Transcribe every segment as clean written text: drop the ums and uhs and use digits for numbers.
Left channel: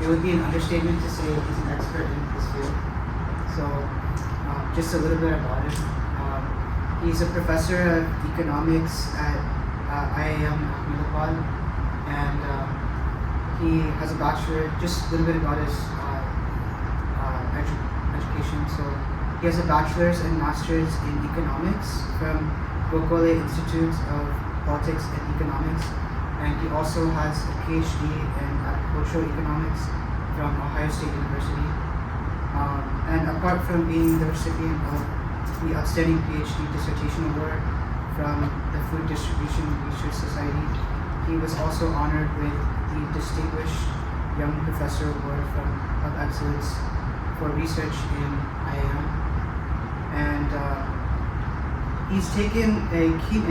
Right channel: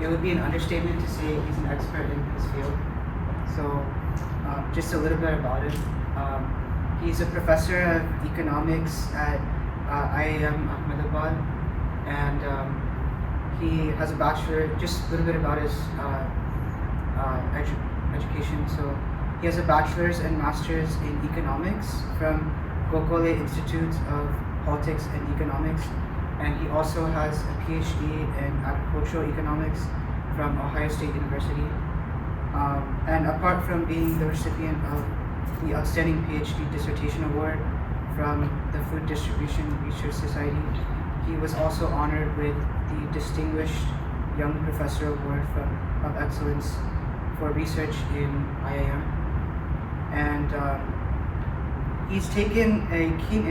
it would be an understatement to say he's an expert in his field. So, just a little bit about him. He's a professor of economics at IIM Ahmedabad, and he has a bachelor. Just a little bit about his education. So, he has a bachelor's and master's in economics from Gokole Institute of Politics and Economics, and he also has a PhD in agricultural economics from Ohio State University. And apart from being the recipient of the Outstanding PhD Dissertation Award from the Food Distribution Research Society, he was also honored with the Distinguished Young Professor Award of Excellence for Research in IIM. And he's taken a keen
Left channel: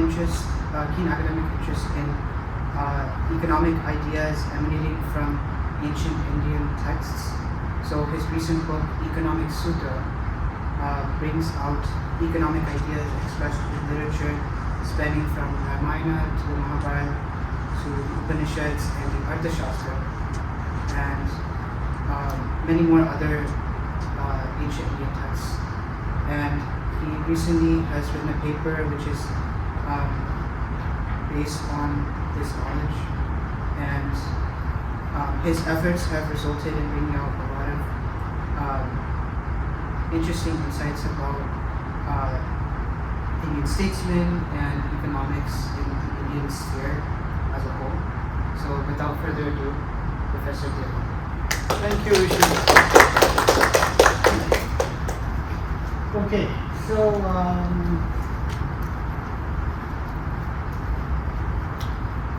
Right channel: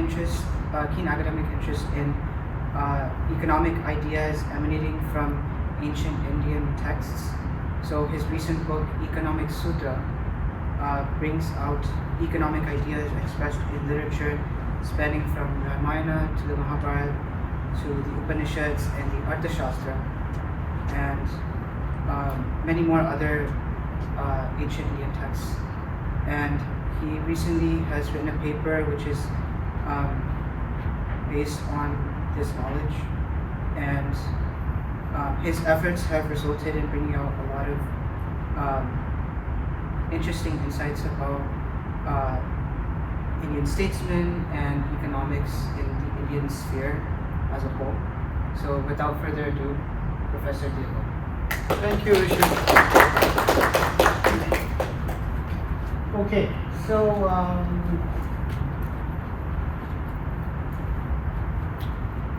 academic interest in economic ideas emanating from ancient Indian texts. So his recent book, Economic Sutta, brings out economic ideas expressed in literature spanning from Ramayana to the Mahabharata to the Upanishads and the Arthashastra, and many more other ancient Indian texts. And he recently has written a paper which is based on this knowledge, and his efforts have resulted in bringing out a lot of interesting insights about Indian statesmen and economics in the Indian sphere as a whole. So without further ado, Professor Diego. Thank you, Rishi. Okay, so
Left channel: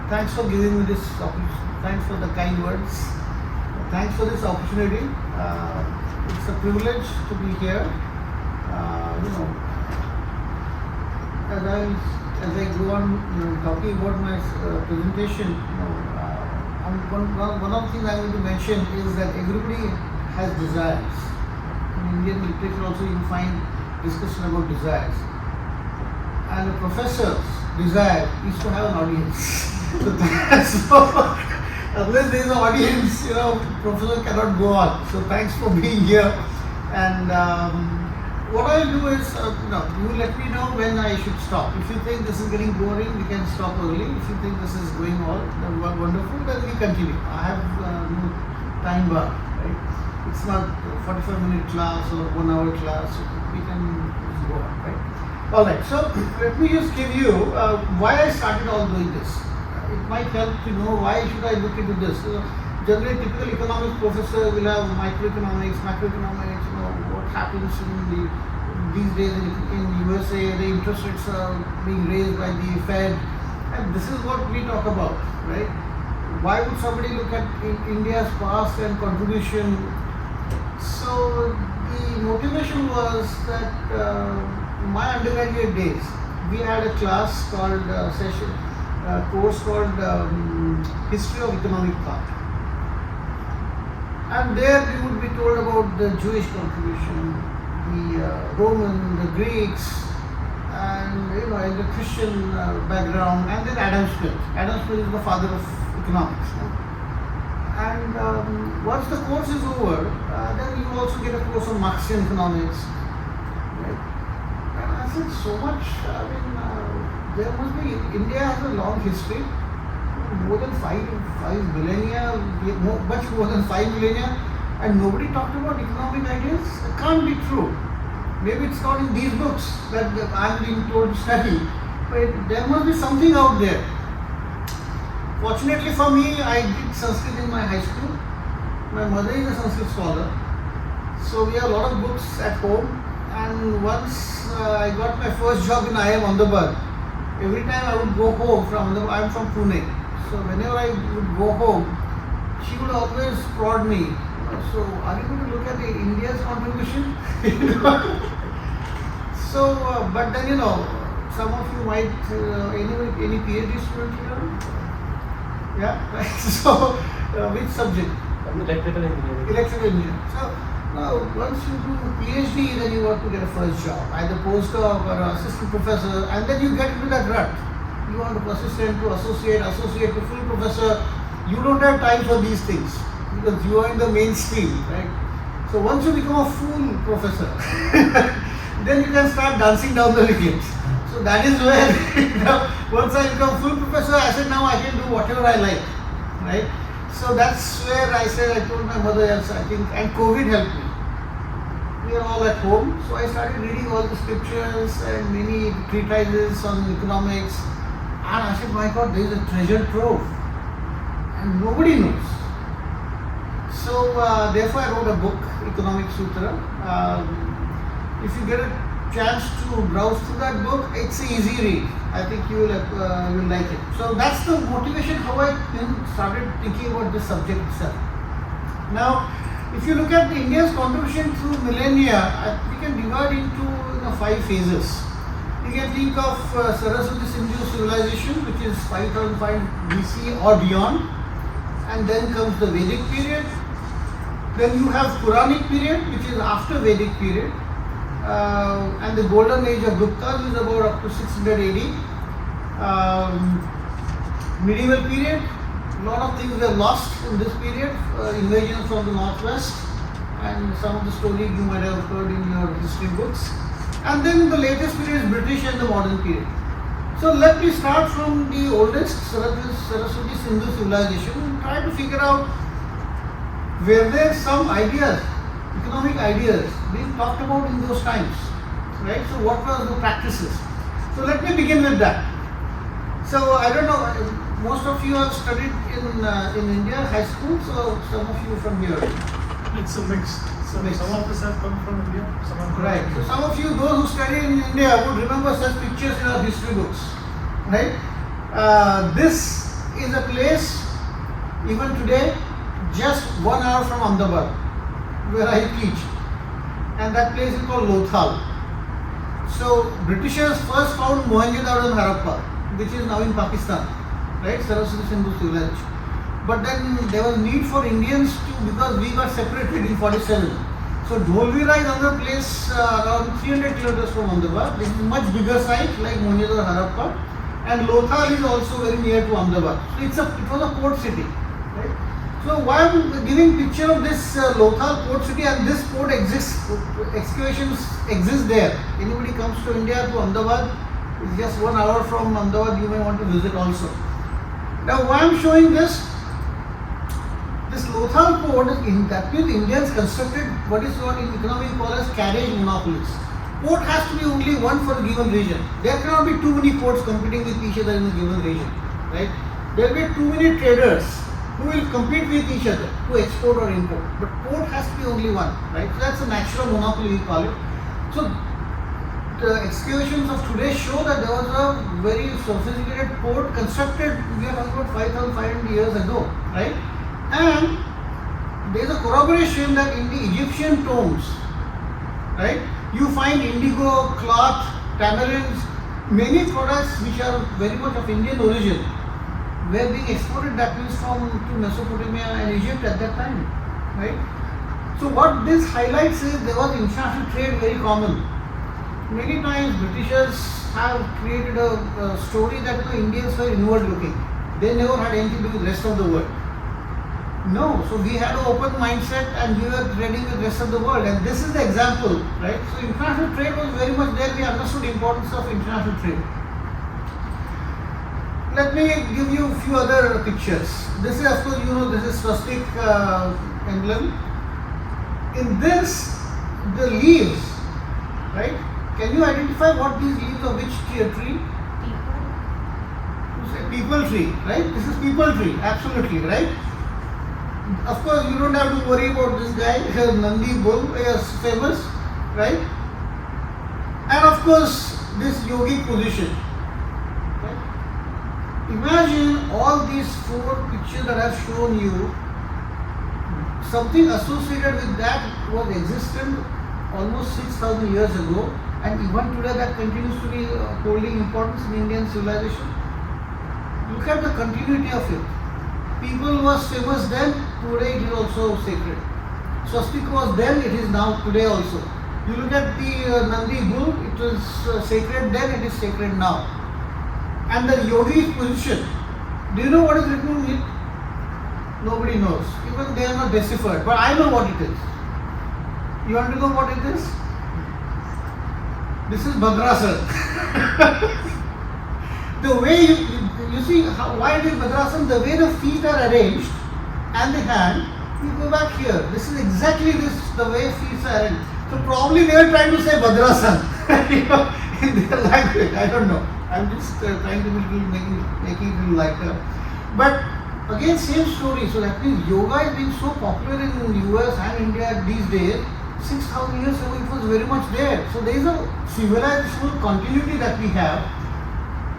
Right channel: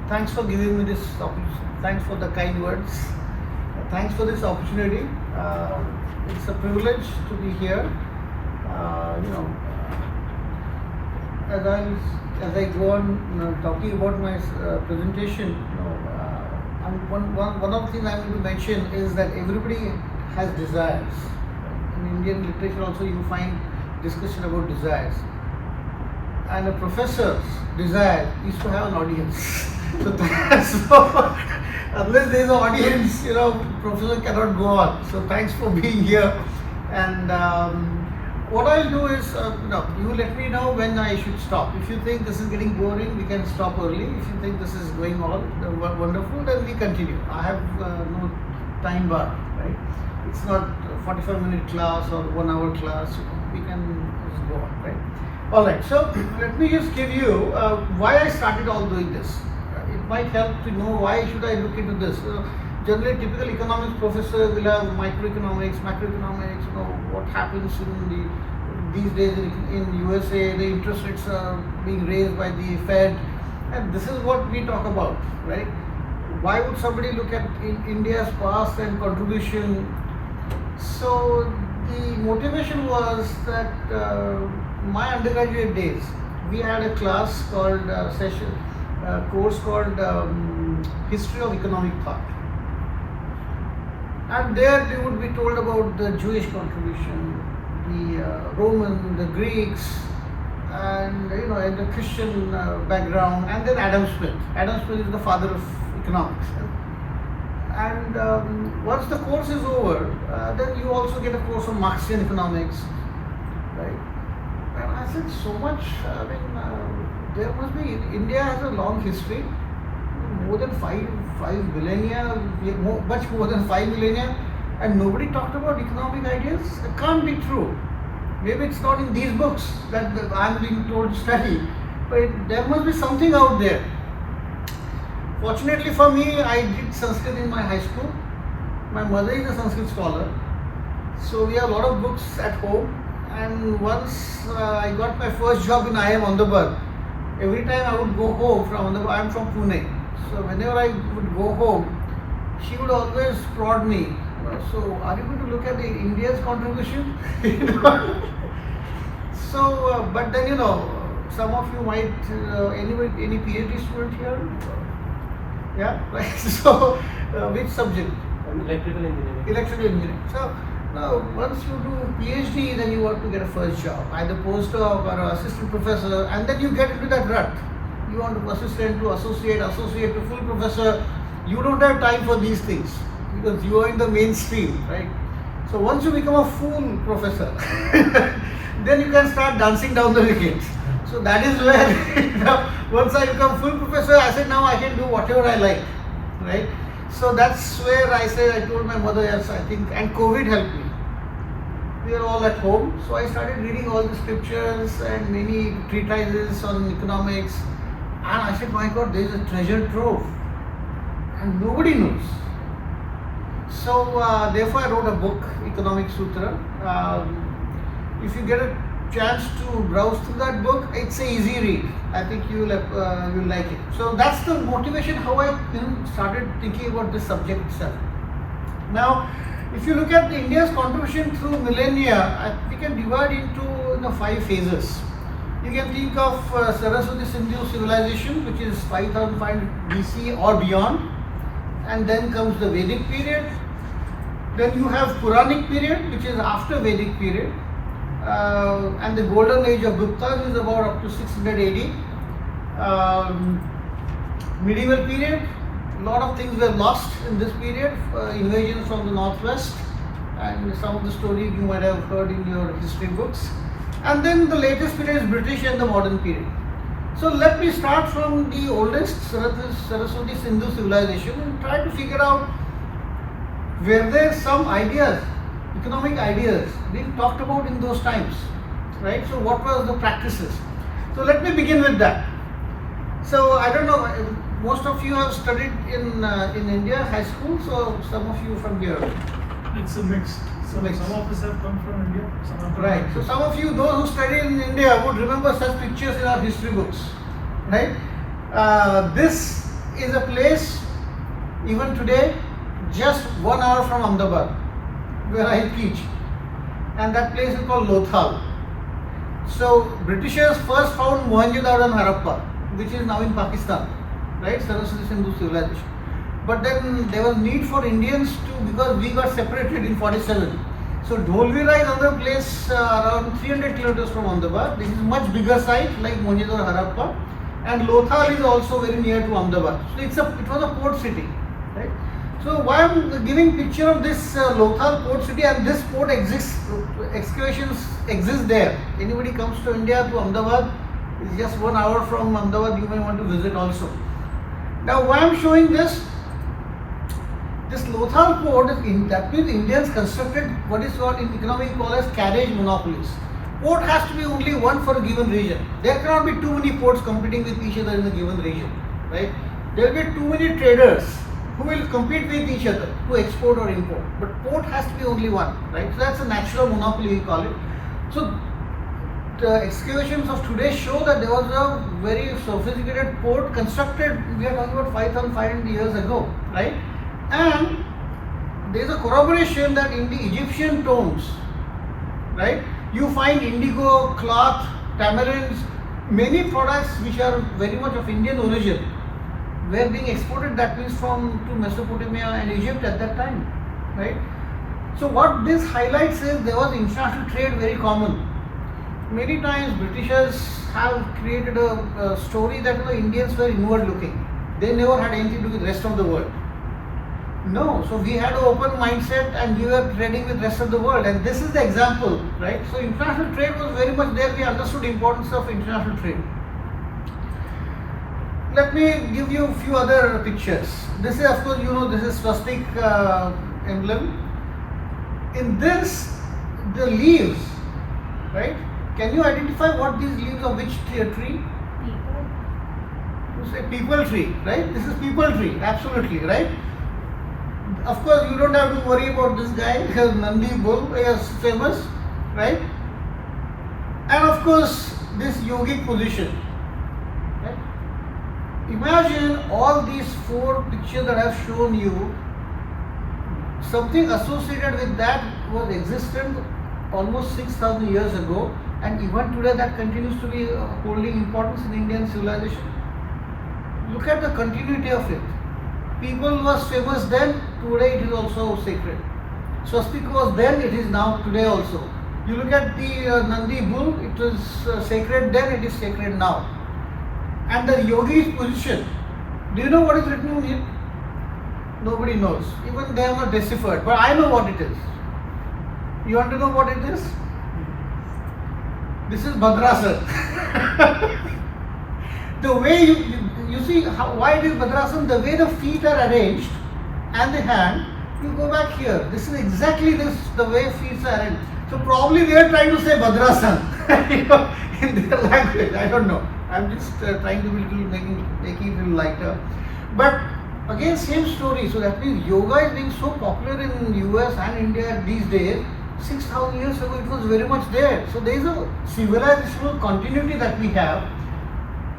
thanks for giving me this opportunity. Thanks for the kind words. Thanks for this opportunity. It's a privilege to be here. As I go on talking about my presentation, one of the things I'm going to mention is that everybody has desires. In Indian literature also you find discussion about desires. And a professor's desire is to have an audience. So unless there is an audience, professor cannot go on. So thanks for being here. And what I'll do is, you let me know when I should stop. If you think this is getting boring, we can stop early. If you think this is going on wonderful, then we continue. I have no time bar, right? It's not a 45-minute class or 1 hour class. We can just go on, right? All right. So let me just give you why I started all doing this. It might help to know why should I look into this. Generally, typical economics professor will have microeconomics, macroeconomics. What happens these days in USA, the interest rates are being raised by the Fed, and this is what we talk about, right? Why would somebody look at India's past and contribution? So the motivation was that my undergraduate days, we had a class called course called History of Economic Thought. And there you would be told about the Jewish contribution, the Roman, the Greeks, and in the Christian background, and then Adam Smith. Adam Smith is the father of economics. And once the course is over, then you also get a course of Marxian economics, right? And I said so much. There must be. India has a long history. More than five millennia, much more than 5 millennia, and nobody talked about economic ideas. It can't be true. Maybe it's not in these books that I'm being told to study, but there must be something out there. Fortunately for me, I did Sanskrit in my high school. My mother is a Sanskrit scholar, so we have a lot of books at home. And once I got my first job in IIM Ahmedabad, every time I would go home from Ahmedabad, I'm from Pune. So whenever I would go home, she would always prod me. So are you going to look at India's contribution? So, but then some of you might any PhD student here? Yeah, right. So which subject? Electrical engineering. Electrical engineering. So now once you do PhD, then you want to get a first job, either postdoc or assistant professor, and then you get into that rut. You want to assistant to associate to full professor. You don't have time for these things. because you are in the mainstream, right? So once you become a fool professor, then you can start dancing down the wickets. So that is where, once I become full professor, I said now I can do whatever I like, right? So that's where I said, I told my mother, yes, I think, and COVID helped me. We are all at home, so I started reading all the scriptures and many treatises on economics, and I said, my God, there is a treasure trove, and nobody knows. So therefore I wrote a book, Economic Sutra. If you get a chance to browse through that book, it's an easy read. I think you will like it. So that's the motivation how I started thinking about this subject itself. Now, if you look at India's contribution through millennia, we can divide into 5 phases. You can think of Saraswati Sindhu civilization, which is 5005 BC or beyond, and then comes the Vedic period. Then you have Puranic period, which is after Vedic period, and the golden age of Guptas is about up to 600 AD. Medieval period, a lot of things were lost in this period, invasions from the northwest, and some of the stories you might have heard in your history books. And then the latest period is British and the modern period. So let me start from the oldest, Saraswati Sindhu civilization, and try to figure out were there some ideas, economic ideas being talked about in those times, right? So what was the practices? So let me begin with that. So I don't know, most of you have studied in India, high school, so some of you from here. It's a mix. So some of us have come from India, some have come Right. from So India. some of you, those who studied in India, would remember such pictures in our history books, right? This is a place, even today, just 1 hour from Ahmedabad, where I teach, and that place is called Lothal. So Britishers first found Mohenjo-daro and Harappa, which is now in Pakistan, right? Saraswati Sindhu civilization. But then there was need for Indians to, because we got separated in 47. So Dholvira is another place around 300 kilometers from Ahmedabad. This is much bigger site like Mohenjo-daro, Harappa, and Lothal is also very near to Ahmedabad. So it was a port city, right? So why I'm giving picture of this Lothal port city, and this port exists, excavations exist there. Anybody comes to India, to Ahmedabad, it's just 1 hour from Ahmedabad, you may want to visit also. Now why I'm showing this Lothal port, that means Indians constructed what is called in economics called as carriage monopolies. Port has to be only one for a given region. There cannot be too many ports competing with each other in a given region, right? There will be too many traders who will compete with each other to export or import. But port has to be only one, right? So that's a natural monopoly, we call it. So the excavations of today show that there was a very sophisticated port constructed, we are talking about 5,500 years ago, right? And there is a corroboration that in the Egyptian tombs, right, you find indigo, cloth, tamarinds, many products which are very much of Indian origin were being exported, that means to Mesopotamia and Egypt at that time, right? So what this highlights is there was international trade very common. Many times Britishers have created a story that the Indians were inward looking. They never had anything to do with the rest of the world. No, so we had an open mindset and we were trading with the rest of the world, and this is the example, right? So international trade was very much there. We understood the importance of international trade. Let me give you a few other pictures. This is, of course, this is swastik emblem. In this, the leaves, right? Can you identify what these leaves of which tree? You say people tree, right? This is people tree, absolutely, right? Of course, you don't have to worry about this guy, Nandi bull, is famous, right? And of course, this yogic position, right? Imagine all these 4 pictures that I have shown you, something associated with that was existent almost 6,000 years ago, and even today that continues to be holding importance in Indian civilization. Look at the continuity of it. People was famous then, today it is also sacred. Swastika was then, it is now today also. You look at the Nandi bull, it was sacred then, it is sacred now. And the yogi's position, do you know what is written in it? Nobody knows. Even they have not deciphered. But I know what it is. You want to know what it is? This is Bhadrasan. The way you see why it is Bhadrasan, the way the feet are arranged and the hand, you go back here. This is exactly the way feet are arranged. So probably they are trying to say Bhadrasan in their language. I don't know. I'm just trying to be making it a little lighter. But again, same story. So that means yoga is being so popular in US and India these days. 6,000 years ago, it was very much there. So there is a civilizational continuity that we have.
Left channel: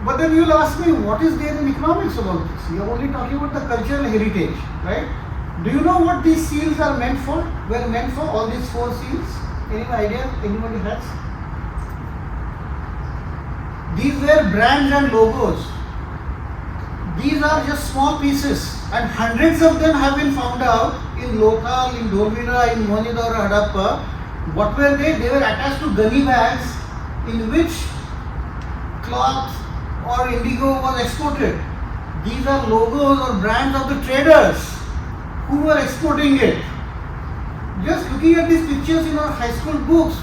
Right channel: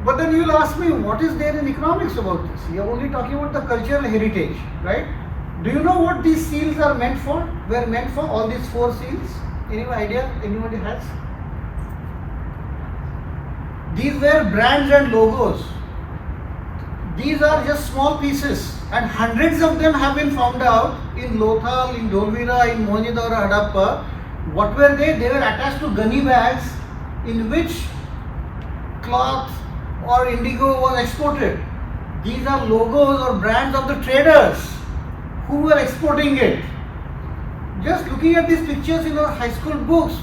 But then you will ask me, what is there in economics about this? You are only talking about the cultural heritage, right? Do you know what these seals are meant for? Were meant for all these 4 seals? Any idea? Anybody has? These were brands and logos. These are just small pieces, and hundreds of them have been found out in Lothal, in Dholvira, in Mohenjo-daro, Harappa. What were they? They were attached to gunny bags in which cloth or indigo was exported. These are logos or brands of the traders who were exporting it. Just looking at these pictures in our high school books,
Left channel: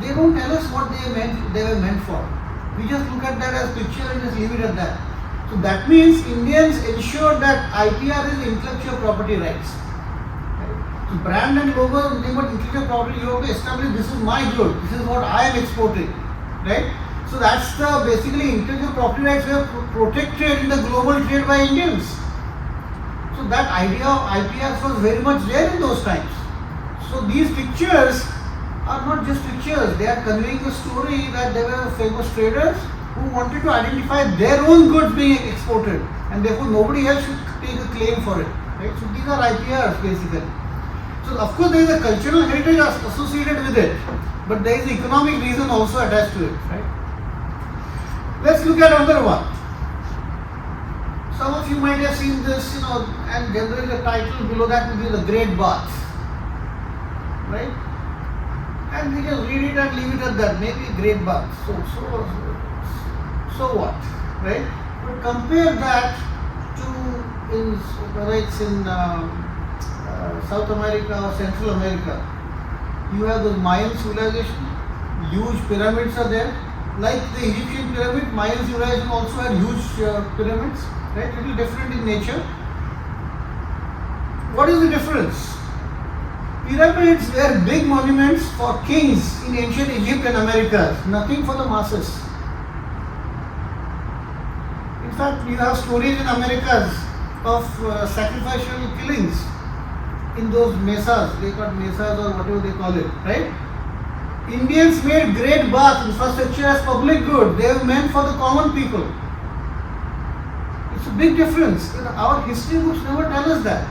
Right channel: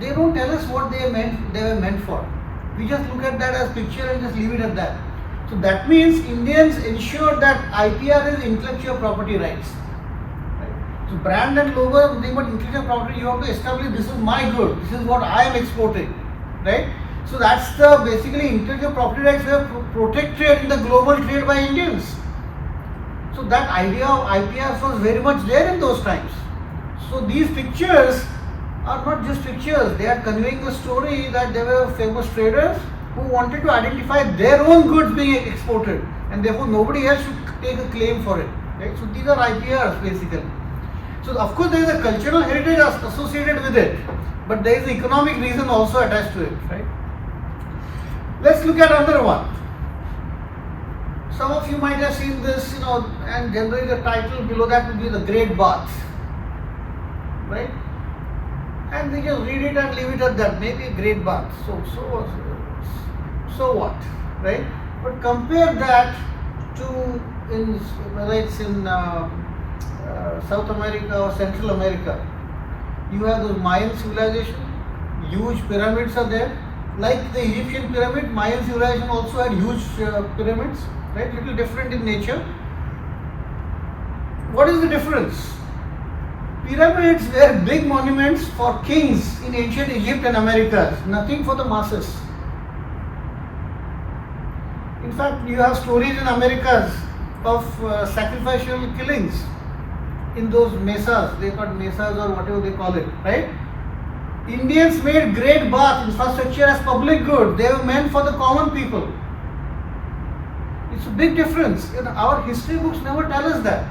they don't tell us what they were meant for. We just look at that as picture and just leave it at that. So that means Indians ensured that IPR is intellectual property rights. So brand and logo are nothing but intellectual property. You have to establish this is my good, this is what I am exporting, right? So that's the basically intellectual property rights were protected in the global trade by Indians. So that idea of IPR was very much there in those times. So these pictures are not just pictures, they are conveying the story that there were famous traders who wanted to identify their own goods being exported, and therefore nobody else should take a claim for it. Right? So these are IPRs basically. So of course there is a cultural heritage associated with it, but there is an economic reason also attached to it. Right? Let's look at another one. Some of you might have seen this, and generally the title below that will be the Great Bath. Right? And we just read it and leave it at that. Maybe a great bath. So what, right? But compare that to whether it's in South America or Central America. You have the Mayan civilization. Huge pyramids are there. Like the Egyptian pyramid, Mayan civilization also had huge pyramids. Right? Little different in nature. What is the difference? Pyramids were big monuments for kings in ancient Egypt and Americas, nothing for the masses. In fact, you have stories in Americas of sacrificial killings in those mesas, they call mesas or whatever they call it, right? Indians made great bath infrastructure as public good, they were meant for the common people. It's a big difference. Our history books never tell us that.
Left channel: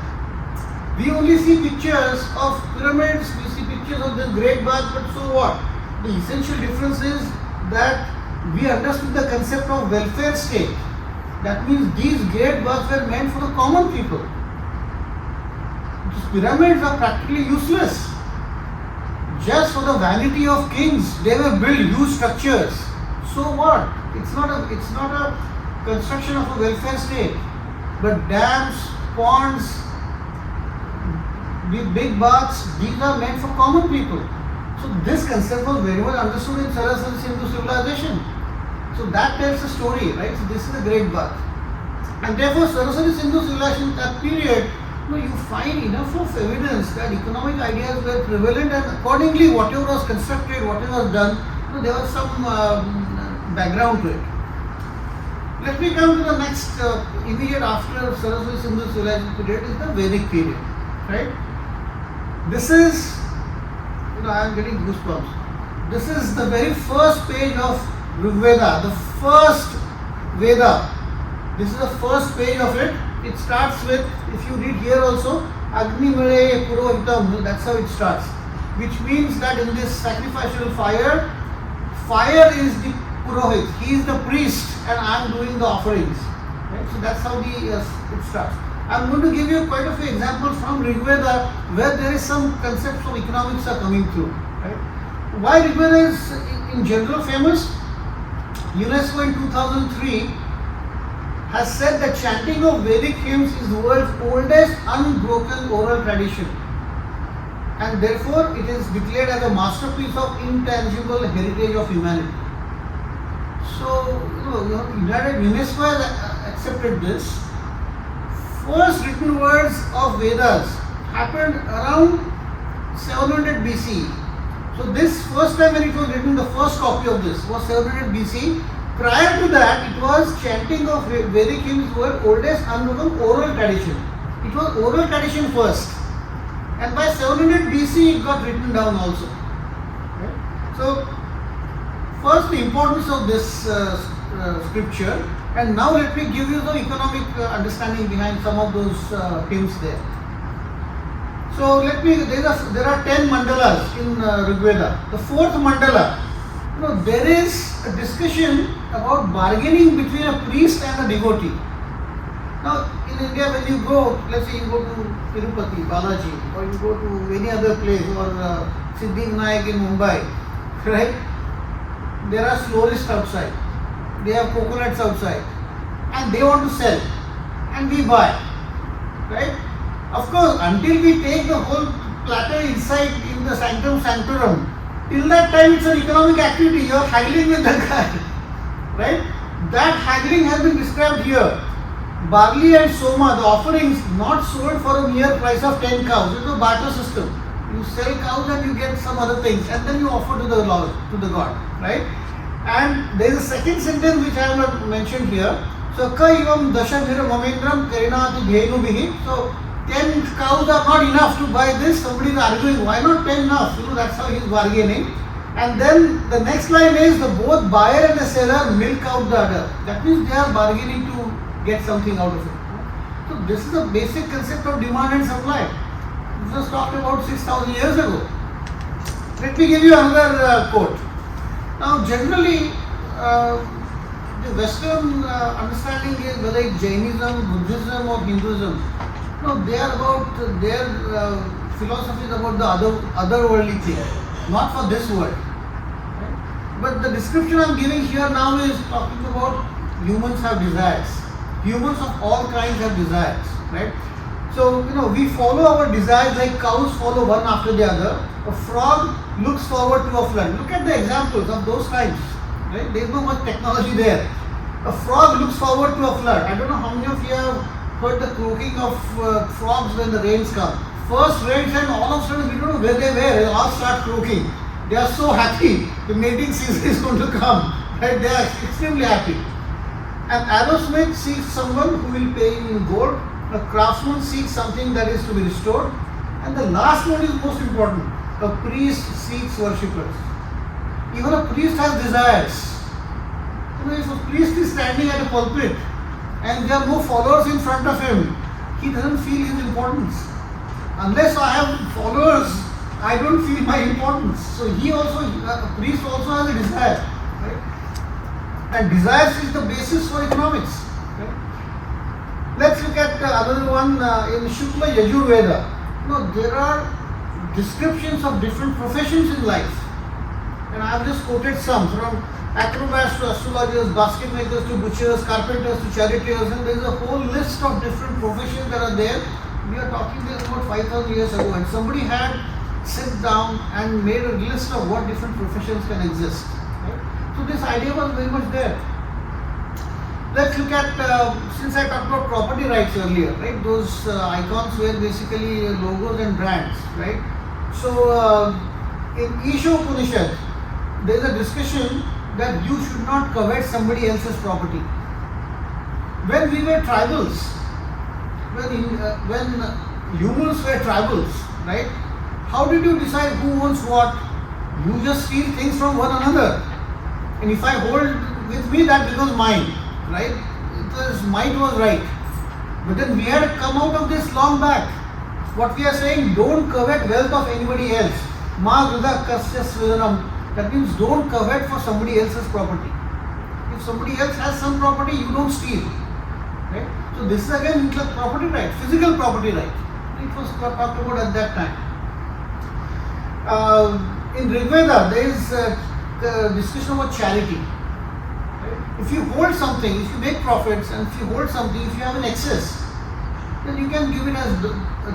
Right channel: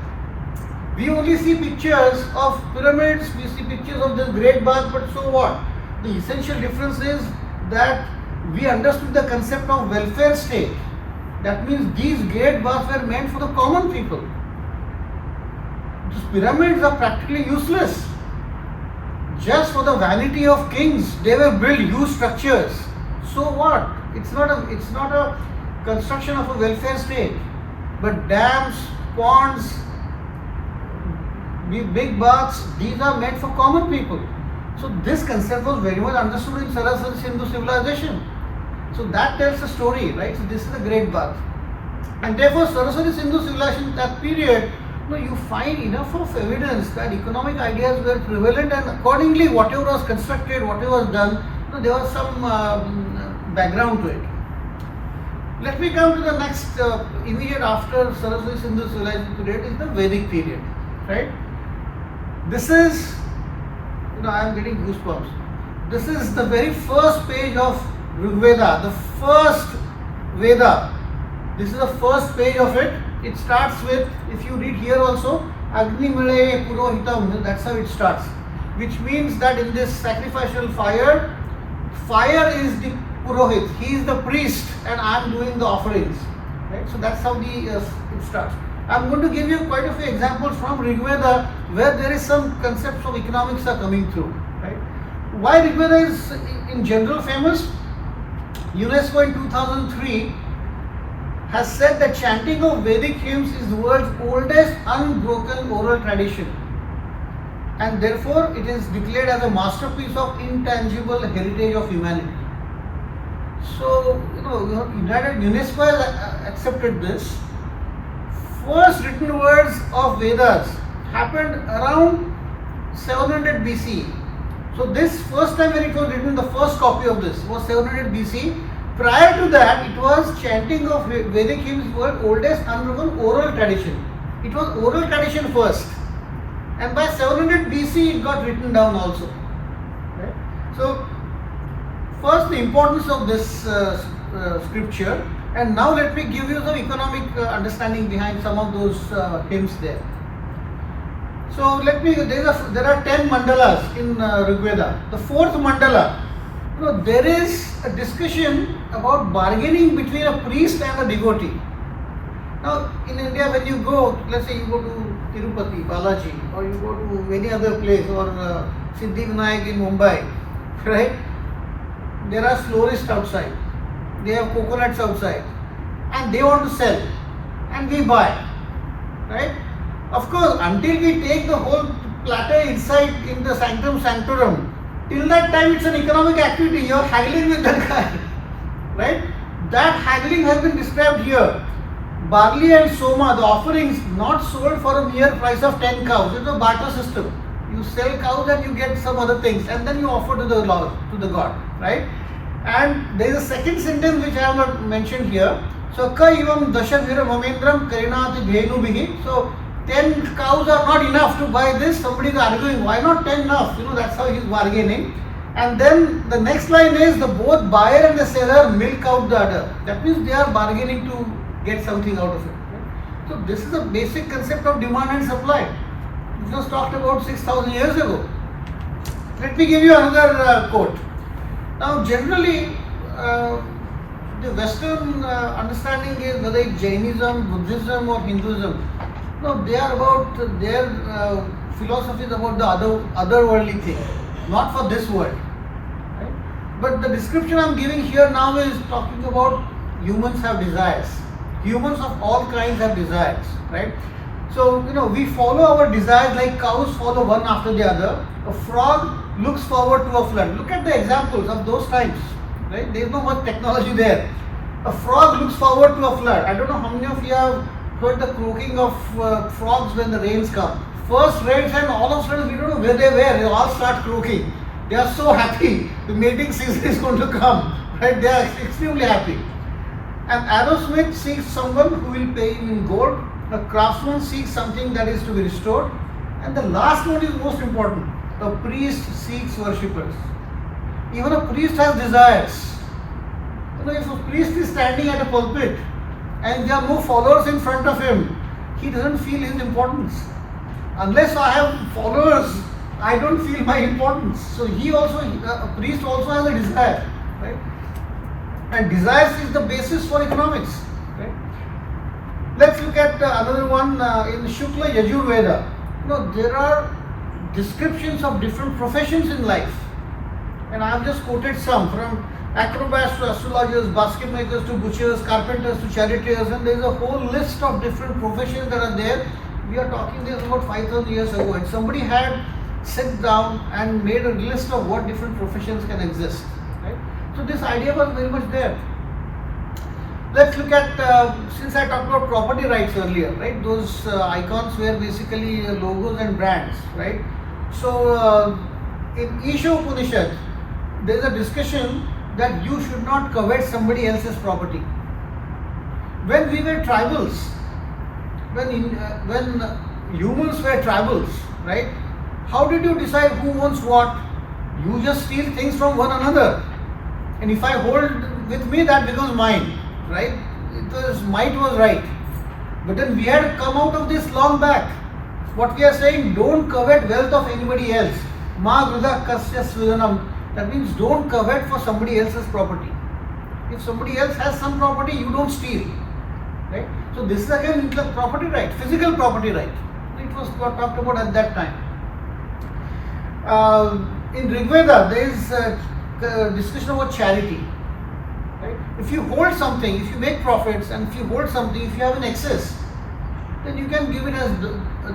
We only see pictures of pyramids, we see pictures of this great bath, but so what? The essential difference is that we understood the concept of welfare state. That means these great baths were meant for the common people. These pyramids are practically useless. Just for the vanity of kings, they were built huge structures. So what? It's not a construction of a welfare state, but dams, ponds, big baths, these are meant for common people. So this concept was very much understood in Saraswati Sindhu civilization. So that tells the story, right? So this is a great bath. And therefore Saraswati Sindhu civilization, that period, you find enough of evidence that economic ideas were prevalent, and accordingly whatever was constructed, whatever was done, there was some background to it. Let me come to the next immediate after Saraswati Sindhu civilization period is the Vedic period, right? This is, I am getting goosebumps. This is the very first page of Veda, the first Veda. This is the first page of it. It starts with, if you read here also, Agni Mire Purohitam, that's how it starts. Which means that in this sacrificial fire is the Purohit, he is the priest and I am doing the offerings. Right? So that's how it starts. I am going to give you quite a few examples from Rig Veda where there is some concepts of economics are coming through. Right? Why Rig Veda is in general famous? UNESCO in 2003 has said that chanting of Vedic hymns is the world's oldest unbroken oral tradition, and therefore it is declared as a masterpiece of intangible heritage of humanity. So, UNESCO has accepted this. First written words of Vedas happened around 700 BC. So this first time when it was written, the first copy of this was 700 BC. Prior to that, it was chanting of Vedic hymns were oldest unbroken oral tradition. It was oral tradition first, and by 700 BC it got written down also. Right? So first the importance of this scripture, and now let me give you some economic understanding behind some of those hymns there. So there are 10 mandalas in Rig Veda. The fourth mandala, there is a discussion about bargaining between a priest and a devotee. Now in India, when you go, let's say you go to Tirupati, Balaji, or you go to any other place, or Siddhivinayak in Mumbai, right? There are florists outside, they have coconuts outside, and they want to sell, and we buy, right? Of course, until we take the whole platter inside in the sanctum sanctorum, till that time it's an economic activity, you are haggling with that guy, right? That haggling has been described here. Barley and soma, the offerings, not sold for a mere price of 10 cows. It's a barter system. You sell cows and you get some other things, and then you offer to the Lord, to the God, right? And there is a second sentence which I have not mentioned here. So, ka ivam dashavira mamendram karinati dhenu bihi. So, 10 cows are not enough to buy this. Somebody is arguing, why not 10 enough? That's how he is bargaining. And then the next line is the both buyer and the seller milk out the other. That means they are bargaining to get something out of it. So this is a basic concept of demand and supply. This was talked about 6,000 years ago. Let me give you another quote. Now generally the Western understanding is whether it's Jainism, Buddhism or Hinduism. No, they are about their philosophy is about the otherworldly thing, not for this world. Right? But the description I am giving here now is talking about humans have desires. Humans of all kinds have desires, right? So we follow our desires like cows follow one after the other. A frog looks forward to a flood. Look at the examples of those times, right? There is no much technology there. A frog looks forward to a flood. I don't know how many of you have heard the croaking of frogs when the rains come. First rains and all of a sudden we don't know where they were. They all start croaking. They are so happy. The mating season is going to come. Right? They are extremely happy. An arrowsmith seeks someone who will pay him in gold. A craftsman seeks something that is to be restored. And the last one is most important. A priest seeks worshippers. Even a priest has desires. If a priest is standing at a pulpit and there are no followers in front of him, he doesn't feel his importance. Unless I have followers, I don't feel my importance. So a priest also has a desire, right? And desires is the basis for economics. Right? Let's look at another one in Shukla Yajurveda. There are descriptions of different professions in life, and I have just quoted some from acrobats to astrologers, basket makers to butchers, carpenters to charioteers, and there is a whole list of different professions that are there. We are talking this about 5,000 years ago, and somebody had sat down and made a list of what different professions can exist. Right? So this idea was very much there. Let's look at, since I talked about property rights earlier, right? Those icons were basically logos and brands, right? So in Isha Upanishad, there is a discussion that you should not covet somebody else's property. When we were tribals, when humans were tribals, right? How did you decide who owns what? You just steal things from one another. And if I hold with me, that becomes mine, right? Might was right. But then we had come out of this long back. What we are saying, don't covet wealth of anybody else. Ma grudha kasya sridanam. That means don't covet for somebody else's property. If somebody else has some property, you don't steal. Right? So this is again property right, physical property right. It was talked about at that time. In Rig Veda, there is a discussion about charity. Right? If you hold something, if you make profits, and if you hold something, if you have an excess, then you can give it as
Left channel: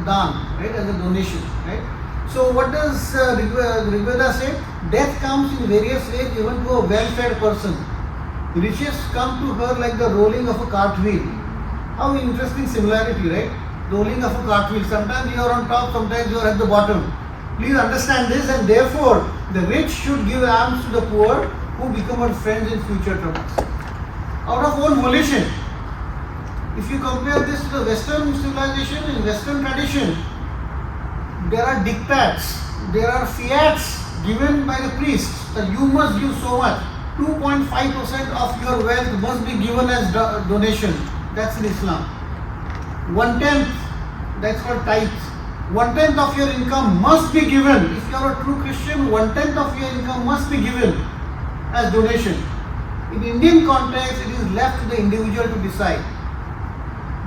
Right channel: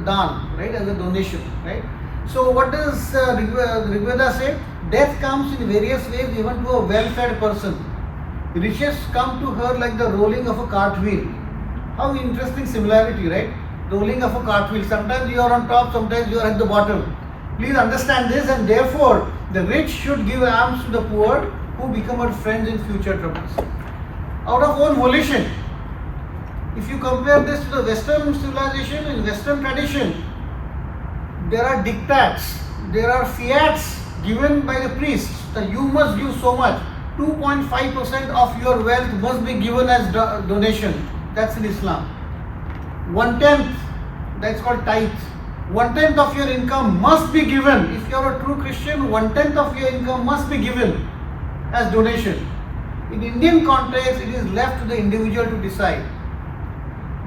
dan, right, as a donation, right? So what does Rig Veda say? Death comes in various ways, even to a well-fed person. Riches come to her like the rolling of a cartwheel. How interesting similarity, right? Rolling of a cartwheel. Sometimes you are on top, sometimes you are at the bottom. Please understand this, and therefore the rich should give alms to the poor, who become our friends in future troubles. Out of own volition. If you compare this to the Western civilization, in Western tradition, there are diktats, there are fiats given by the priests that you must give so much. 2.5% of your wealth must be given as donation. That's in Islam. 1/10, that's called tithe. 1/10 of your income must be given. If you are a true Christian, 1/10 of your income must be given as donation. In Indian context, it is left to the individual to decide.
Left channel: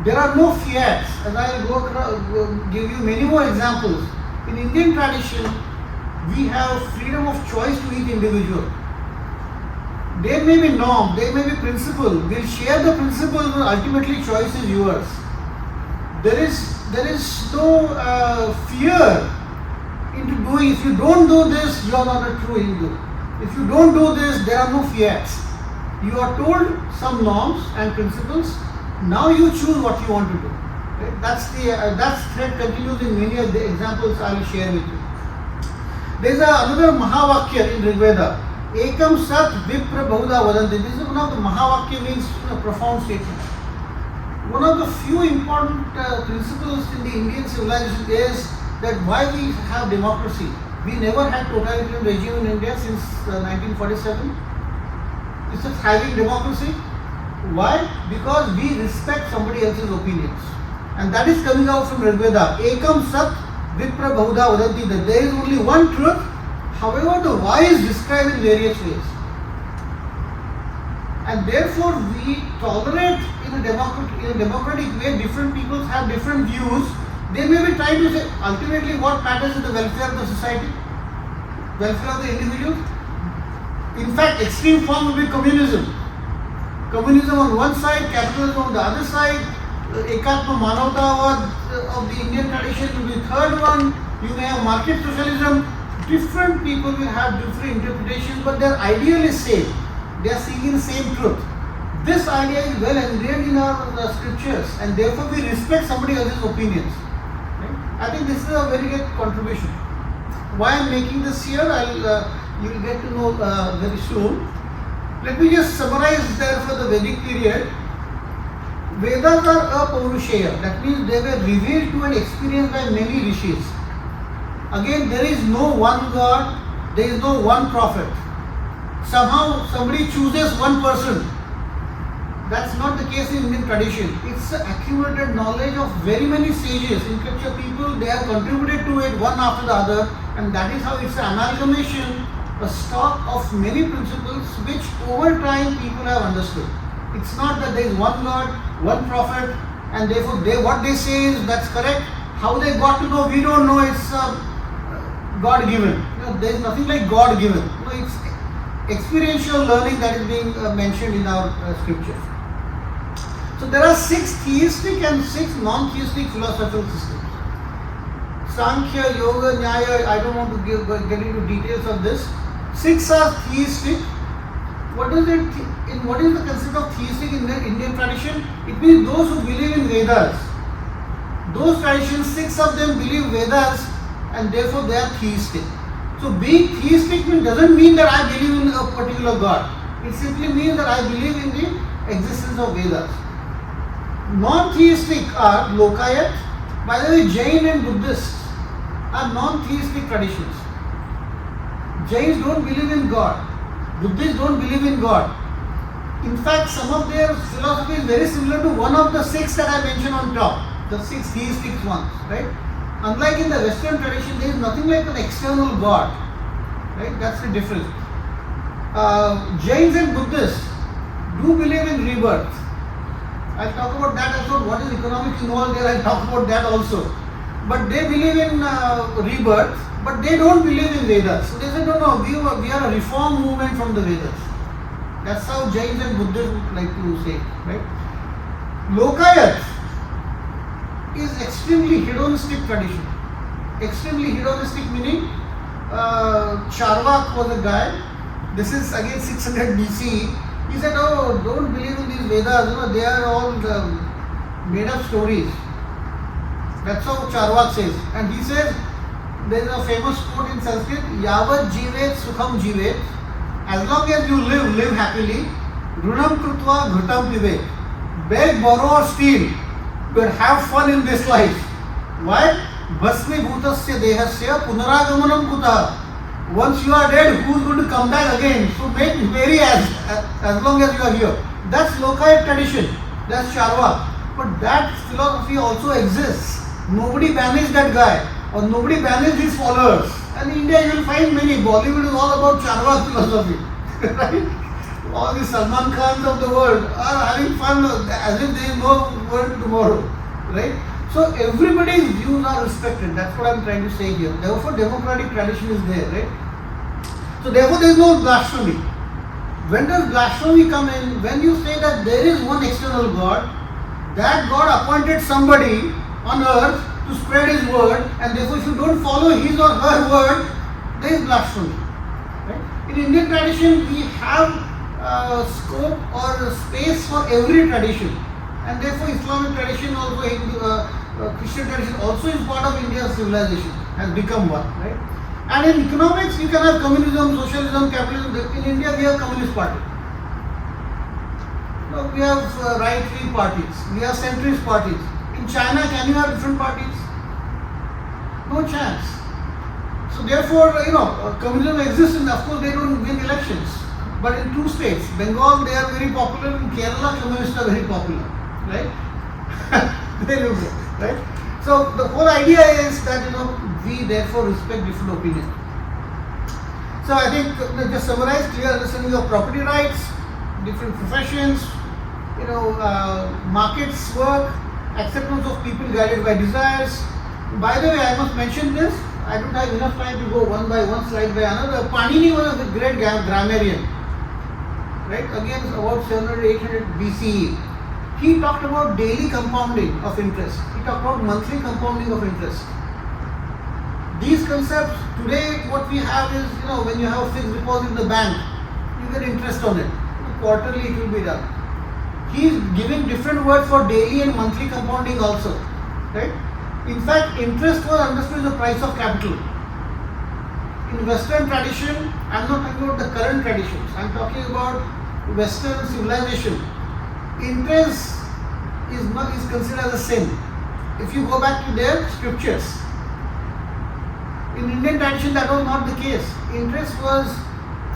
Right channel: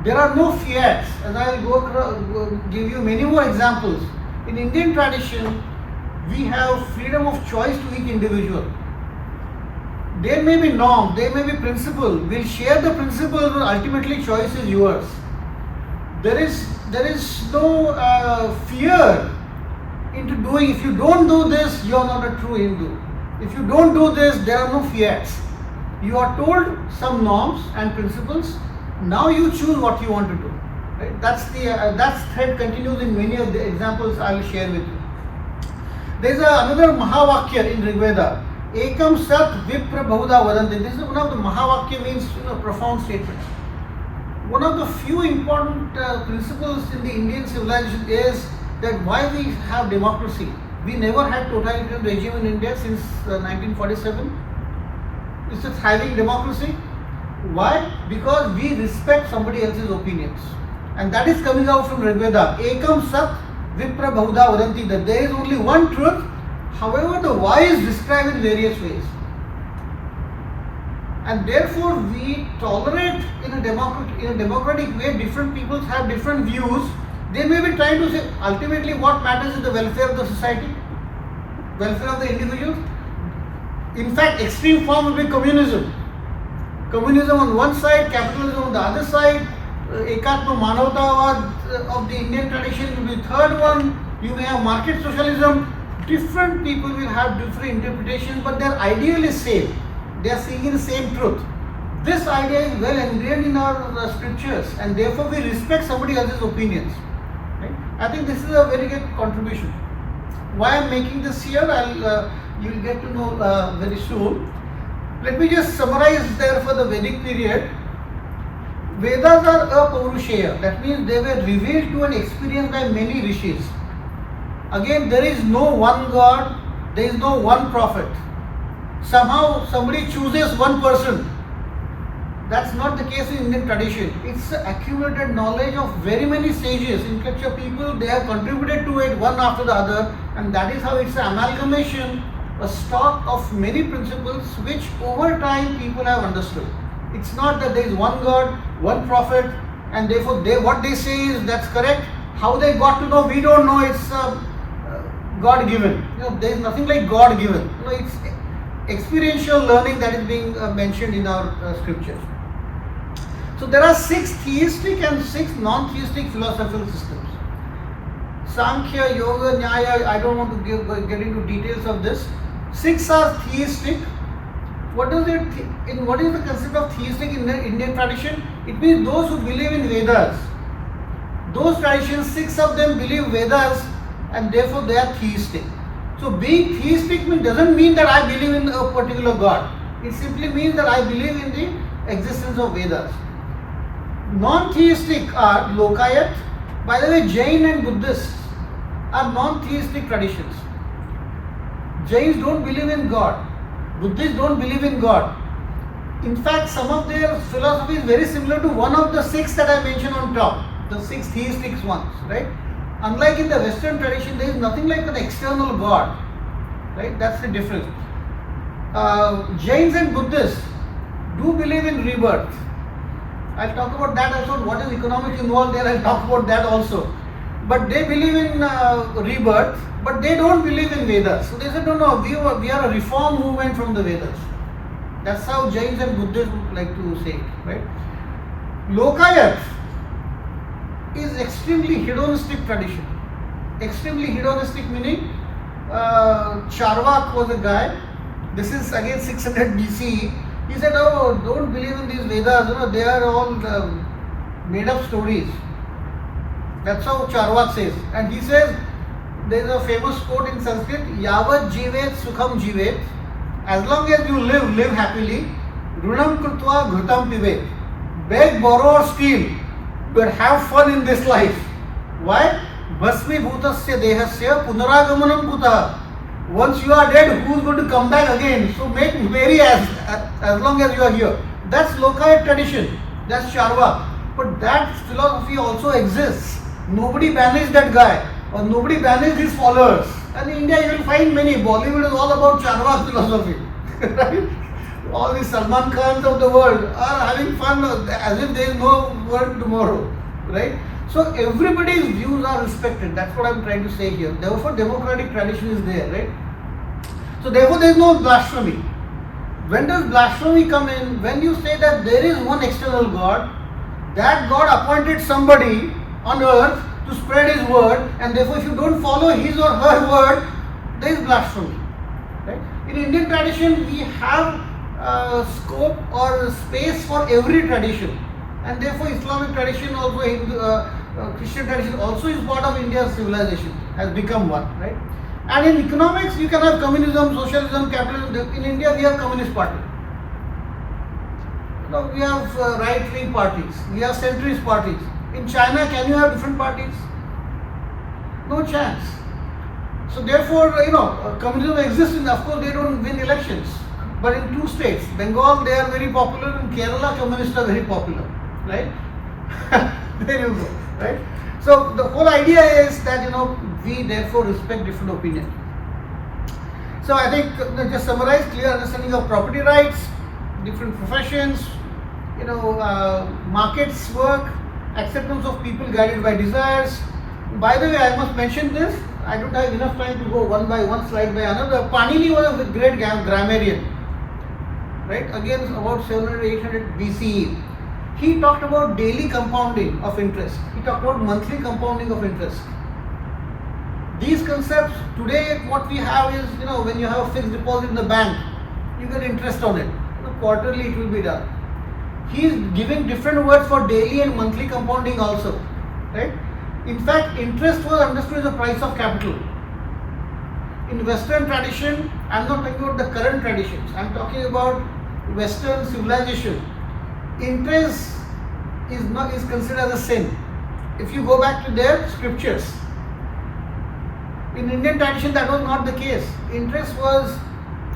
There are no fiats, as I will give you many more examples. In Indian tradition, we have freedom of choice to each individual. There may be norm, there may be principle. We'll share the principle, but ultimately choice is yours. There is no fear into doing. If you don't do this, you are not a true Hindu. If you don't do this, there are no fiats. You are told some norms and principles. Now you choose what you want to do. Right? That thread continues in many of the examples I will share with you. There is another Mahavakya in Rig Veda. Ekam Sat Vipra Bahuda Vadanti. This is one of the Mahavakya, means profound statements. One of the few important principles in the Indian civilization is that why we have democracy. We never had totalitarian regime in India since 1947. It's a thriving democracy. Why? Because we respect somebody else's opinions. And that is coming out from Rig Veda. Ekam Sat Vipra Bahuda Vadanti. That there is only one truth. However, the why is described in various ways. And therefore, we tolerate in a democratic way. Different peoples have different views. They may be trying to say, ultimately what matters is the welfare of the society, welfare of the individuals. In fact, extreme form will be communism. Communism on one side, capitalism on the other side, Ekatma Manavtavad of the Indian tradition will be the third one. You may have market socialism. Different people will have different interpretations, but their ideal is same. They are seeking the same truth. This idea is well ingrained in our scriptures, and therefore we respect somebody else's opinions. Right? I think this is a very good contribution. Why I am making this here, you will get to know very soon. Let me just summarize there for the Vedic period. Vedas are apaurushaya. That means they were revealed to and experienced by many rishis. Again, there is no one God, there is no one prophet. Somehow somebody chooses one person. That's not the case in Indian tradition. It's accumulated knowledge of very many sages, intellectual people. They have contributed to it one after the other, and that is how it's an amalgamation, a stock of many principles which over time people have understood. It's not that there is one God, one prophet, and therefore what they say is that's correct. How they got to know, we don't know. It's God-given. There is nothing like God-given. It's experiential learning that is being mentioned in our scriptures. So there are 6 theistic and 6 non-theistic philosophical systems. Sankhya, Yoga, Nyaya, I don't want to get into details of this. 6 are theistic. What is the concept of theistic in the Indian tradition? It means those who believe in Vedas. Those traditions, 6 of them believe Vedas, and therefore they are theistic. So being theistic doesn't mean that I believe in a particular God. It simply means that I believe in the existence of Vedas. Non-theistic are Lokayat. By the way, Jain and Buddhists are non-theistic traditions. Jains don't believe in God. Buddhists don't believe in God. In fact, some of their philosophy is very similar to one of the 6 that I mentioned on top, the 6 theistic ones, right? Unlike in the Western tradition, there is nothing like an external God, right? That's the difference. Jains and Buddhists do believe in rebirth. I'll talk about that also. What is economics involved there? I'll talk about that also. But they believe in rebirth, but they don't believe in Vedas. So they said, no, we are a reform movement from the Vedas. That's how Jains and Buddhists like to say it, right? Lokayat is extremely hedonistic tradition. Extremely hedonistic meaning Charvak was a guy. This is again 600 BC. He said, "Oh, don't believe in these Vedas. You know, they are all made up stories." That's how Charvak says. And he says, there is a famous quote in Sanskrit: "Yavat jivet sukham jivet." As long as you live, live happily. Runam krutva ghrutam pivet. Beg, borrow or steal, but have fun in this life. Why? Bhasmi bhutasya dehasya punaragamanam kutah. Once you are dead, who is going to come back again? So make merry as long as you are here. That's Lokayat tradition. That's Charvak. But that philosophy also exists. Nobody banished that guy, or nobody banished his followers. And in India you will find many. Bollywood is all about Charvak philosophy. Right? All the Salman Khans of the world are having fun as if there is no world tomorrow. Right? So everybody's views are respected. That's what I'm trying to say here. Therefore, democratic tradition is there, right? So therefore, there is no blasphemy. When does blasphemy come in? When you say that there is one external God, that God appointed somebody on earth to spread His word, and therefore, if you don't follow his or her word, there is blasphemy. Right? In Indian tradition, we have scope or space for every tradition, and therefore, Islamic tradition also, Christian tradition also is part of India's civilization, has become one, right? And in economics, you can have communism, socialism, capitalism. In India, we have Communist Party. No, we have right-wing parties. We have centrist parties. In China, can you have different parties? No chance. So therefore, communism exists, and of course, they don't win elections. But in two states, Bengal, they are very popular. In Kerala, communists are very popular, right? There you go. Right? So the whole idea is that we therefore respect different opinions. So I think just summarize: clear understanding of property rights, different professions, markets work, acceptance of people guided by desires. By the way, I must mention this. I don't have enough time to go one by one, slide by another. Panini was a great grammarian, right? Again, about 700-800 BCE. He talked about daily compounding of interest. He talked about monthly compounding of interest. These concepts, today what we have is, when you have a fixed deposit in the bank, you get interest on it. Quarterly it will be done. He is giving different words for daily and monthly compounding also. Right? In fact, interest was understood as the price of capital. In Western tradition, I am not talking about the current traditions. I am talking about Western civilization. Interest is considered as a sin. If you go back to their scriptures, in Indian tradition that was not the case. Interest was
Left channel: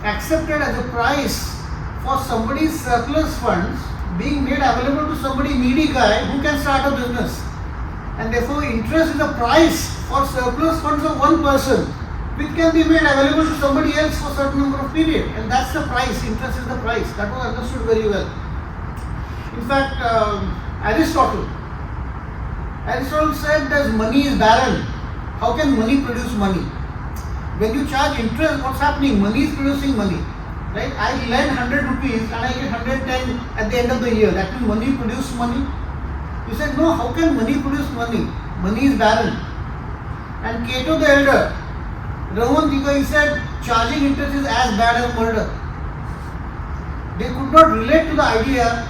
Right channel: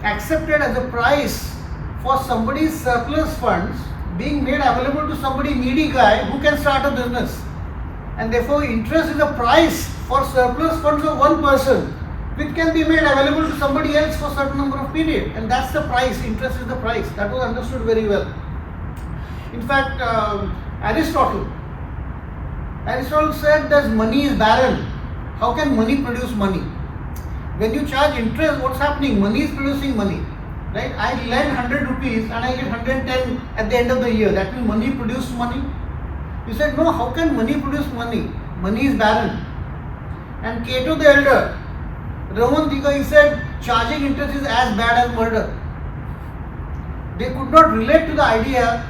accepted as a price for somebody's surplus funds being made available to somebody needy guy who can start a business, and therefore interest is a price for surplus funds of one person which can be made available to somebody else for a certain number of period, and that's the price. Interest is the price. That was understood very well. In fact, Aristotle said that money is barren. How can money produce money? When you charge interest, what's happening? Money is producing money. Right? I lend 100 rupees and I get 110 at the end of the year. That means money produces money. You said, no, how can money produce money? Money is barren. And Cato the Elder, Roman thinker, he said, charging interest is as bad as murder. They could not relate to the idea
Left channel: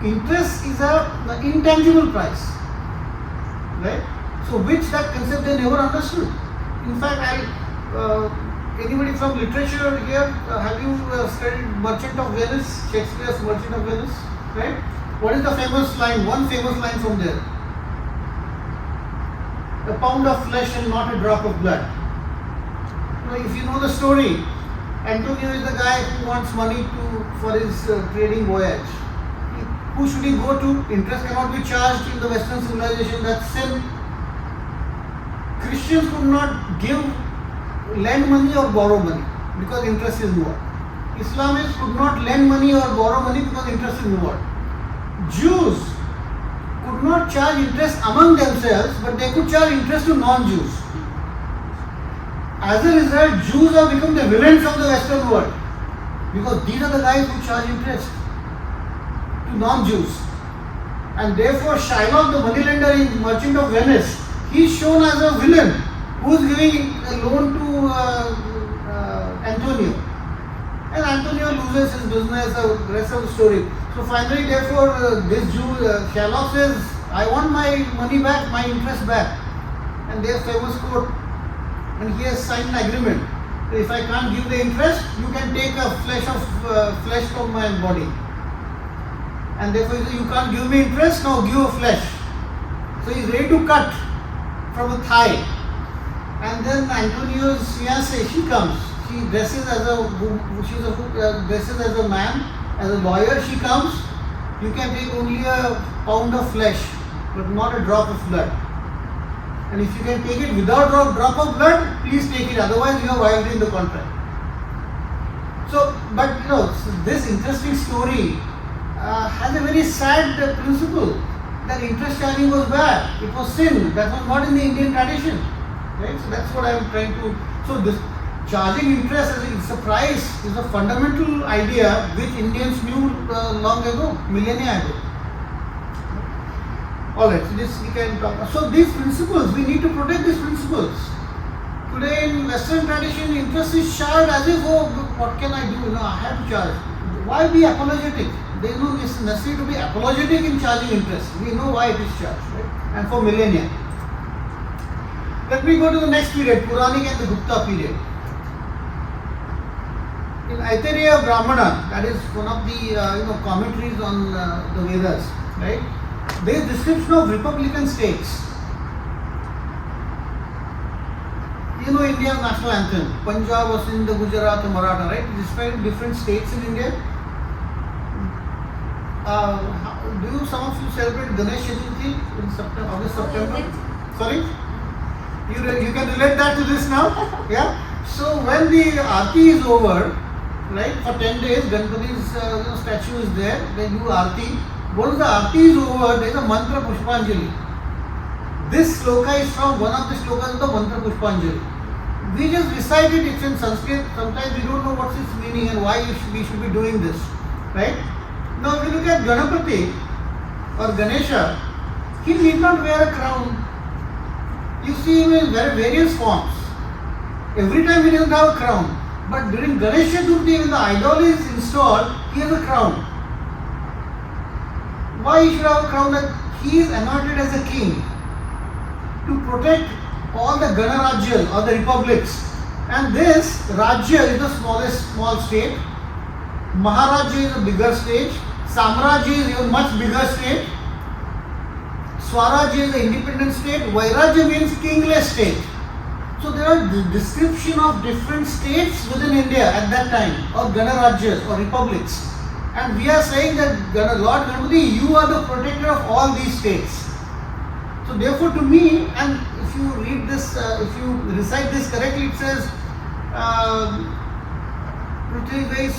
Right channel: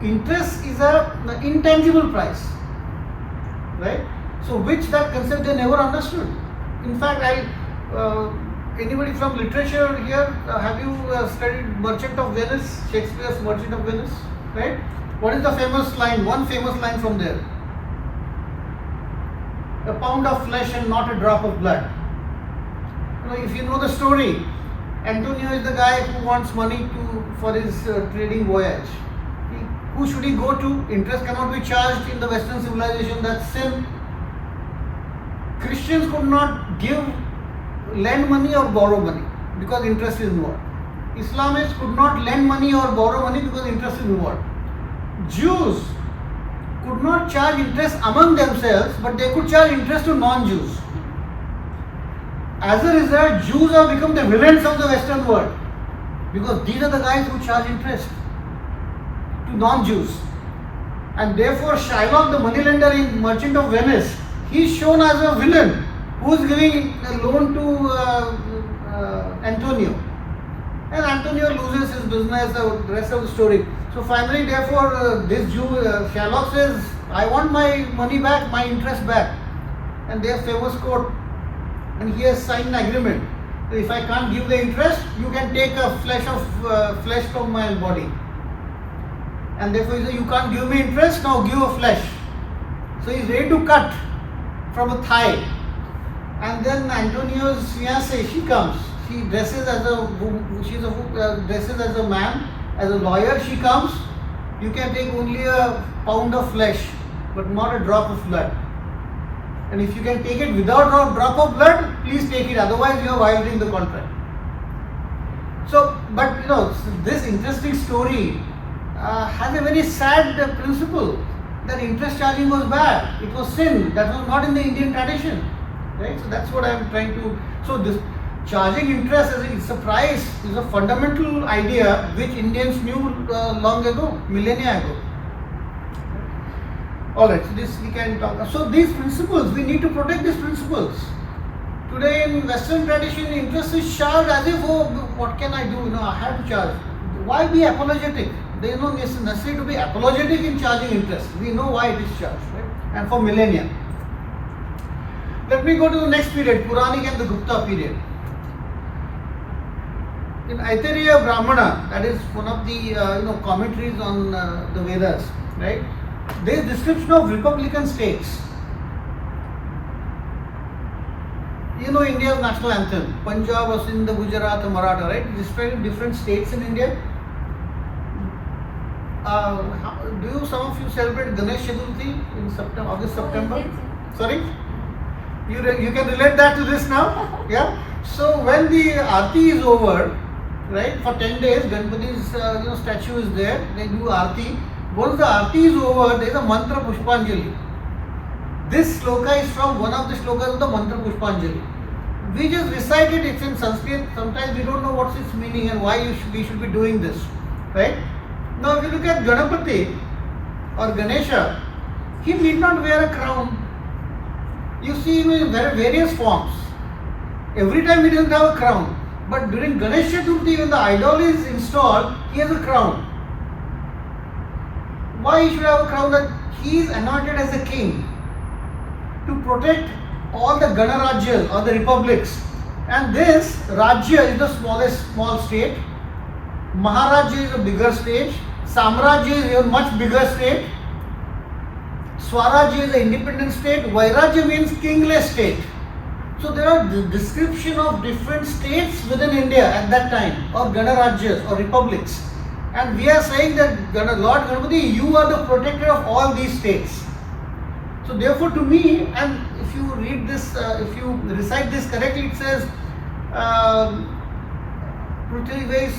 interest is an intangible price, right? So which that concept they never understood. In fact, anybody from literature here, have you studied Merchant of Venice, Shakespeare's Merchant of Venice, right? What is the famous line, one famous line from there? A pound of flesh and not a drop of blood. If you know the story, Antonio is the guy who wants money for his trading voyage. Who should he go to? Interest cannot be charged in the Western civilization, that's sin. Christians could not lend money or borrow money because interest is involved. Islamists could not lend money or borrow money because interest is involved. Jews could not charge interest among themselves, but they could charge interest to non-Jews. As a result, Jews have become the villains of the Western world. because these are the guys who charge interest to non-Jews. And therefore Shylock, the moneylender in Merchant of Venice, he is shown as a villain who is giving a loan to Antonio. And Antonio loses his business, the rest of the story. So finally, therefore, this Jew, Shylock says, I want my money back, my interest back. And there's famous quote, and he has signed an agreement. If I can't give the interest, you can take a flesh from my body. And therefore he says, you can't give me interest, now give a flesh. So he's ready to cut from a thigh. And then Antonio's fiancée, she comes. She dresses as a man, as a lawyer. She comes. You can take only a pound of flesh, but not a drop of blood. And if you can take it without a drop of blood, please take it. Otherwise, you are violating the contract. So, but this interesting story has a very sad principle that interest charging was bad. It was sin. That was not in the Indian tradition. Right? So that's what I am trying to. So this charging interest as a price is a fundamental idea which Indians knew long ago, millennia ago. Alright, so this we can talk. So these principles, we need to protect these principles. Today in Western tradition, interest is charged as if, oh, what can I do? I have to charge. Why be apologetic? There is no necessity to be apologetic in charging interest. We know why it is charged, right? And for millennia. Let me go to the next period, Puranic and the Gupta period. In Aitareya Brahmana, that is one of the commentaries on the Vedas, right? There is description of republican states. India's national anthem, Punjab, Sindh, Gujarat, Maratha, right? Describe different states in India. Do some of you celebrate Ganesh Chaturthi in September, August, September? Sorry? You can relate that to this now? Yeah? So when the Aarti is over, right, for 10 days, Ganpati's statue is there, they do Aarti. Once the Aarti is over, there is a mantra Pushpanjali. This sloka is from one of the slokas of the mantra Pushpanjali. We just recite it, it's in Sanskrit, sometimes we don't know what's its meaning and why we should be doing this, right? Now if you look at Ganapati or Ganesha, he need not wear a crown. You see him in various forms. Every time he doesn't have a crown. But during Ganesh Chaturthi, when the idol is installed, he has a crown. Why he should have a crown? That he is anointed as a king to protect all the Ganarajya or the republics. And this Rajya is the small state. Maharajya is a bigger state. Samrajya is a much bigger state. Swarajya is an independent state. Vairajya means kingless state. So there are description of different states within India at that time, or Ganarajyas or republics. And we are saying that Lord Ganapati, you are the protector of all these states. So therefore to me, and if you read this, if you recite this correctly, it says Prithvi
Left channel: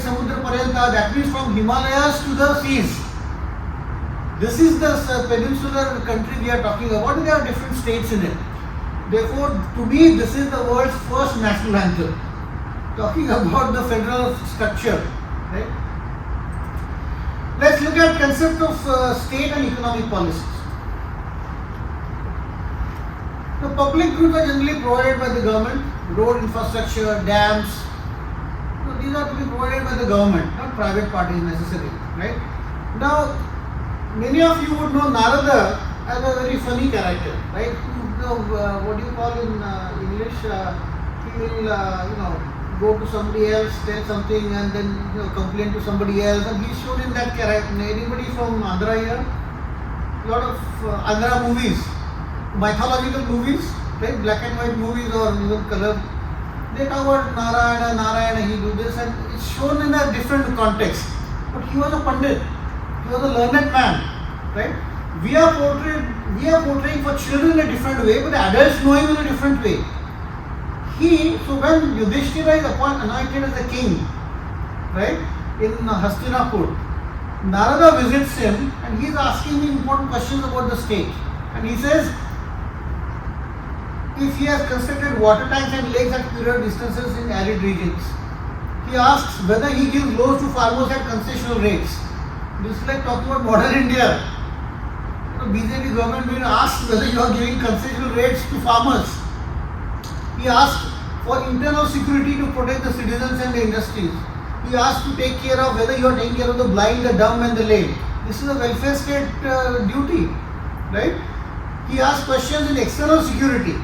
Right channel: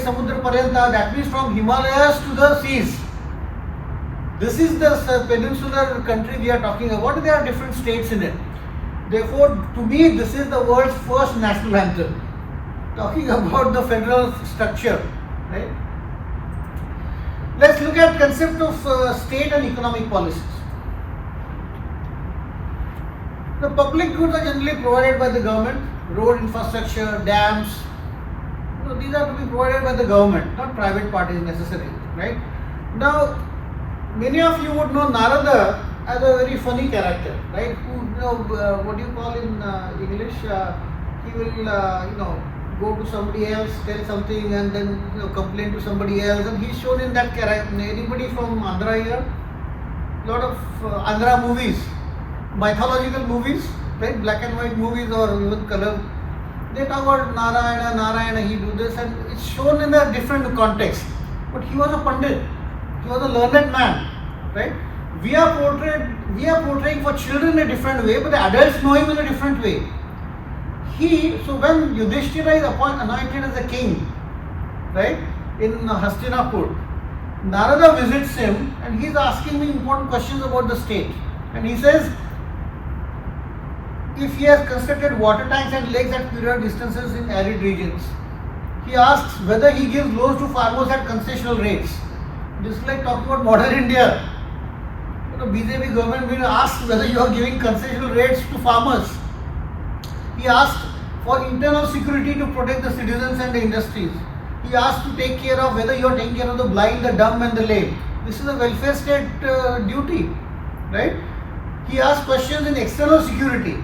Samudra Paryanta, that means from Himalayas to the seas. This is the peninsular country we are talking about. There are different states in it. Therefore, to me, this is the world's first national anthem. Talking about the federal structure, right? Let's look at concept of state and economic policies. The public goods are generally provided by the government, road infrastructure, dams. So these are to be provided by the government, not private parties necessarily, right? Now, many of you would know Narada as a very funny character, right? Who, what do you call in English? He will, go to somebody else, tell something, and then complain to somebody else, and he's shown in that character. Anybody from Andhra here? Lot of Andhra movies, mythological movies, right? Black and white movies or even color. They talk about Narayana, he do this, and it's shown in a different context. But he was a pandit. He was a learned man, right? We are portraying for children in a different way, but the adults know him in a different way. So when Yudhishthira is anointed as a king, right, in Hastinapur, Narada visits him and he is asking him important questions about the state. And he says, if he has constructed water tanks and lakes at period distances in arid regions, He asks whether he gives loans to farmers at concessional rates. This is like talking about modern India. BJP government will ask whether you are giving concessional rates to farmers. He asked for internal security to protect the citizens and the industries. He asked to take care of whether you are taking care of the blind, the dumb and the lame. This is a welfare state duty, right? He asked questions in external security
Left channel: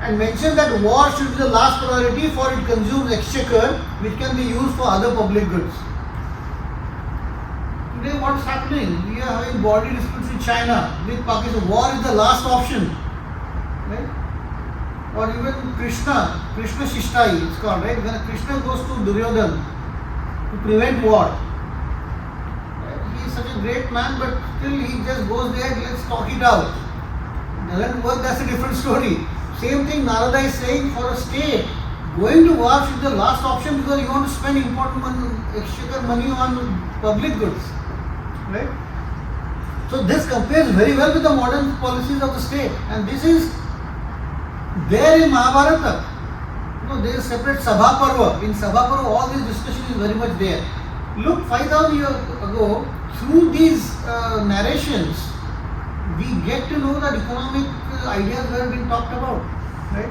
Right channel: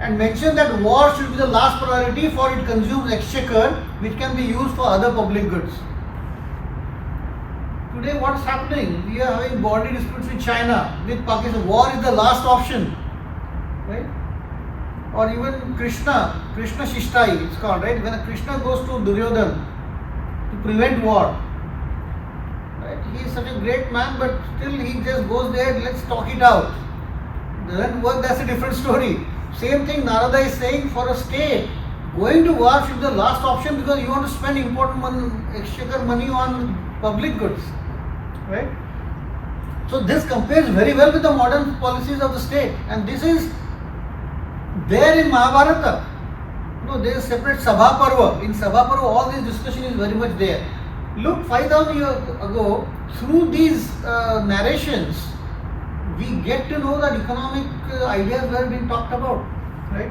and mentioned that war should be the last priority, for it consumes exchequer which can be used for other public goods. Today what's happening? We are having border disputes with China, with Pakistan. War is the last option, right? Or even Krishna Shishtai it's called, right? When Krishna goes to Duryodhan to prevent war, right? He is such a great man, but still he just goes there, let's talk it out. Doesn't work, that's a different story. Same thing Narada is saying, for a state, going to war should be the last option, because you want to spend important money, exchequer money on public goods, right? So this compares very well with the modern policies of the state, and this is there in Mahabharata. There is separate Sabha Parva. In Sabha Parva, all this discussion is very much there. Look, 5,000 years ago, through these narrations, we get to know that economic ideas were being talked about, right?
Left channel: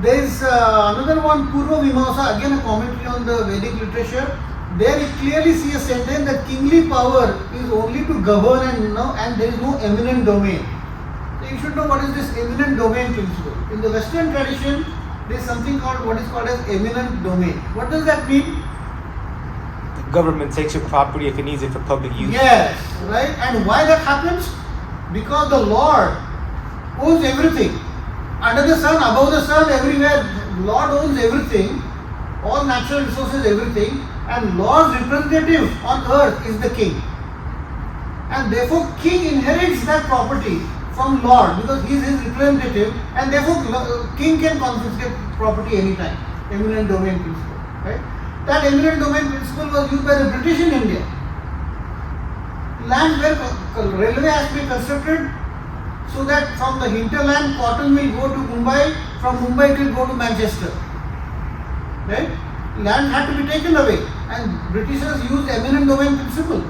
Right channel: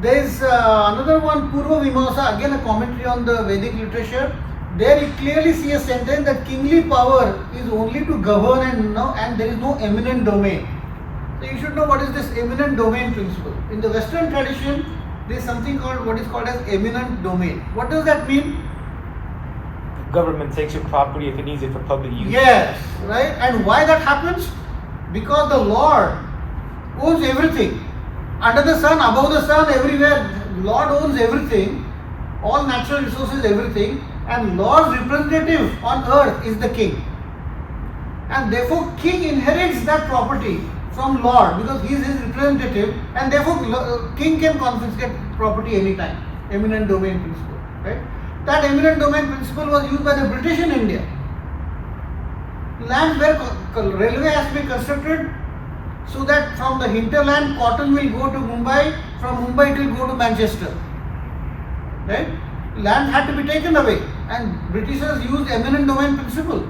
There is another one, Purva Mimamsa, again a commentary on the Vedic literature. There you clearly see a sentence that kingly power is only to govern and there is no eminent domain. So you should know what is this eminent domain principle. In the Western tradition, there is something called what is called as eminent domain. What does that mean? The government takes your property if it needs it for public use. Yes, right? And why that happens? Because the Lord owns everything. Under the sun, above the sun, everywhere. Lord owns everything. All natural resources, everything. And Lord's representative on earth is the king. And therefore, king inherits that property from Lord because he is his representative, and therefore king can confiscate property anytime. Eminent domain principle, right? That eminent domain principle was used by the British in India. Land where railway has to be constructed, so that from the hinterland cotton will go to Mumbai, from Mumbai it will go to Manchester, right? Land had to be taken away, and Britishers used eminent domain principle.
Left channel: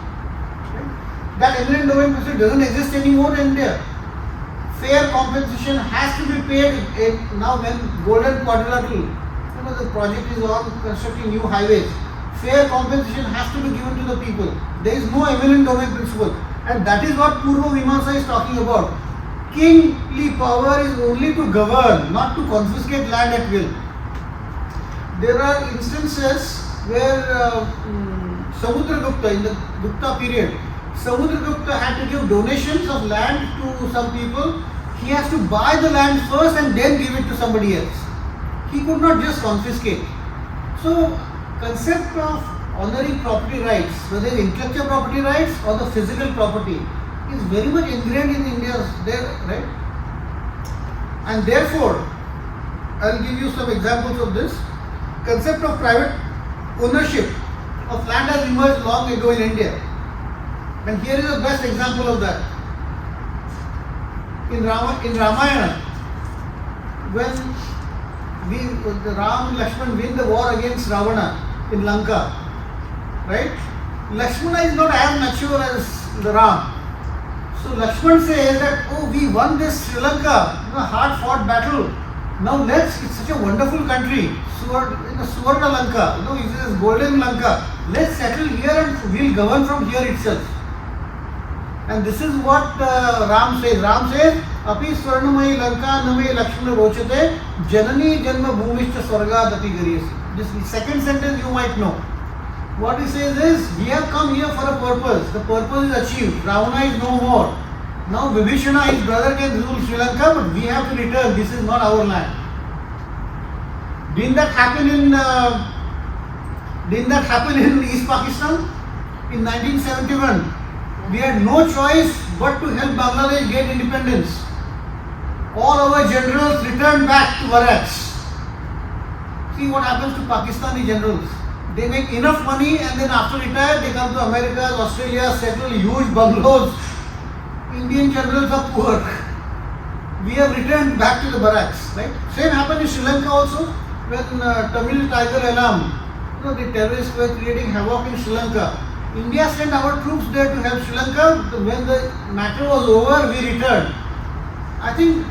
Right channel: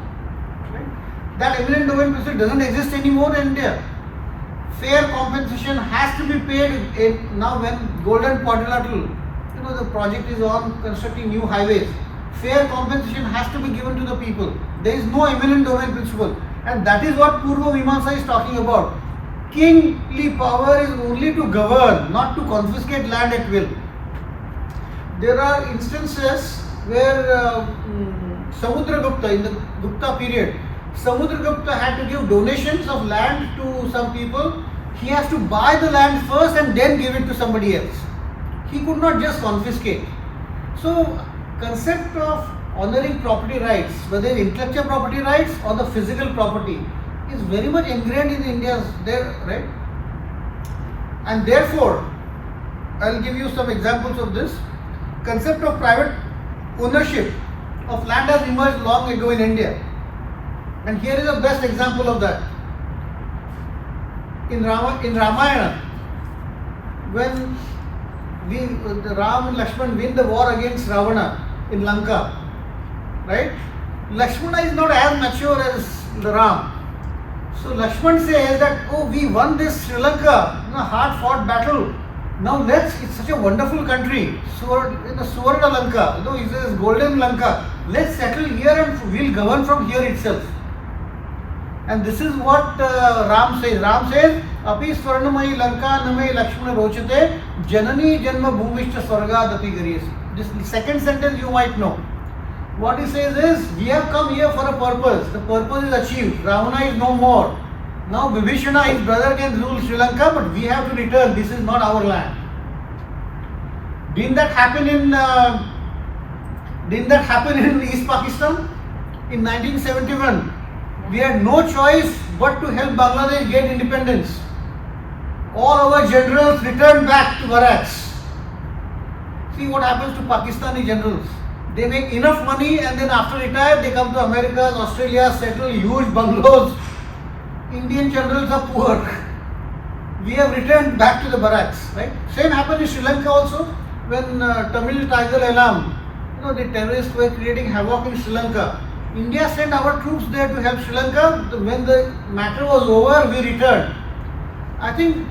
Right? That eminent domain principle doesn't exist anymore in India. Fair compensation has to be paid now when Golden Quadrilateral, the project is on constructing new highways. Fair compensation has to be given to the people. There is no eminent domain principle, and that is what Purva Mimamsa is talking about. Kingly power is only to govern, not to confiscate land at will. There are instances where Samudragupta, in the Gupta period, Samudragupta had to give donations of land to some people. He has to buy the land first and then give it to somebody else. He could not just confiscate. So, concept of honoring property rights, whether it's intellectual property rights or the physical property, is very much ingrained in India's there, right? And therefore, I'll give you some examples of this. Concept of private ownership of land has emerged long ago in India. And here is the best example of that. In Ramayana, when Ram and Lakshman win the war against Ravana in Lanka, right? Lakshmana is not as mature as the Ram. So Lakshman says that, oh, we won this Sri Lanka, hard fought battle. Now it's such a wonderful country, Suvarna Lanka, it says Golden Lanka. Let's settle here and we'll govern from here itself. And this is what Ram says. Ram says, Api Swarnamayi Lanka Name Lakshmana Rochate Janani Janma Bhumishta Swargadati Gariyasi. This second sentence you might know. What he says is, we have come here for a purpose. The purpose is achieved. Ravana is no more. Now Vibhishana, his brother, can rule Sri Lanka, but we have to return. This is not our land. Didn't that happen in East Pakistan? In 1971, we had no choice but to help Bangladesh get independence. All our generals returned back to barracks. See what happens to Pakistani generals. They make enough money and then after retire they come to America, Australia, settle huge bungalows. Indian generals are poor. We have returned back to the barracks, right? Same happened in Sri Lanka also when Tamil Tiger Elam the terrorists were creating havoc in Sri Lanka. India sent our troops there to help Sri Lanka. When the matter was over, we returned. I think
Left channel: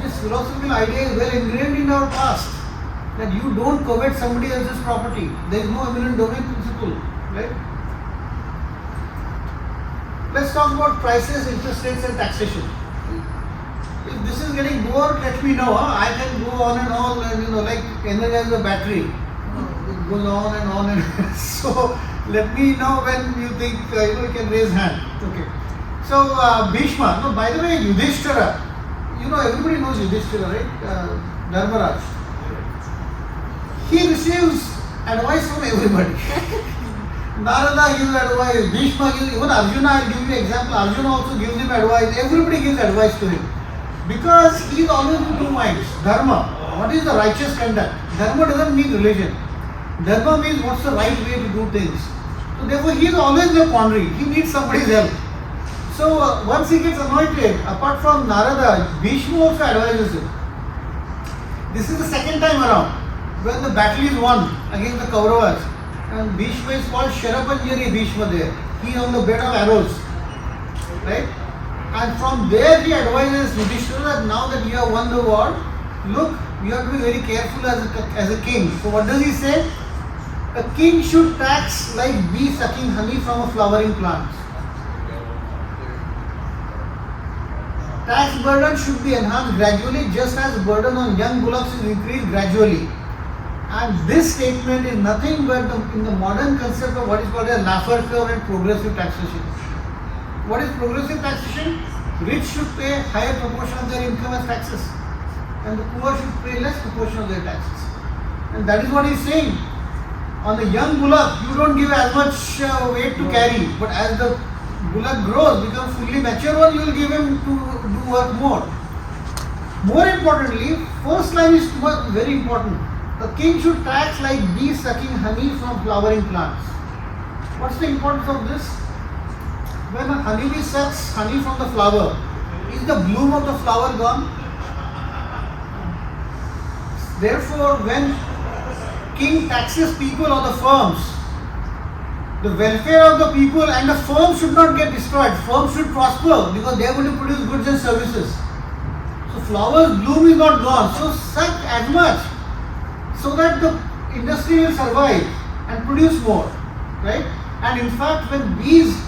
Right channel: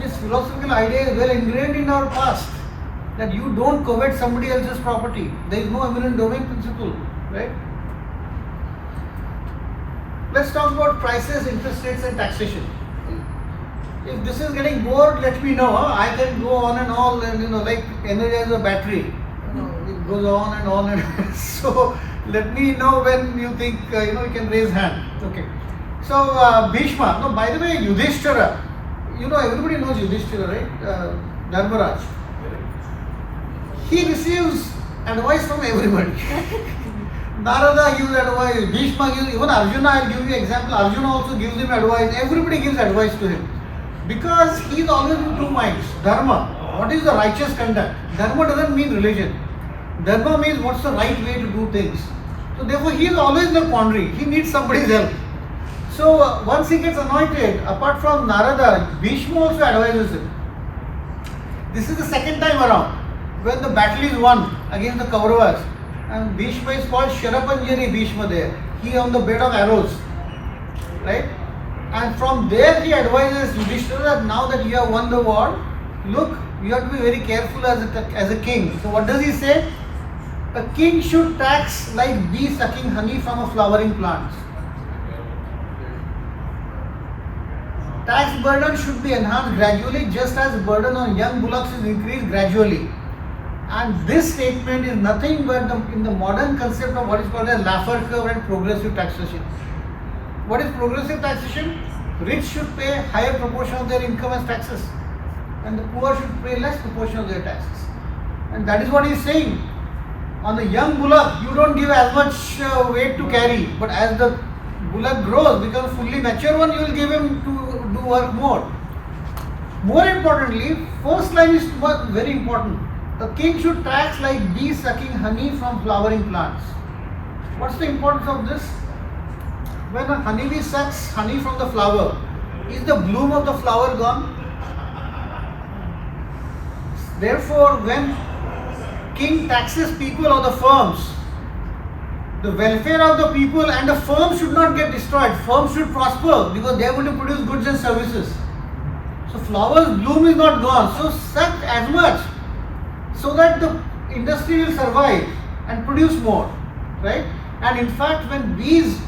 this philosophical idea is well ingrained in our past, that you don't covet somebody else's property. There is no eminent domain principle, right? Let's talk about prices, interest rates and taxation. If this is getting bored, let me know. I can go on and on, and like energize a battery. It goes on and on and so let me know when you think you can raise hand. Okay. So Bhishma. No, by the way, Yudhishthira. Everybody knows Yudhishthira, right? Dharmaraj. He receives advice from everybody. Narada gives advice. Bhishma gives. Even Arjuna. I'll give you example. Arjuna also gives him advice. Everybody gives advice to him. Because he is always in two minds. Dharma, what is the righteous conduct? Dharma doesn't mean religion. Dharma means what's the right way to do things. So therefore he is always in a quandary. He needs somebody's help. So once he gets anointed, apart from Narada, Bhishma also advises him. This is the second time around when the battle is won against the Kauravas. And Bhishma is called Sharapanjari Bhishma there. He on the bed of arrows. Right? And from there he advises Yudhishthira that now that you have won the war, look, you have to be very careful as a king. So what does he say? A king should tax like bee sucking honey from a flowering plant. Tax burden should be enhanced gradually, just as burden on young bullocks is increased gradually. And this statement is nothing but in the modern concept of what is called a Laffer curve and progressive taxation. What is progressive taxation? Rich should pay a higher proportion of their income as taxes, and the poor should pay less proportion of their taxes. And that is what he is saying. On the young bullock, you don't give as much weight to carry, but as the bullock grows, becomes fully mature one, you will give him to do work more. More importantly, first line is very important. A king should tax like bees sucking honey from flowering plants. What's the importance of this? When a honeybee sucks honey from the flower, is the bloom of the flower gone? Therefore, when king taxes people or the firms, the welfare of the people and the firm should not get destroyed. Firms should prosper because they are going to produce goods and services. So flowers bloom is not gone. So suck as much so that the industry will survive and produce more, right? And in fact, when bees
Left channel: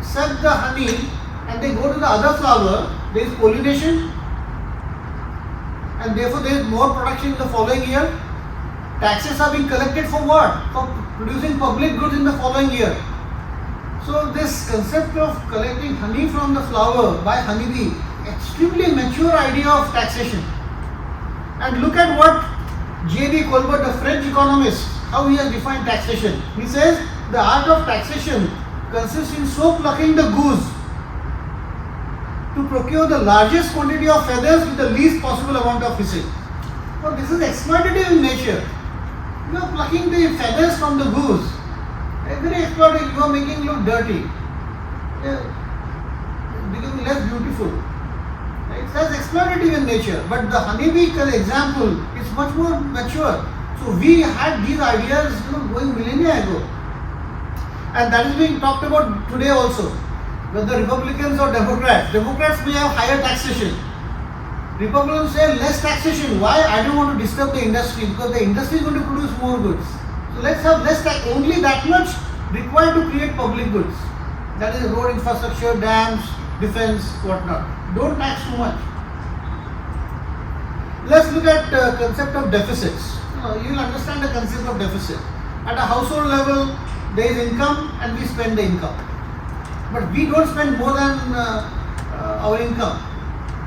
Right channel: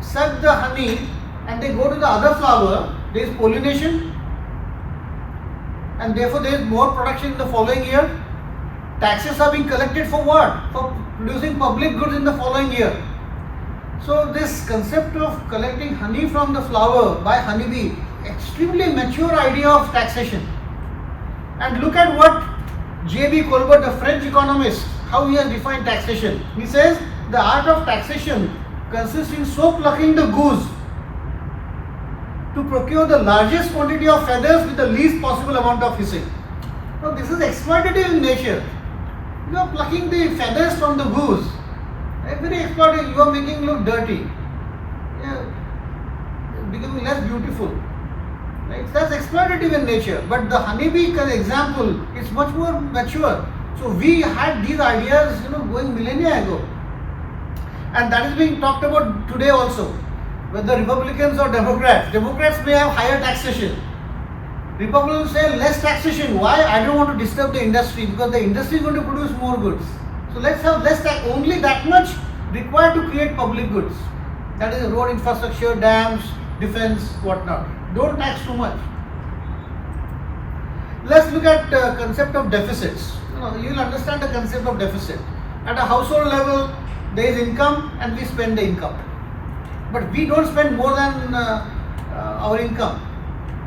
suck the honey and they go to the other flower, there is pollination, and therefore there is more production in the following year. Taxes are being collected for what? For producing public goods in the following year. So this concept of collecting honey from the flower by honeybee, extremely mature idea of taxation. And look at what J.B. Colbert, the French economist, how he has defined taxation. He says the art of taxation consists in so plucking the goose to procure the largest quantity of feathers with the least possible amount of hissing. Now this is exploitative in nature. You are plucking the feathers from the goose. Very exploitative. You are making it look dirty. Becoming less beautiful. Right? That's exploitative in nature. But the honeybee example is much more mature. So we had these ideas, going millennia ago. And that is being talked about today also. Whether Republicans or Democrats. Democrats may have higher taxation. Republicans say less taxation. Why? I don't want to disturb the industry because the industry is going to produce more goods. So let's have less tax. Only that much required to create public goods. That is road infrastructure, dams, defense, whatnot. Don't tax too much. Let's look at the concept of deficits. You will understand the concept of deficit. At a household level, there is income and we spend the income. But we don't spend more than our income.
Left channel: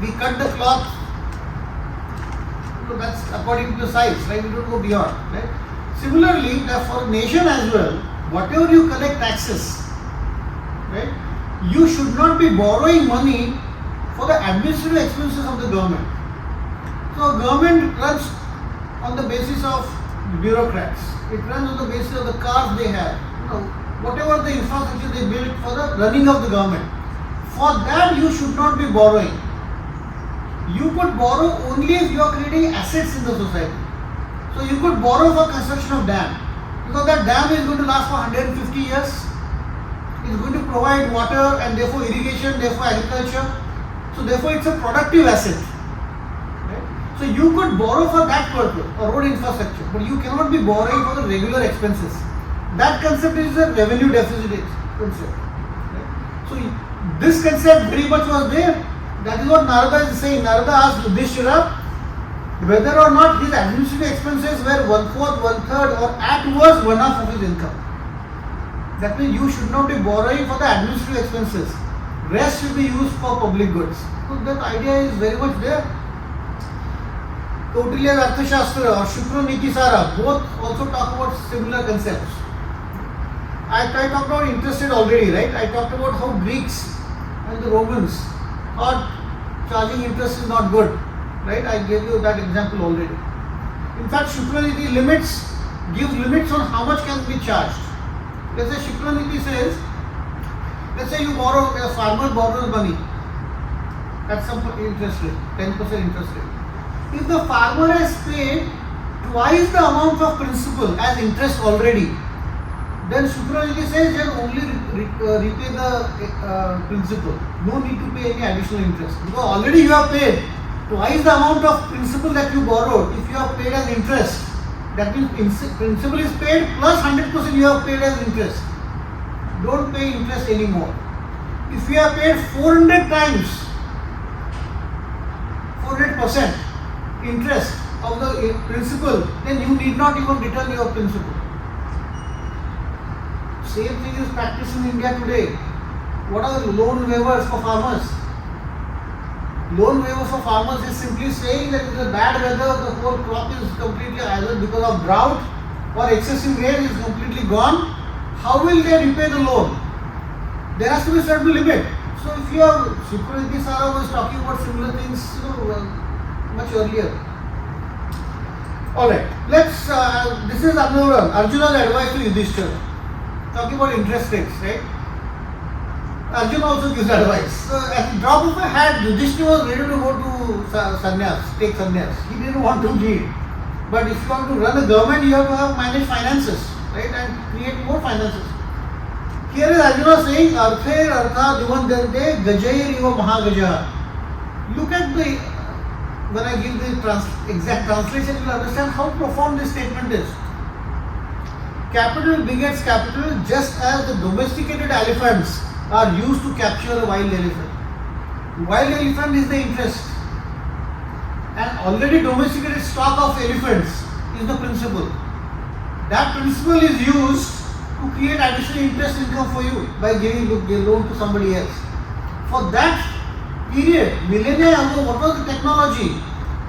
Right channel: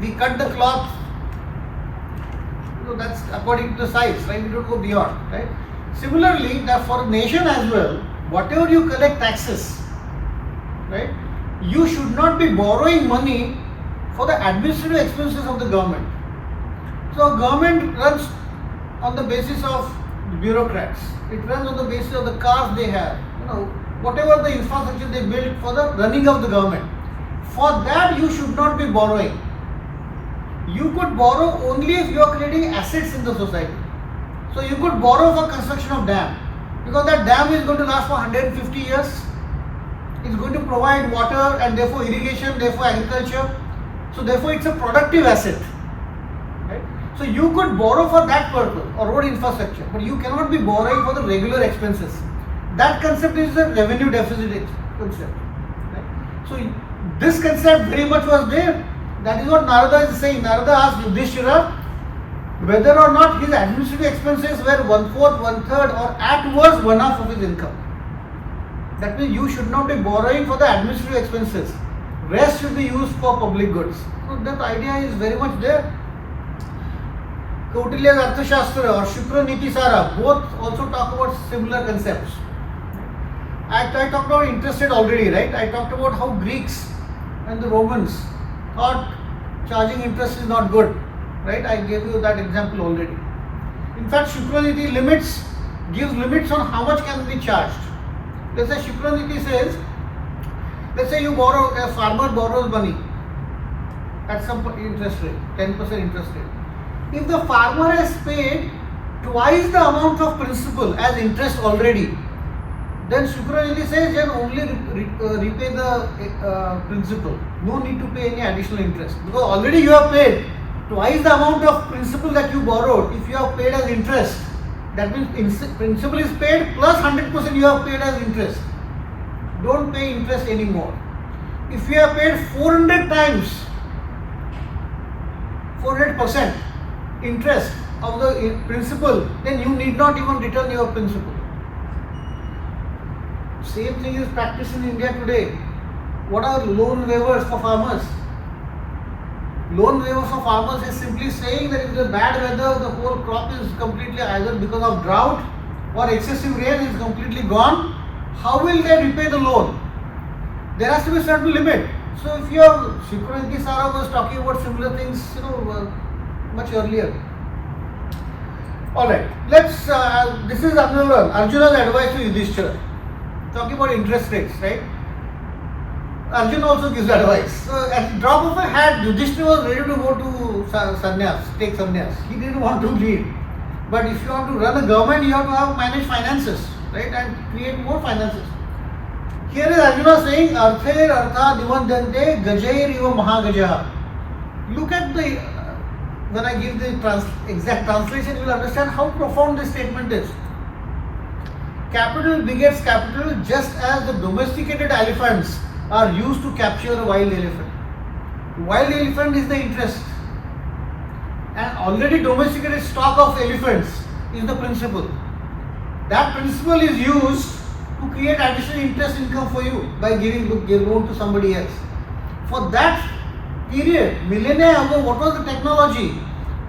We cut the cloth. That's according to the size, right? We don't go beyond, right? Similarly, for a nation as well, whatever you collect taxes, right? You should not be borrowing money for the administrative expenses of the government. So government runs on the basis of bureaucrats. It runs on the basis of the cars they have. Whatever the infrastructure they build for the running of the government. For that you should not be borrowing. You could borrow only if you are creating assets in the society. So you could borrow for construction of dam, because that dam is going to last for 150 years. It's going to provide water and therefore irrigation, therefore agriculture. So therefore it's a productive asset. Right? So you could borrow for that purpose or road infrastructure, but you cannot be borrowing for the regular expenses. That concept is a revenue deficit concept. Right? So this concept very much was there. That is what Narada is saying. Narada asked Yudhishthira whether or not his administrative expenses were 1/4, 1/3 or at worst 1/2 of his income. That means you should not be borrowing for the administrative expenses. Rest should be used for public goods. So that idea is very much there. Kautilya's Arthashastra or Shukra Niti Sara both also talk about similar concepts. I talked about interest rate already, right? I talked about how Greeks and the Romans thought charging interest is not good, right? I gave you that example already. In fact, Shukraniti gives limits on how much can be charged. Let's say Shukraniti says, let's say a farmer borrows money at some interest rate, 10% interest rate. If the farmer has paid twice the amount of principal as interest already, then Shukraniti says then only repay the principal. No need to pay any additional interest. Because already you have paid twice the amount of principal that you borrowed. If you have paid as interest, that means principal is paid plus 100% you have paid as interest. Don't pay interest anymore. If you have paid 400 times, 400% interest of the principal, then you need not even return your principal. Same thing is practiced in India today. What are loan waivers for farmers? Loan waivers for farmers is simply saying that if the bad weather, the whole crop is completely either because of drought or excessive rain is completely gone. How will they repay the loan? There has to be a certain limit. So if you have Shukraniti Sara was talking about similar things, much earlier. Alright, this is Arjuna's advice to Yudhishthira. Talking about interest rates, right? Arjuna also gives advice. So at the drop of a hat, Yudhishthira was ready to go to sannyas, take sannyas. He didn't want to lead. But if you want to run a government, you have to manage finances, right? And create more finances. Here is Arjuna saying, Arther Artha Divandante Gajair Iva Mahagajaha. Look at when I give the exact translation, you will understand how profound this statement is. Capital begets capital just as the domesticated elephants are used to capture a wild elephant. Wild elephant is the interest. And already domesticated stock of elephants is the principal. That principal is used to create additional interest income for you by giving loan to somebody else. For that period, millennia ago, what was the technology?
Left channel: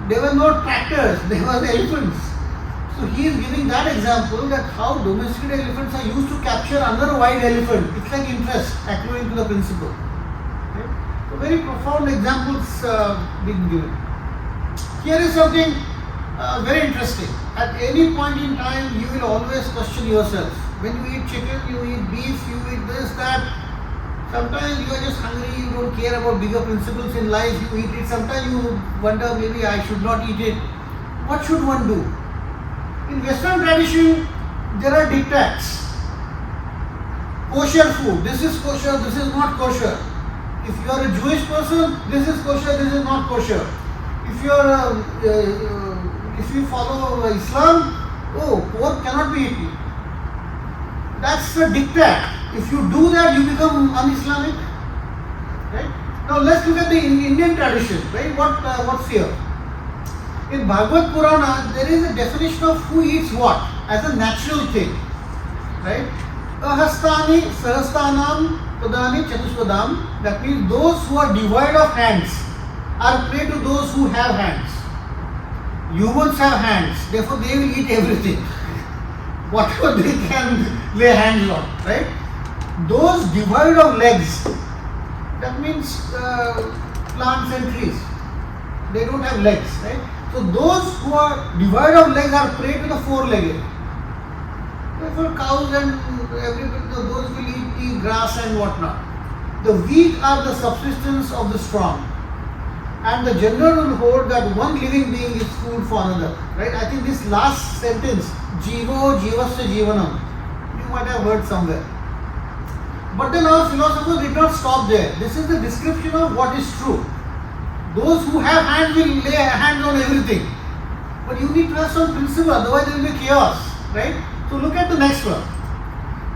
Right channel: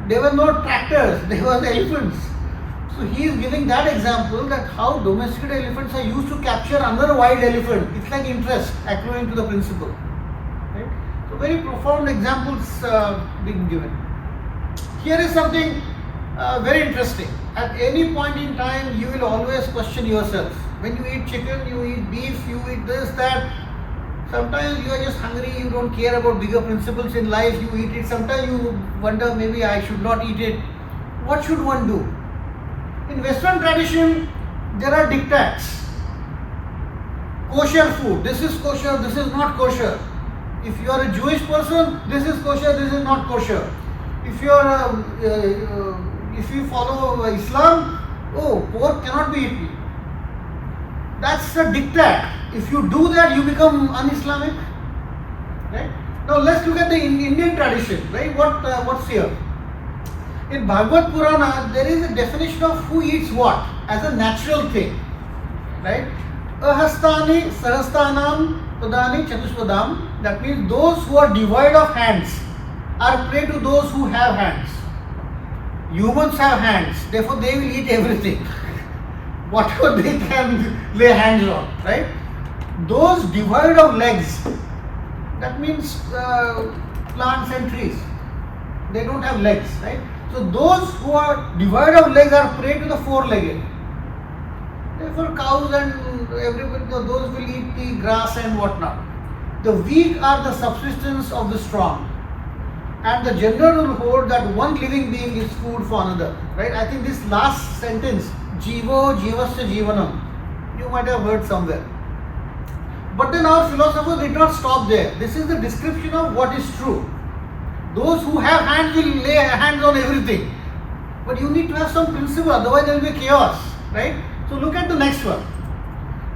There were no tractors, there were elephants. So he is giving that example that how domesticated elephants are used to capture another wild elephant. It's like interest accruing to the principal. Right? So very profound examples being given. Here is something very interesting. At any point in time, you will always question yourself. When you eat chicken, you eat beef, you eat this, that. Sometimes you are just hungry, you don't care about bigger principles in life, you eat it. Sometimes you wonder maybe I should not eat it. What should one do? In Western tradition, there are diktats. Kosher food, this is kosher, this is not kosher. If you are a Jewish person, this is kosher, this is not kosher. If you follow Islam, pork cannot be eaten. That's a diktat. If you do that, you become un-Islamic. Right? Now let's look at the Indian tradition. Right? What's here? In Bhagavad Purana, there is a definition of who eats what as a natural thing. Right? Ahastani sahastanam padani chatusvadam. That means those who are devoid of hands are prey to those who have hands. Humans have hands, therefore they will eat everything. Whatever they can lay hands on, right? Those devoid of legs, that means plants and trees, they don't have legs, right? So those who are devoid of legs are prey to the four-legged. Therefore cows and everybody, those will eat the grass and whatnot. The weak are the subsistence of the strong. and the general will hold that one living being is food for another. Right? I think this last sentence, Jivo Jivasya Jivanam, you might have heard somewhere. But then our philosophers did not stop there. This is the description of what is true. Those who have hands will lay hands on everything. But you need to have some principle, otherwise there will be chaos. Right? So look at the next one.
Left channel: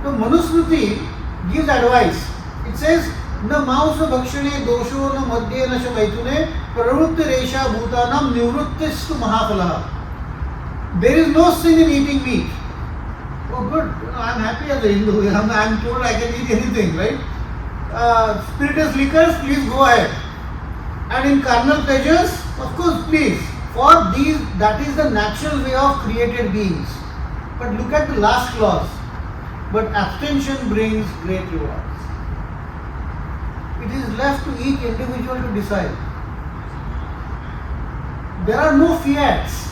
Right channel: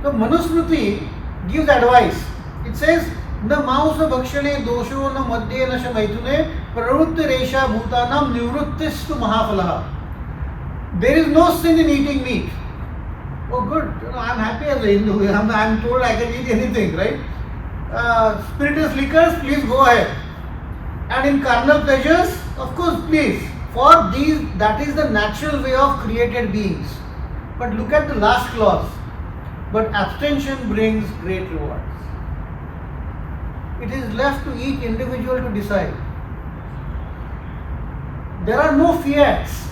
The Manusmriti gives advice. It says, न मांस भक्षणे दोषो न मद्ये न शमैथुने प्रवृत्तिरेषा भूतानां निवृत्तिस्तु महाफलः. There is no sin in eating meat. Oh good, I am happy as a Hindu. I am told I can eat anything, right? Spirituous liquors, please go ahead. And in carnal pleasures, of course, please. For these, that is the natural way of created beings. But look at the last clause. But abstention brings great rewards. It is left to each individual to decide. There are no fiats.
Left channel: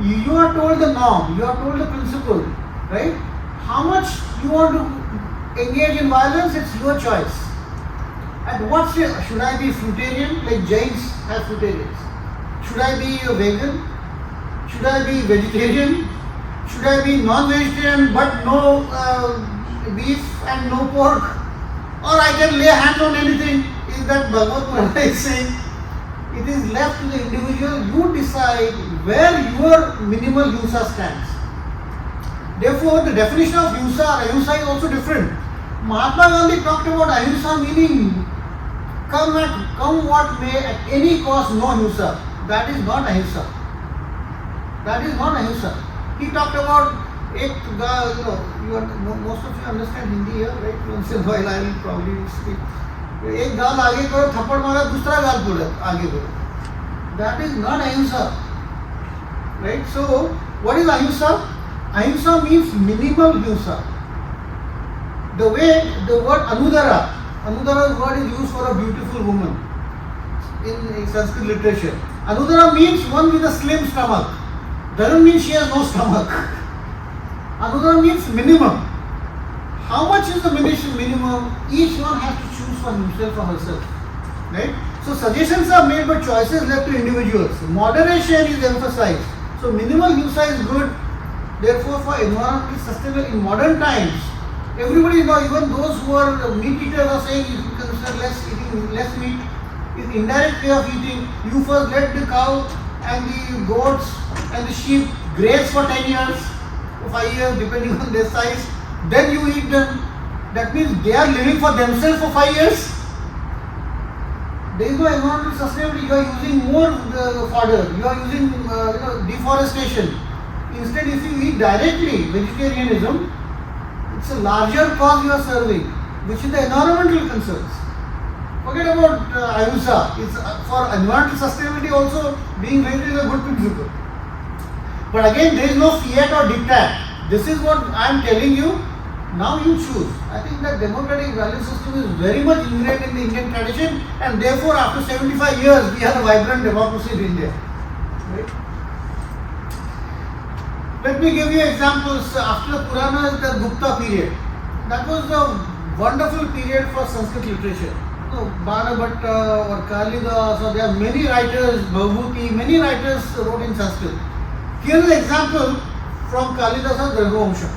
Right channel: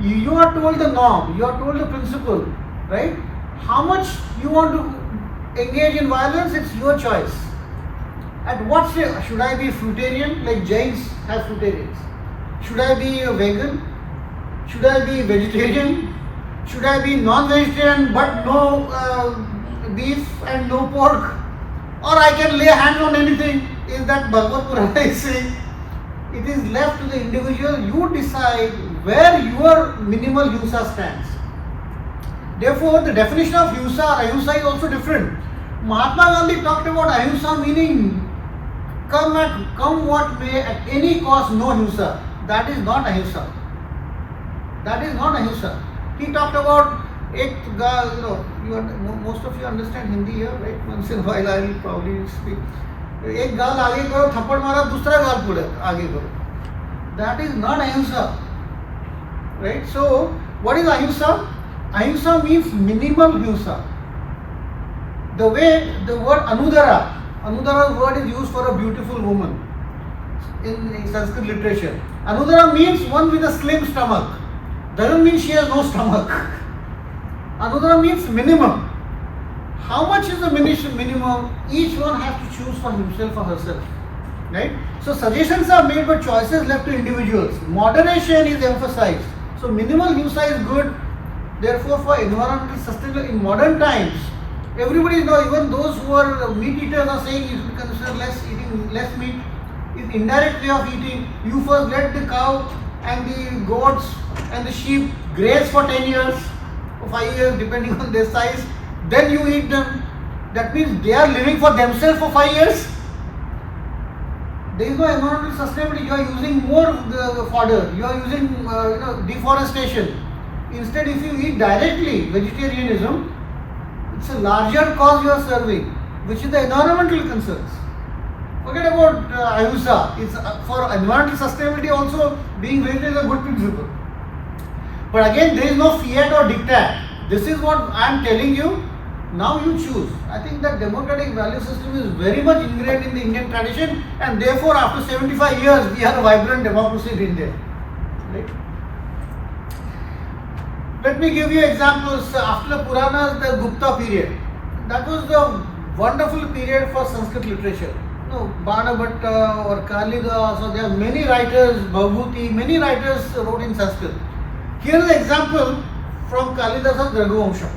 You are told the norm, you are told the principle, right? How much you want to engage in violence, it's your choice. At what stage? Should I be fruitarian, like Jains have fruitarians? Should I be a vegan? Should I be vegetarian? Should I be non-vegetarian but no beef and no pork? Or I can lay hands on anything? Is that Bhagavad Purana is saying? It is left to the individual. You decide where your minimal himsa stands. Therefore, the definition of himsa or ahimsa is also different. Mahatma Gandhi talked about ahimsa meaning come what may, at any cost, no himsa. That is not ahimsa. That is not ahimsa. He talked about most of you understand Hindi here, right? Once in a while I will probably speak. एक गाल आगे करो, थप्पड़ मारा, दूसरा गाल पुढे आगे करो. That is not ahimsa, right? So what is ahimsa? Ahimsa means minimal himsa. The way the word Anudara's word is used for a beautiful woman in Sanskrit literature. Anudara means one with a slim stomach. Doesn't mean she has no stomach. Anudara means minimum. How much is the minimum? Each one has to choose for himself or herself. Right? So suggestions are made but choices left to individuals. Moderation is emphasized. So minimal himsa is good. Therefore for environmental sustainability in modern times, everybody knows, even those who are meat eaters are saying you should consider eating less meat. Is indirect way of eating. You first let the cow and the goats and the sheep graze for 10 years, for 5 years depending on their size. Then you eat them. That means they are living for themselves for 5 years. There is no environmental sustainability. You are using more fodder. You are using deforestation. Instead, if you eat directly vegetarianism, it's a larger cause you are serving, which is the environmental concerns. Forget about ahimsa. It's for environmental sustainability also being vegetarian is a good principle. But again, there is no fiat or diktat. This is what I am telling you. Now you choose. I think that democratic value system is very much ingrained in the Indian tradition, and therefore after 75 years we have a vibrant democracy in India. Right? Let me give you examples. After the Puranas, the Gupta period. That was the wonderful period for Sanskrit literature. Bhanabhatta or Kalidas, so there are many writers, Bhavbhuti, many writers wrote in Sanskrit. Here is an example from Kalidas's Raghuvamsha.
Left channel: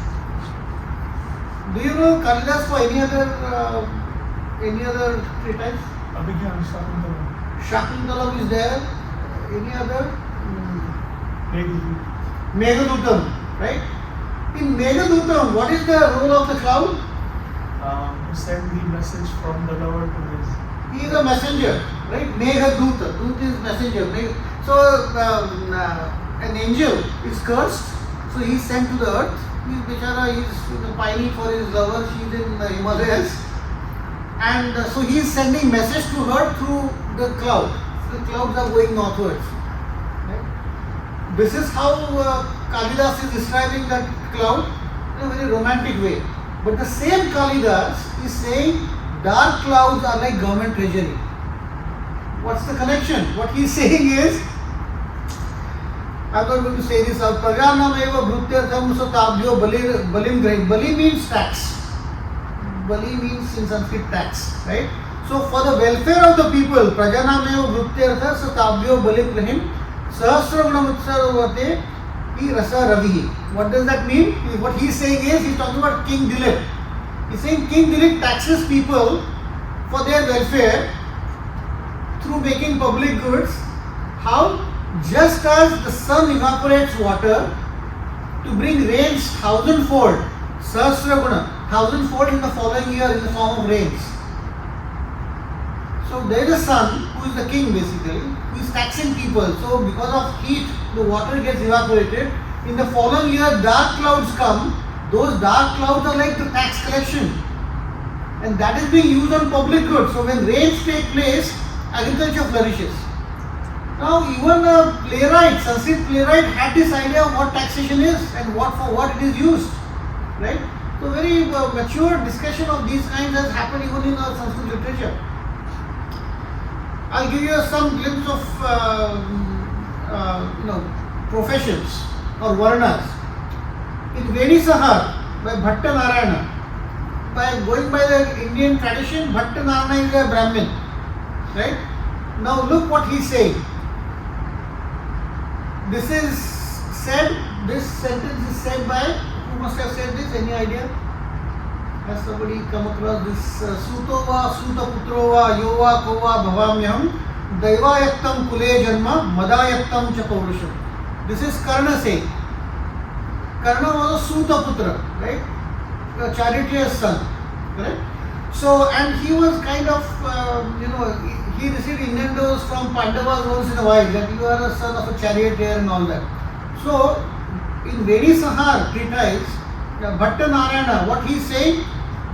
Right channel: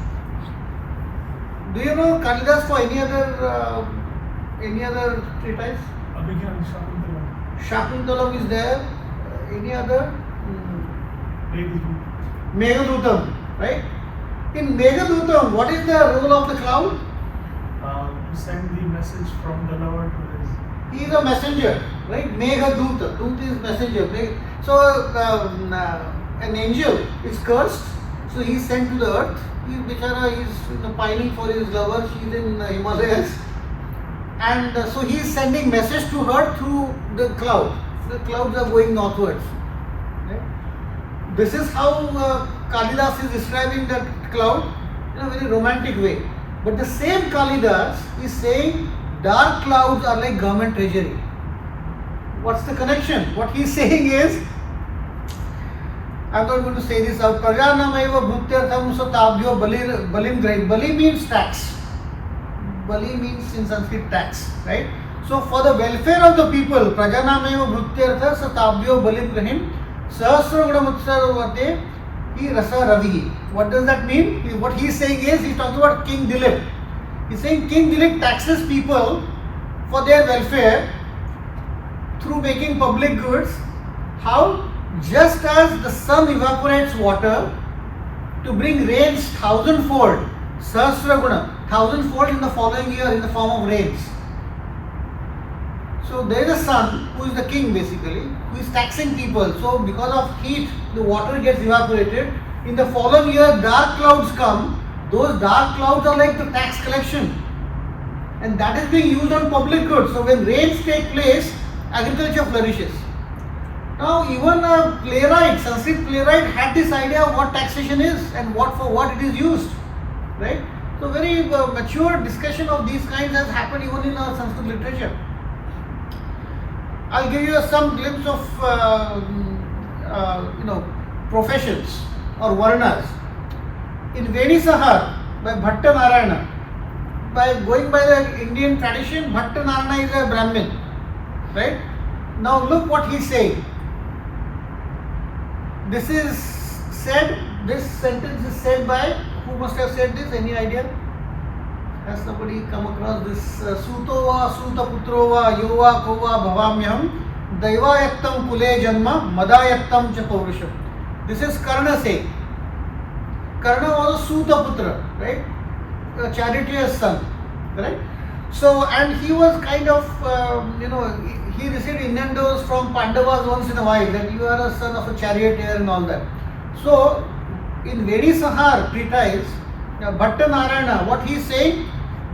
Do you know Kalidas for any other treatise? Abhigyan, Shakuntala. Shakuntalam is there. Any other? Meghadutam. Meghadutam, right? In Meghadutam, what is the role of the cloud? Send the message from the lover to his. He is a messenger, right? Meghaduta. Dut is messenger. So an angel is cursed, so he is sent to the earth. He is pining for his lover. She is in the Himalayas, and so he is sending message to her through the cloud. The clouds are going northwards. Right? This is how Kalidas is describing that cloud in a very romantic way. But the same Kalidas is saying dark clouds are like government treasury. What's the connection? What he is saying is, I'm not going to say this out. Prajanameva bhrutyartham satabhyo balim grahit. Bali means tax. Bali means in Sanskrit tax, right? So for the welfare of the people, Prajanameva Vrutyartha Satabhyo Baliprahim Sahasra Gunamutsarvate He Rasa Ravihi. What does that mean? What he is saying is, he is talking about King Dilip. He is saying King Dilip taxes people for their welfare through making public goods. How? Just as the sun evaporates water to bring rains thousandfold, Sahasra Guna, thousandfold in the following year in the form of rains. So there is a sun who is the king basically, who is taxing people. So because of heat, the water gets evaporated. In the following year, dark clouds come. Those dark clouds are like the tax collection. And that is being used on public goods. So when rains take place, agriculture flourishes. Now even a playwright, Sanskrit playwright had this idea of what taxation is and for what it is used. Right? So very mature discussion of these kinds has happened even in our Sanskrit literature. I'll give you some glimpse of professions or Varanas. In Venisahar by Bhatta Narayana, by going by the Indian tradition, Bhatta Narayana is a Brahmin. Right? Now look what he's saying. This sentence is said by, who must have said this? Any idea? Has somebody come across this? Sutova, Suta Putrova, Yova, Kova, Bhavamyam, Daivayaktam Kule Janma, Madayaktam Cha Paurisham. This is Karna saying. Karna was a Suta Putra, right? A charioteer's son, right? So, and he was kind of, he received innuendos from Pandavas once in a while that you are a son of a charioteer and all that. So, in Venisahar treatise, Bhatta Narayana, what he is saying,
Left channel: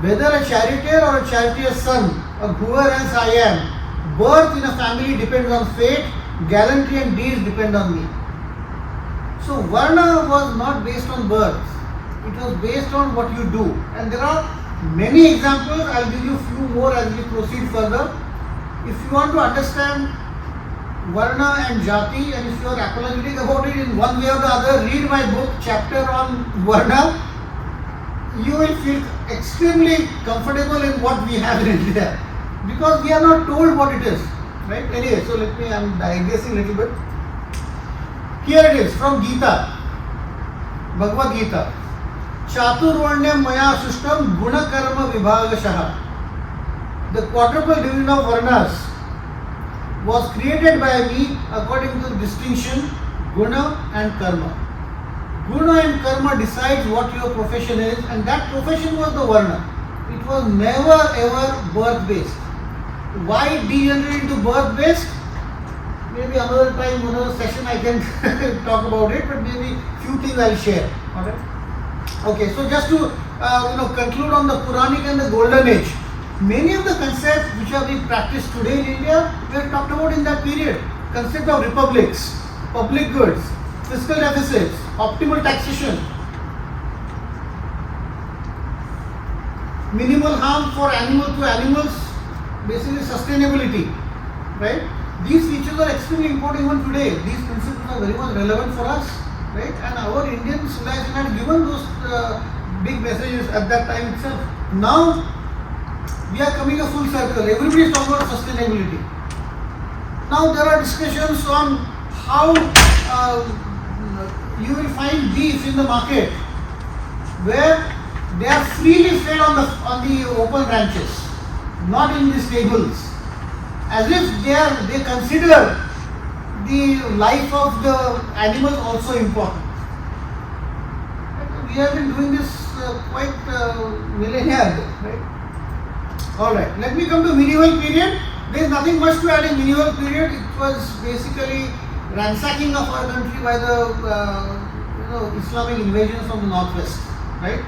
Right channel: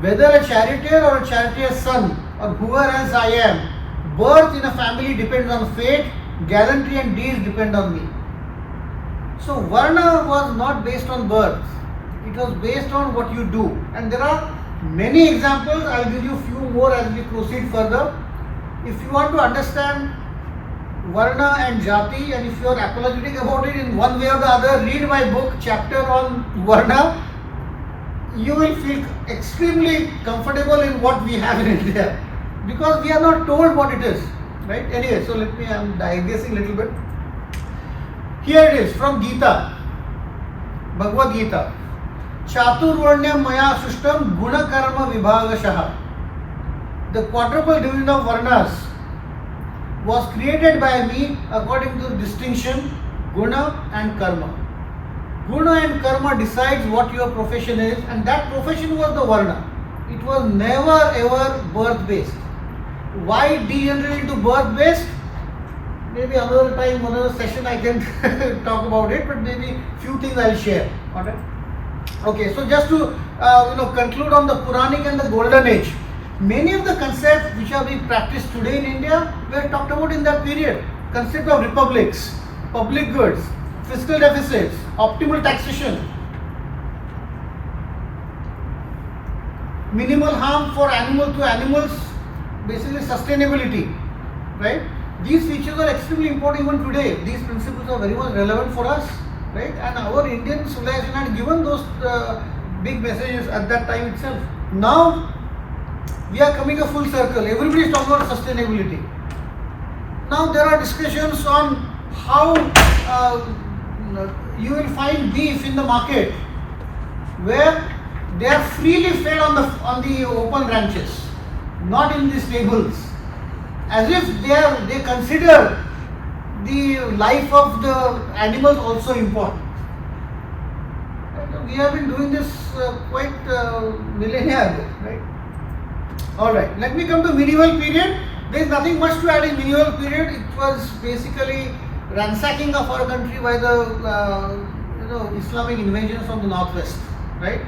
whether a charioteer or a charioteer's son or whoever else I am, birth in a family depends on fate, gallantry and deeds depend on me. So Varna was not based on birth, it was based on what you do. And there are many examples, I will give you few more as we proceed further. If you want to understand Varna and Jati, and if you are apologetic about it in one way or the other, read my book, chapter on Varna. You will feel extremely comfortable in what we have in India, because we are not told what it is, right? Anyway, so I am digressing a little bit. Here it is from Gita, Bhagavad Gita. Chaturvarnyam maya sushtam guna karma vibhagashaha. The quadruple division of Varanas was created by me according to the distinction guna and karma. Guna and karma decides what your profession is, and that profession was the Varna. It was never ever birth based. Why degenerate into birth based? Maybe another time, another session I can talk about it, but maybe few things I'll share. Alright? Okay, so just to conclude on the Puranic and the Golden Age, many of the concepts which are being practiced today in India were talked about in that period. Concept of republics, public goods, fiscal deficits, optimal taxation, minimal harm for animals, basically sustainability, right? These features are extremely important even today. These principles are very much relevant for us, right? And our Indian civilization had given those big messages at that time itself. Now we are coming a full circle. Everybody is talking about sustainability. Now there are discussions on how you will find beef in the market where they are freely fed on the open ranches, not in the stables, as if they consider the life of the animals also important. We have been doing this quite millennia ago, right? Alright, let me come to medieval period. There is nothing much to add in medieval period. It was basically ransacking of our country by the Islamic invasions from the northwest, right?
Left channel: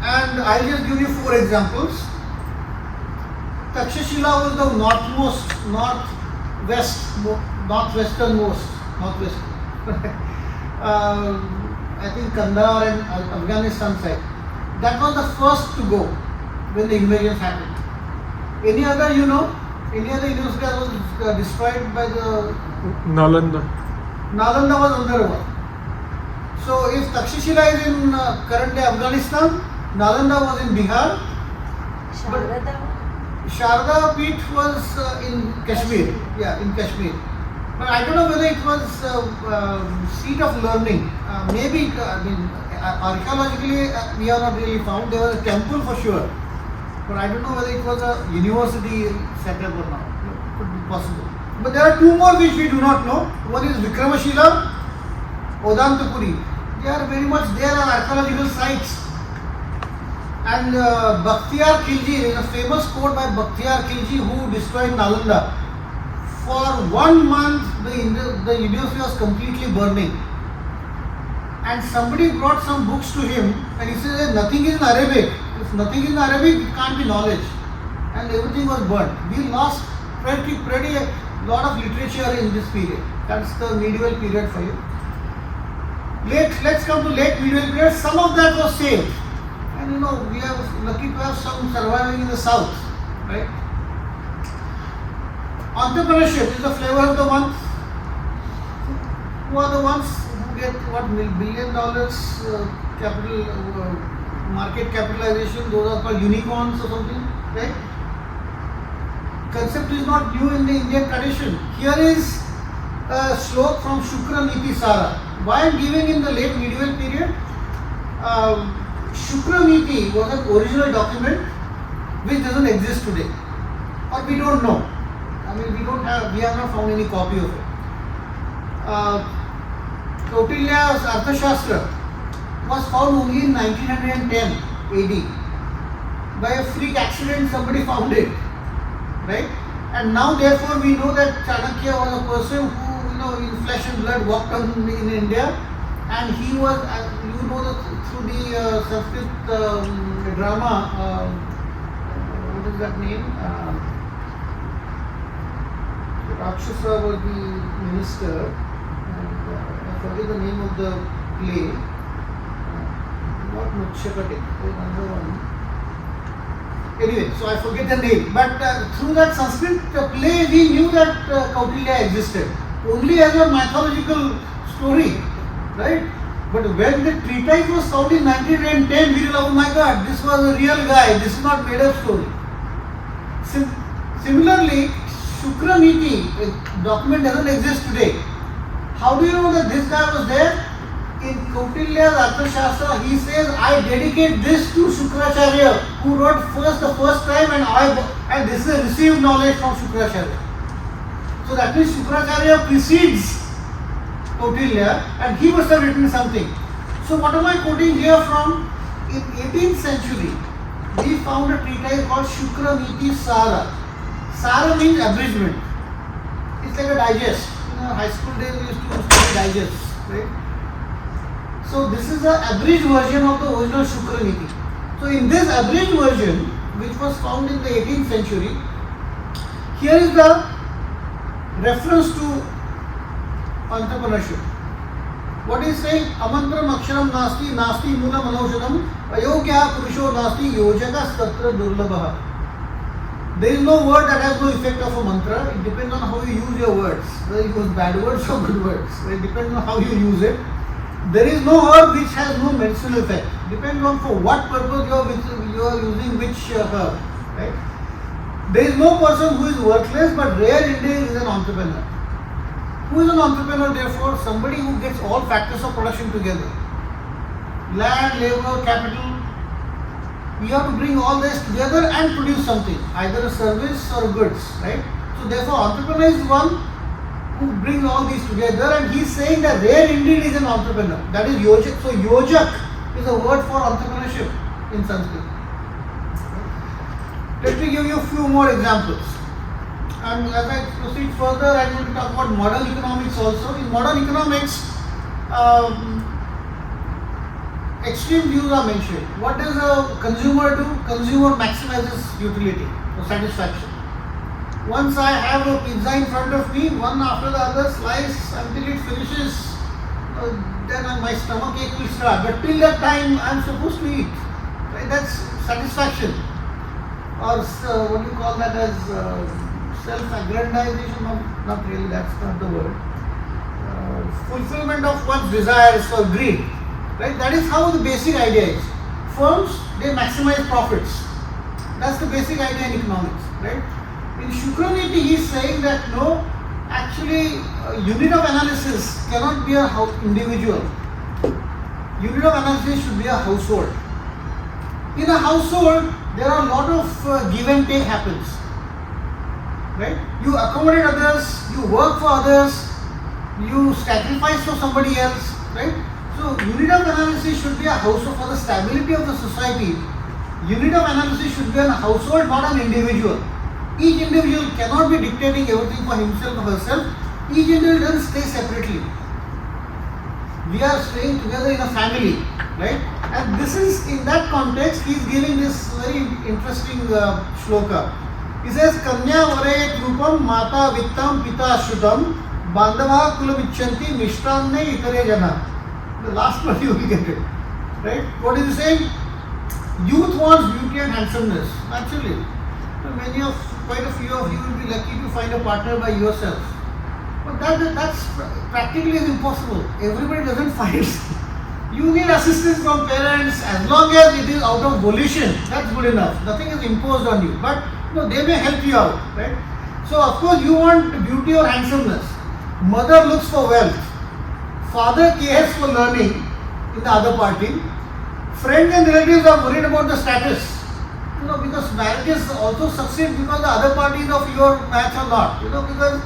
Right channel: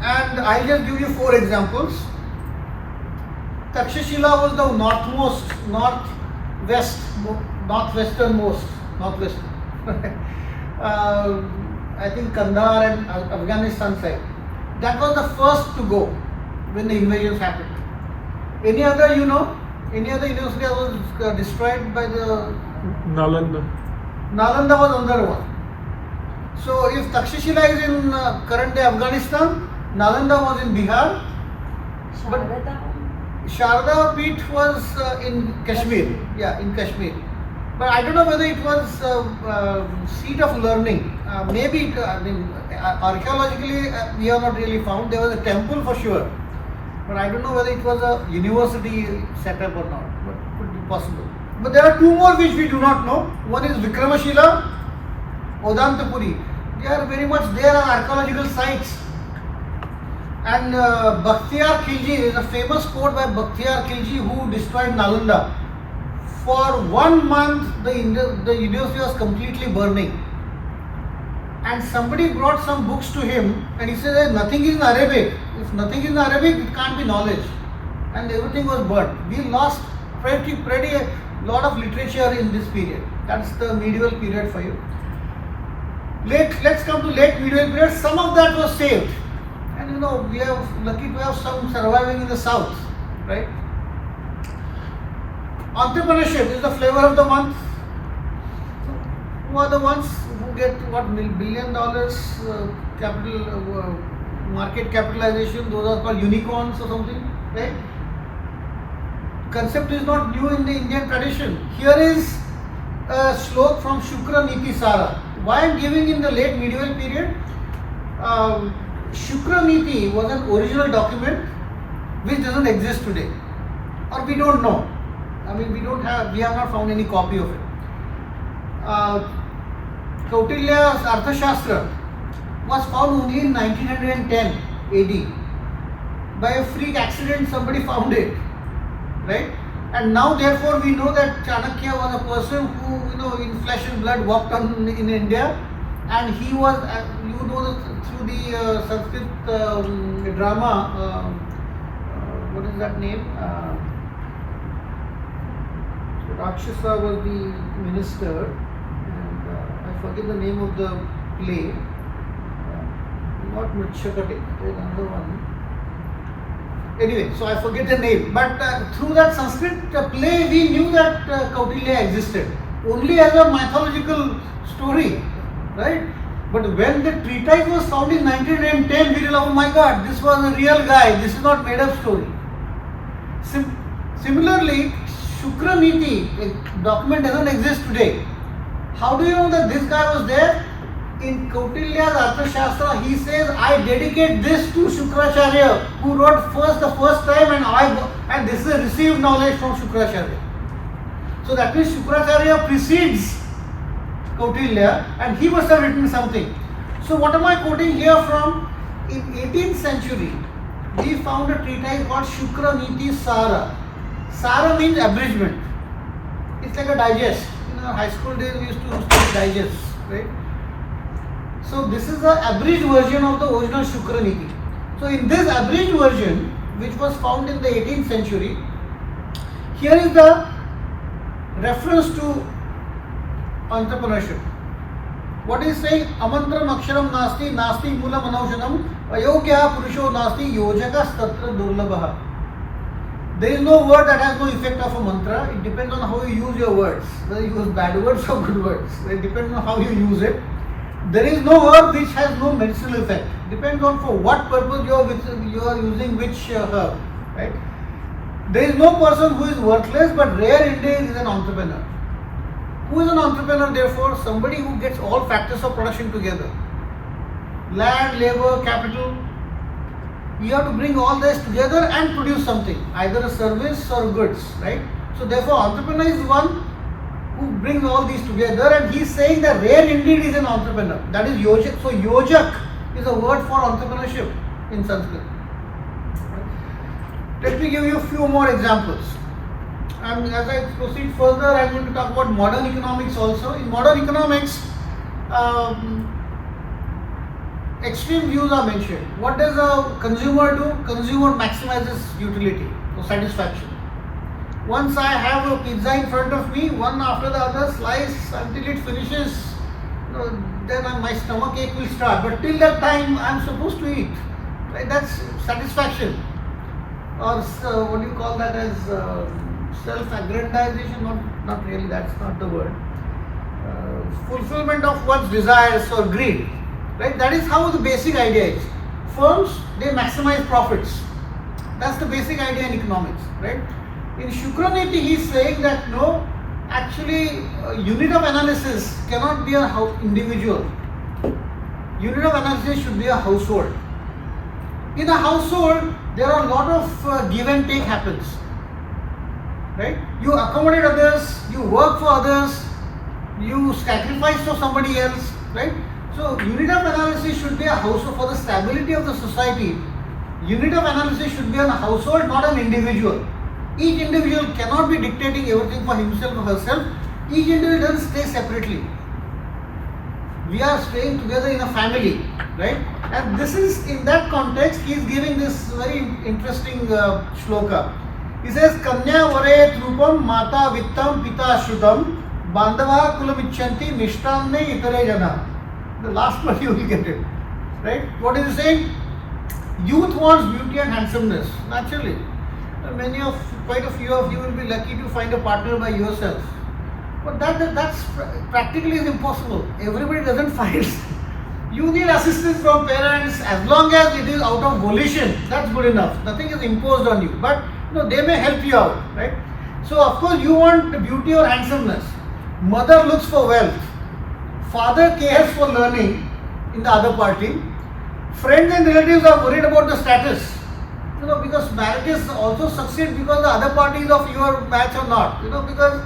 And I'll just give you 4 examples. Taxation was the northwesternmost. I think Kandahar and Afghanistan side. That was the first to go when the invasions happened. Any other university that was destroyed by the Nalanda. Nalanda was another one. So if Taxation is in current day Afghanistan, Nalanda was in Bihar. But Sharda Peeth was in Kashmir. Yeah, in Kashmir. But I don't know whether it was seat of learning. Maybe, archaeologically we have not really found. There was a temple for sure. But I don't know whether it was a university setup or not. But it could be possible. But there are two more which we do not know. One is Vikramashila, Odantapuri. They are very much there are archaeological sites. And Bakhtiyar Khilji, there is a famous quote by Bakhtiyar Khilji who destroyed Nalanda. For 1 month, the university was completely burning. And somebody brought some books to him and he said, nothing is in Arabic. If nothing is in Arabic, it can't be knowledge. And everything was burnt. We lost pretty lot of literature in this period. That's the medieval period for you. Let's come to late medieval period. Some of that was saved. And we are lucky to have some surviving in the south, right? Entrepreneurship is the flavor of the month. Who are the ones who get what $1 billion capital market capitalization? Those are called unicorns or something, right? Concept is not new in the Indian tradition. Here is a slok from Shukra Niti Sara. Why I am giving in the late medieval period? Shukra Niti was an original document which doesn't exist today, or we don't know. We have not found any copy of it. Kautilya's Arthashastra was found only in 1910 AD. By a freak accident, somebody found it, right? And now, therefore, we know that Chanakya was a person who, in flesh and blood, walked on in India, and he was, through the Sanskrit drama. What is that name? Rakshasa was the minister, and I forget the name of the play. Not Machakati, there's another one. Anyway, so I forget the name. But through that Sanskrit play, we knew that Kautilya existed only as a mythological story, right? But when the treatise was found in 1910, we realized, oh my God, this was a real guy. This is not made up story. Similarly, Shukra Niti document doesn't exist today. How do you know that this guy was there? In Kautilya's Arthashastra, he says, I dedicate this to Shukracharya, who wrote the first time, and this is received knowledge from Shukracharya. So that means Shukracharya precedes Kautilya, and he must have written something. So what am I quoting here from? In 18th century, we found a treatise called Shukra Niti Sara. Sara means abridgment. It's like a digest. In our high school days, we used to study digests, right? So this is the abridged version of the original Shukra Niti. So in this abridged version, which was found in the 18th century, here is the reference to entrepreneurship. What is saying? Amantram aksharam nasti, nasti mula manaushadam, ayogya purusho nasti, yojaka statra durlabha. There is no word that has no effect of a mantra. It depends on how you use your words. Whether you use bad words or good words. It depends on how you use it. There is no herb which has no medicinal effect. Depends on for what purpose you are using which herb, right? There is no person who is worthless, but rare indeed is an entrepreneur. Who is an entrepreneur, therefore? Somebody who gets all factors of production together. Land, labor, capital. We have to bring all this together and produce something, either a service or goods, right? So therefore, entrepreneur is one who brings all these together, and he is saying that rare indeed is an entrepreneur. That is yojak. So yojak is a word for entrepreneurship in Sanskrit. Let me give you a few more examples. And as I proceed further, I am going to talk about modern economics also. In modern economics, extreme views are mentioned. What does a consumer do? Consumer maximizes utility or satisfaction. Once I have a pizza in front of me, one after the other slice until it finishes, then my stomach ache will start. But till that time, I am supposed to eat. Right? That's satisfaction. Or what do you call that as self-aggrandization? Not really, that's not the word. Fulfillment of one's desires or greed. Right? That is how the basic idea is. Firms, they maximize profits. That's the basic idea in economics, right? In Shukraniti, he is saying that no, actually, unit of analysis cannot be a individual. Unit of analysis should be a household. In a household, there are a lot of give and take happens, right? You accommodate others, you work for others, you sacrifice for somebody else, right? So, unit of analysis should be a household for the stability of the society. Unit of analysis should be a household, not an individual. Each individual cannot be dictating everything for himself or herself. Each individual doesn't stay separately. We are staying together in a family, right? And this is, in that context, he is giving this very interesting shloka. He says, Kanya vare trupam mata vittam pita shudam bandava kulamichanti mishtanne itare jana. The last one you will get it, right? What is he saying? Youth wants beauty and handsomeness, naturally. Quite a few of you will be lucky to find a partner by yourself. But that's practically is impossible. Everybody doesn't find. You need assistance from parents. As long as it is out of volition, that's good enough. Nothing is imposed on you. But they may help you out, right? So of course you want beauty or handsomeness. Mother looks for wealth. Father cares for learning in the other party. Friends and relatives are worried about the status. Because marriages also succeed because the other party is of your match or not. Because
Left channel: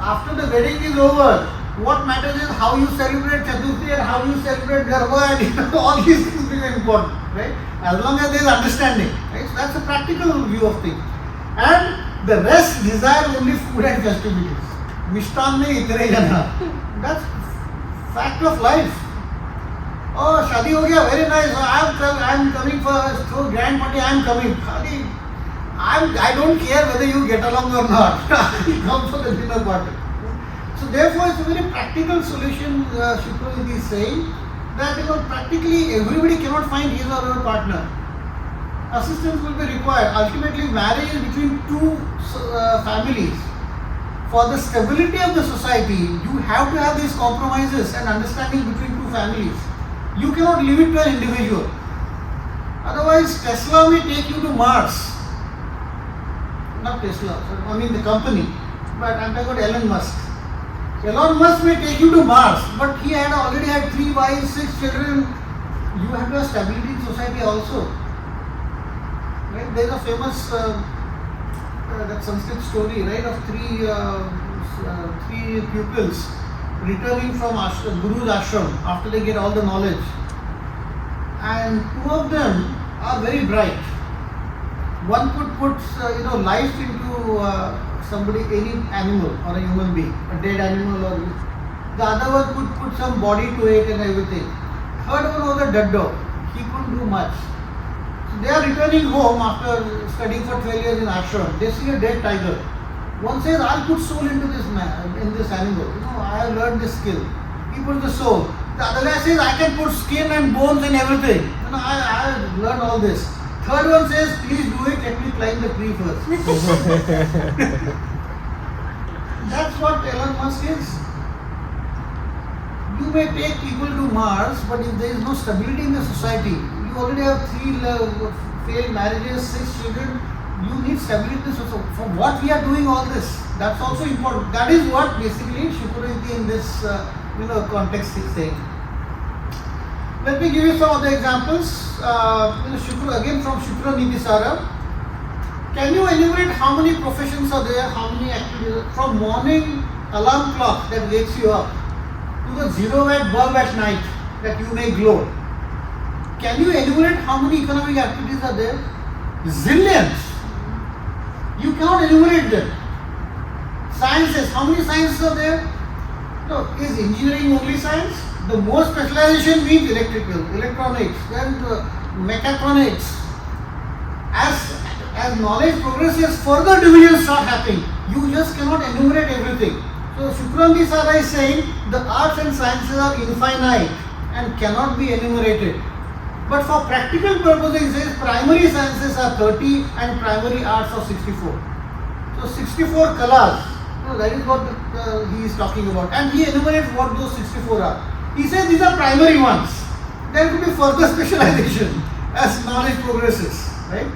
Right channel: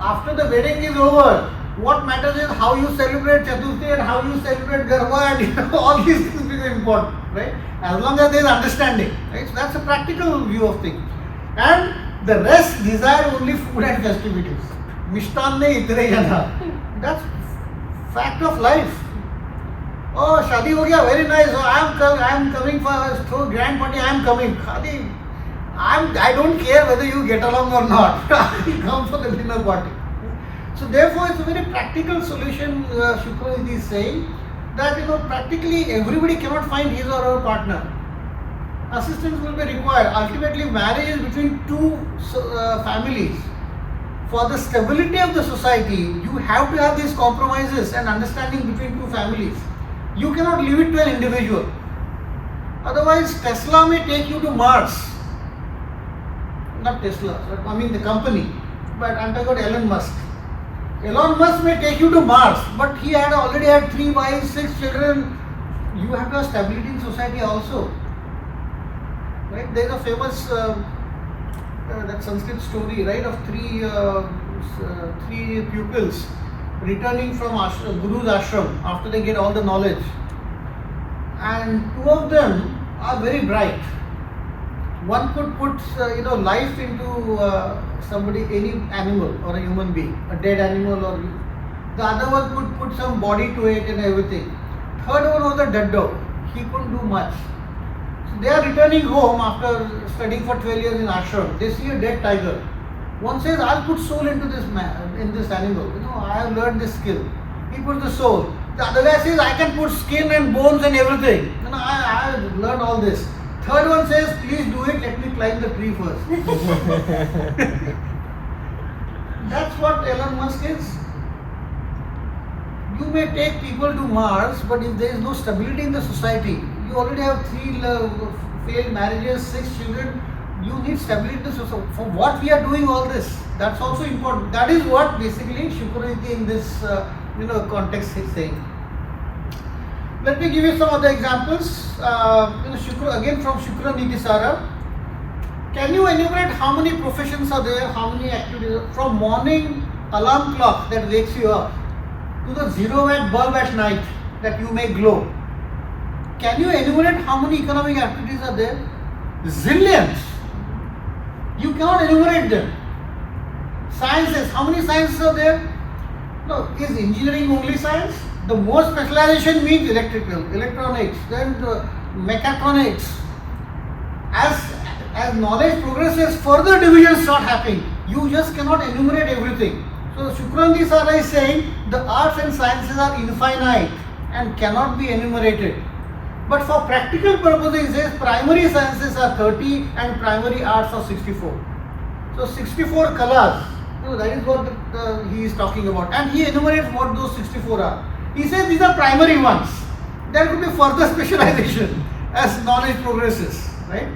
after the wedding is over, what matters is how you celebrate Chaturthi and how you celebrate Garba and all these things become important, right? As long as there is understanding, right? So that's a practical view of things. And the rest desire only food and festivities. Mishtanne itare jana. That's fact of life. Oh, shadi ho gaya, very nice. I'm coming for a grand party. I'm coming. I don't care whether you get along or not. I'll come for the dinner party. So therefore, it's a very practical solution. Shukraniti is saying that practically everybody cannot find his or her partner. Assistance will be required. Ultimately, marriage is between two families. For the stability of the society, you have to have these compromises and understanding between two families. You cannot leave it to an individual. Otherwise, Tesla may take you to Mars. Not Tesla, I mean the company. But I'm talking about Elon Musk. Elon Musk may take you to Mars, but he had already had 3 wives, 6 children. You have to have stability in society also. Right? There is a famous that Sanskrit story, right, of three pupils returning from Guru's ashram after they get all the knowledge. And 2 of them are very bright. One could put life into somebody, any animal or a human being, a dead animal, or the other one could put some body to it and everything. Third one was a dead dog. He couldn't do much. So they are returning home after studying for 12 years in ashram. They see a dead tiger. One says, I'll put soul into this man, in this animal. I have learned this skill. He puts the soul. The other guy says, I can put skin and bones and everything. I have learned all this. Third one says, please do it, let me climb the tree first. That's what Elon Musk is. You may take people to Mars, but if there is no stability in the society, you already have 3 failed marriages, 6 children, you need stability in the society. For what we are doing all this, that's also important. That is what basically Shukraniti in this context is saying. Let me give you some other examples. Again from Shukraniti Sara. Can you enumerate how many professions are there, how many activities? From morning alarm clock that wakes you up to the 0-watt bulb at night that you may glow. Can you enumerate how many economic activities are there? Zillions. You cannot enumerate them. Sciences, how many sciences are there? No, is engineering only science? The more specialization means electrical, electronics, then mechatronics. As knowledge progresses, further divisions start happening. You just cannot enumerate everything. So Shukraniti Sara is saying the arts and sciences are infinite and cannot be enumerated. But for practical purposes, he says primary sciences are 30 and primary arts are 64. So 64 kalas, that is what he is talking about. And he enumerates what those 64 are. He says these are primary ones. There could be further specialization as knowledge progresses, right?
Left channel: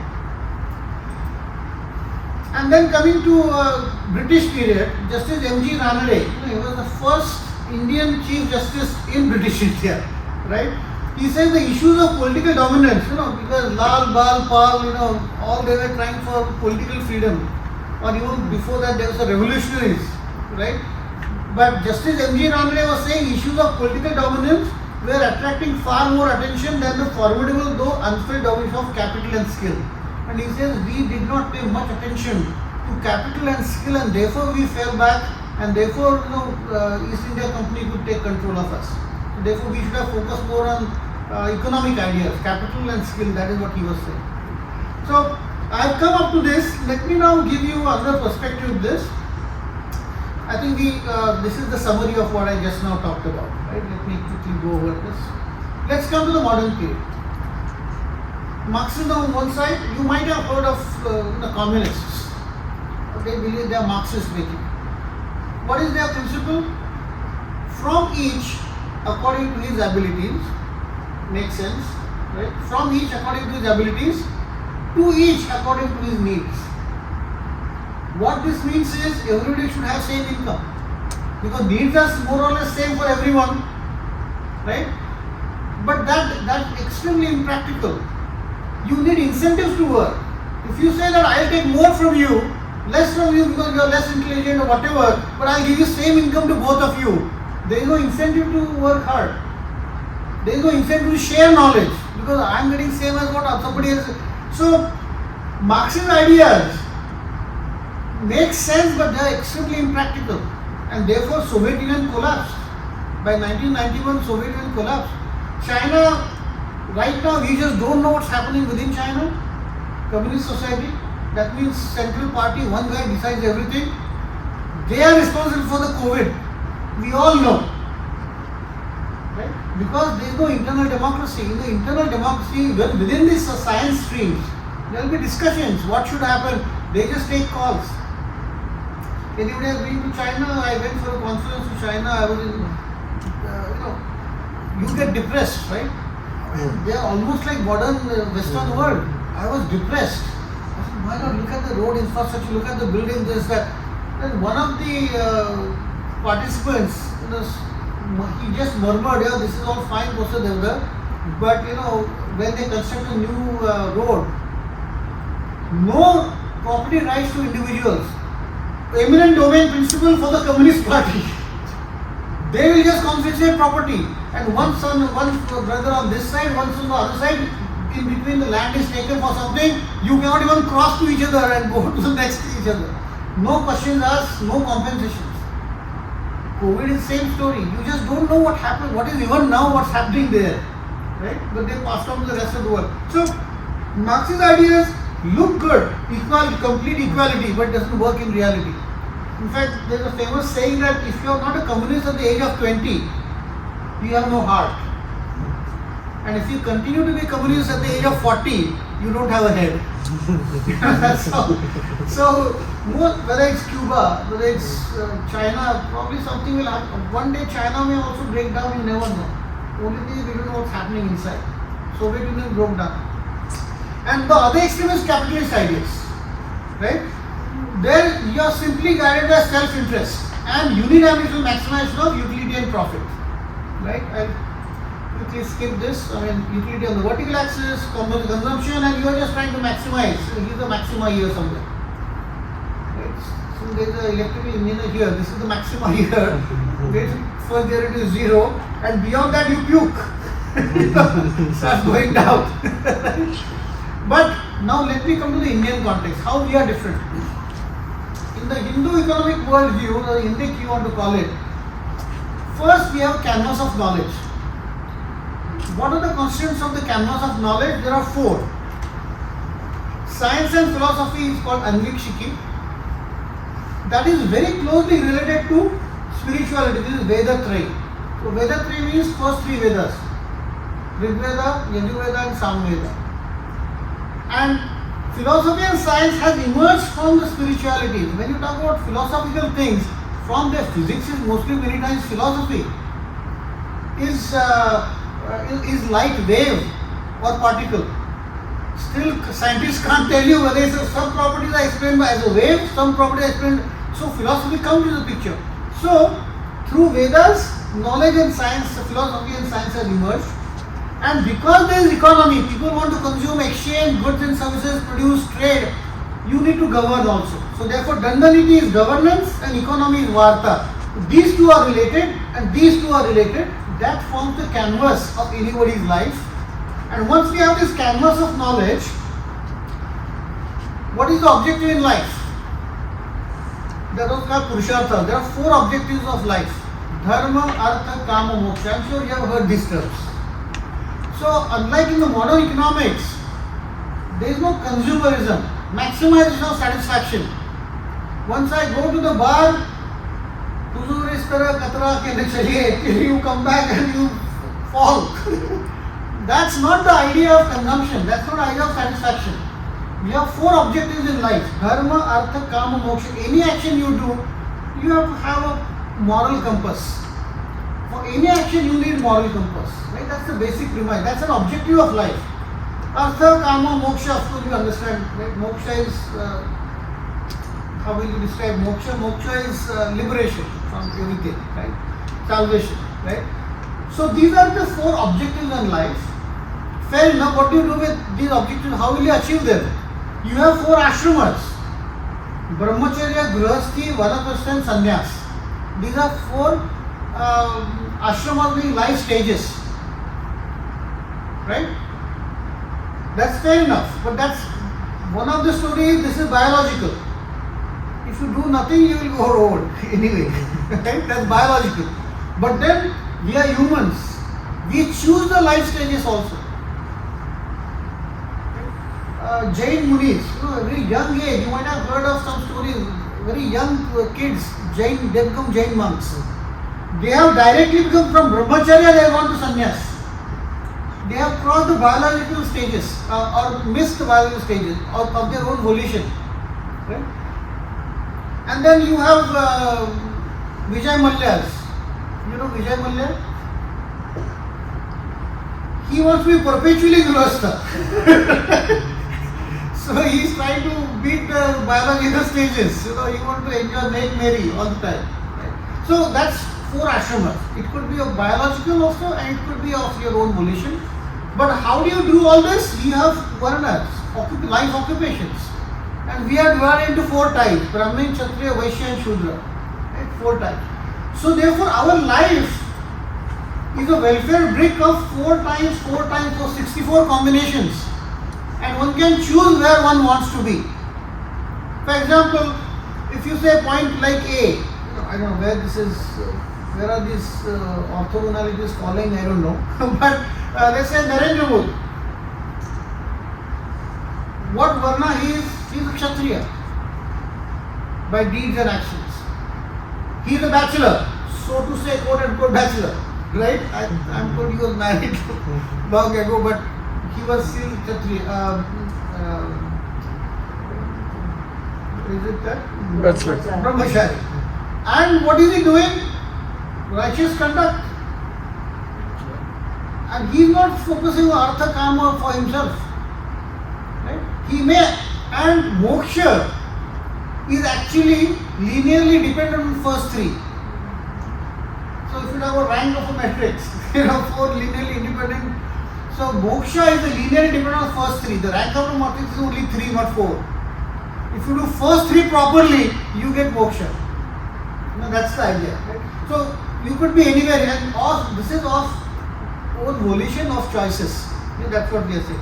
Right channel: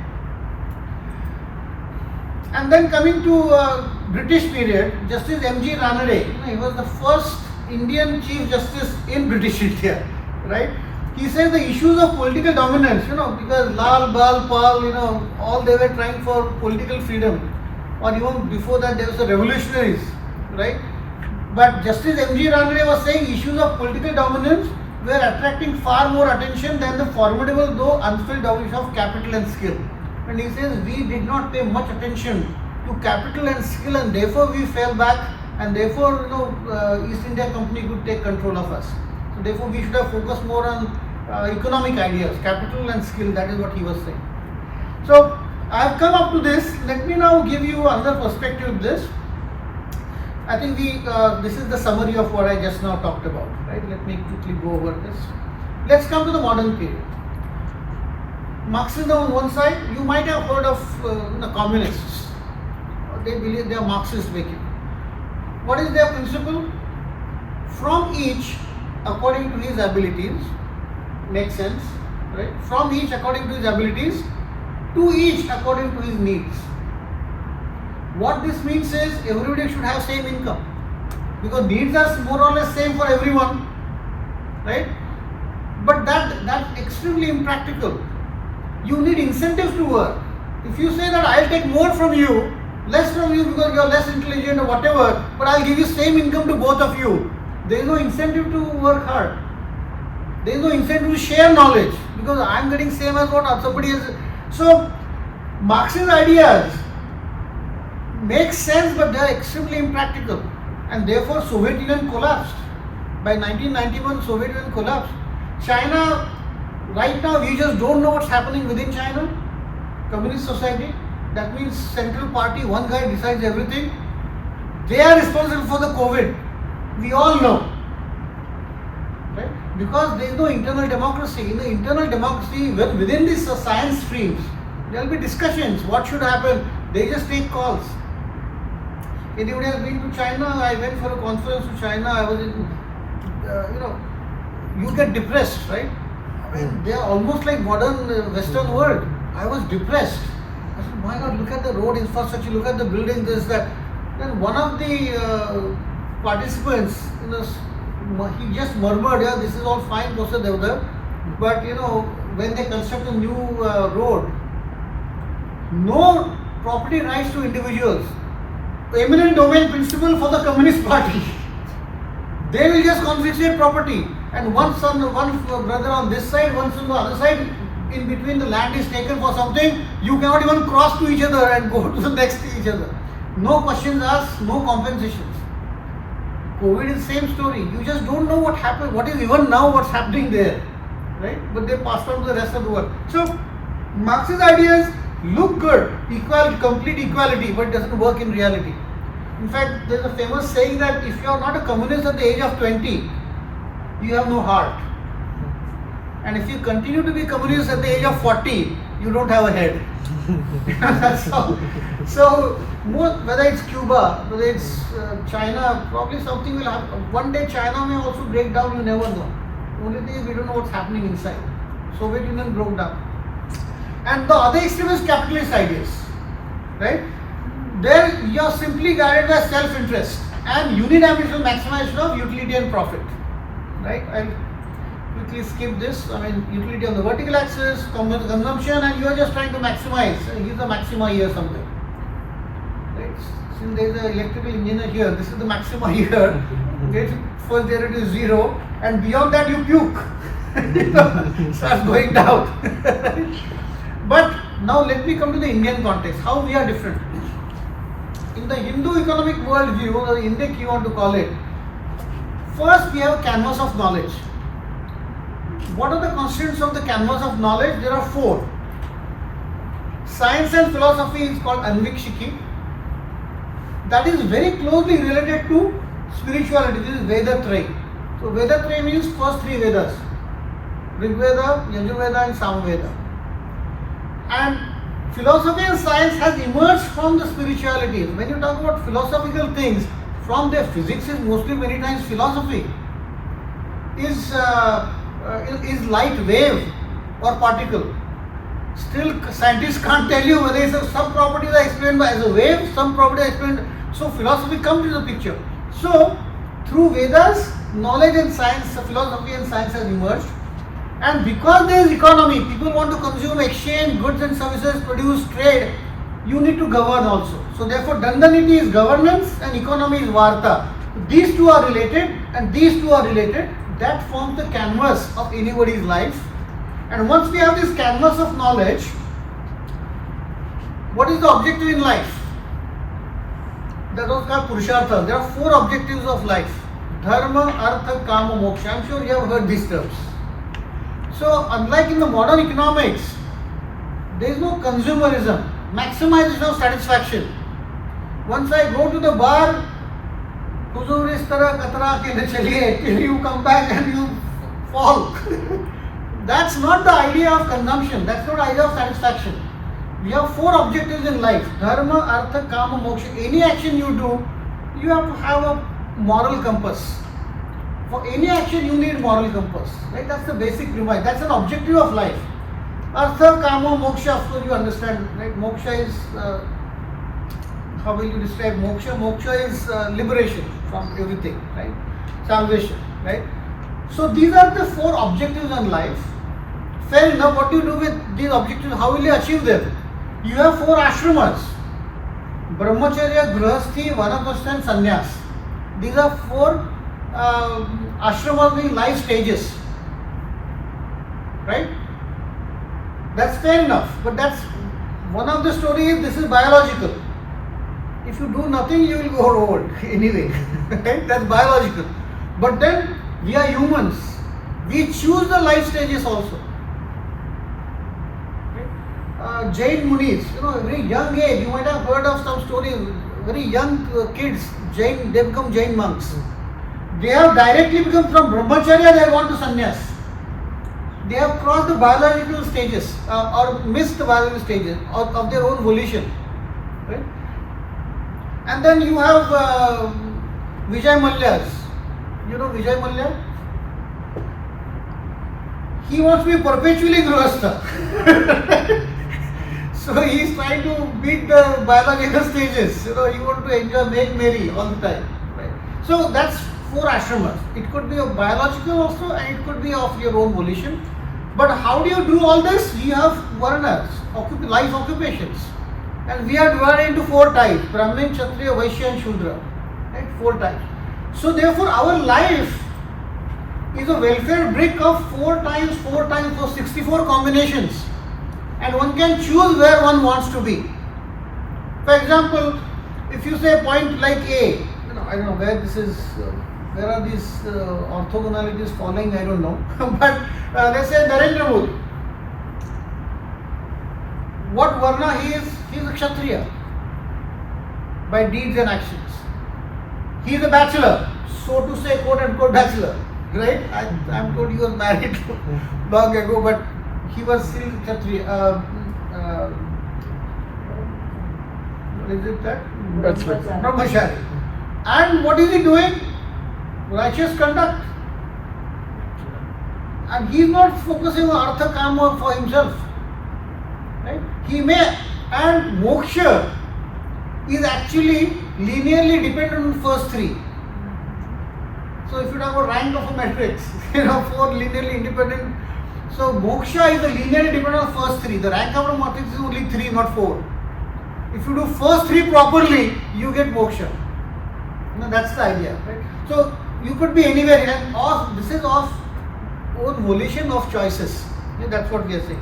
And then coming to British period, Justice M.G. Ranade, he was the first Indian Chief Justice in British India, right? He says the issues of political dominance, because Lal, Bal, Pal, all they were trying for political freedom, or even before that there was the revolutionaries, right? But Justice M.G. Ranade was saying issues of political dominance were attracting far more attention than the formidable though unfilled dominance of capital and skill. And he says we did not pay much attention to capital and skill, and therefore we fell back, and therefore East India Company could take control of us. So therefore we should have focused more on economic ideas, capital and skill. That is what he was saying. So I have come up to this. Let me now give you another perspective of this. I think this is the summary of what I just now talked about. Right? Let me quickly go over this. Let's come to the modern period. Marxism on one side, you might have heard of the communists. They believe they are Marxist making. What is their principle? From each according to his abilities, makes sense, right? From each according to his abilities, to each according to his needs. What this means is everybody should have same income, because needs are more or less same for everyone, right? But that's extremely impractical. You need incentives to work. If you say that I'll take more from you, less from you because you're less intelligent or whatever, but I'll give you same income to both of you, there is no incentive to work hard. There is no incentive to share knowledge, because I'm getting same as what somebody else. So Marxist ideas make sense, but they are extremely impractical, and therefore Soviet Union collapsed. By 1991, Soviet Union collapsed. China, right now we just don't know what's happening within China. Communist society, that means central party, one guy decides everything. They are responsible for the COVID. We all know, right? Because there is no internal democracy. In the internal democracy, within these science streams, there will be discussions. What should happen? They just take calls. Anybody has been to China? I went for a conference to China. I was in, you get depressed, right? I mean, they are almost like modern Western world. I was depressed. I said, why not look at the road infrastructure, look at the buildings, this, that. Then one of the participants, he just murmured, yeah, this is all fine, Professor Devda, but when they construct a new road, no property rights to individuals, eminent domain principle for the Communist Party. They will just confiscate property, and one brother on this side, one son on the other side, in between the land is taken for something, you cannot even cross to each other and go to the next to each other. No questions asked, no compensations. COVID is the same story. You just don't know what happened, what is even now what's happening there, right? But they passed on to the rest of the world. So Marxist ideas look good, complete equality, but it doesn't work in reality. In fact, there's a famous saying that if you are not a communist at the age of 20, you have no heart. And if you continue to be communist at the age of 40, you don't have a head. That's all. So, whether it's Cuba, whether it's China, probably something will happen. One day China may also break down, you never know. Only thing is we don't know what's happening inside. Soviet Union broke down. And the other extreme is capitalist ideas, right? There you are simply guided by self-interest and unidimensional maximization of utility and profit, right? I quickly skip this. I mean, utility on the vertical axis, consumption, and you are just trying to maximize. Here's the maxima here somewhere. Right? Since there is an electrical engineer here, this is the maxima here. Okay? First there it is 0, and beyond that you puke. Starts going down. But now let me come to the Indian context. How we are different. In the Hindu economic worldview, or Indic you want to call it, first we have a canvas of knowledge. What are the constituents of the canvas of knowledge? There are 4. Science and philosophy is called Anvikshiki. That is very closely related to spirituality. This is Veda Trayi. So Veda Trayi means first 3 Vedas. Rig Veda, Yajurveda and Samveda. And philosophy and science has emerged from the spiritualities. When you talk about philosophical things, from their physics is mostly many times philosophy. Is light wave or particle? Still, scientists can't tell you whether some properties are explained as a wave, some properties are explained. So philosophy comes into the picture. So through Vedas, knowledge and science, philosophy and science has emerged. And because there is economy, people want to consume, exchange goods and services, produce, trade. You need to govern also. So therefore, Dandaniti is governance and economy is Varta. These two are related and these two are related. That forms the canvas of anybody's life. And once we have this canvas of knowledge, what is the objective in life? That was called Purushartha. There are 4 objectives of life. Dharma, Artha, Kama, Moksha. I'm sure you have heard these terms. So unlike in the modern economics, there is no consumerism, maximization of satisfaction. Once I go to the bar, huzur is tarah katra ke le chaliye, till you come back and you fall. That's not the idea of consumption. That's not the idea of satisfaction. We have 4 objectives in life: dharma, artha, kama, moksha. Any action you do, you have to have a moral compass. For any action, you need moral compass. Right? That's the basic premise. That's an objective of life. Artha, kama, moksha. Of course, you understand. Right? Moksha is how will you describe moksha? Moksha is liberation from everything. Right? Salvation. Right? So these are the 4 objectives in life. Fair enough. What do you do with these objectives? How will you achieve them? You have 4 ashramas: Brahmacharya, Grihasthi, Vanaprastha and Sannyas. These are 4 ashramas being life stages. Right? That's fair enough. But that's one of the stories. This is biological. If you do nothing, you will go old anyway. Right? That's biological. But then we are humans. We choose the life stages also. Jain Munis, very young age, you might have heard of some stories, very young kids, Jain, they become Jain monks. They have directly become from Brahmacharya, they have gone to Sannyas. They have crossed the biological stages or missed the biological stages of their own volition. Right? And then you have Vijay Mallyas. You know Vijay Mallya? He wants to be perpetually Grihastha. So he is trying to beat the biological stages. He wants to enjoy, make merry all the time. Right? So that's 4 ashramas. It could be of biological also and it could be of your own volition. But how do you do all this? You have Varanas, life occupations. And we are divided into 4 types: Brahmin, Kshatriya, Vaishya and Shudra. Right? 4 types. So therefore our life is a welfare brick of 4 times 4 times, so 64 combinations. And one can choose where one wants to be. For example, if you say point like A, I don't know where this is, where are these orthogonalities falling, I don't know. But let's say Narendra Modi. What Varna he is? He is a Kshatriya by deeds and actions. He is a bachelor, so to say, quote unquote bachelor. Right? I'm told he was married long ago, but he was still Kshatriya. What is it that? Brahmachari. And what is he doing? Righteous conduct. And he is not focusing on Artha Kama for himself. Right? He may, and Moksha is actually linearly dependent on first 3. So if you have a rank of a matrix, 4 linearly independent. So moksha is the linearly dependent on first 3. The rank of the matrix is only 3, not 4. If you do first 3 properly, you get moksha. That's the idea. Right? So you could be anywhere, and this is of own volition of choices. That's what we are saying.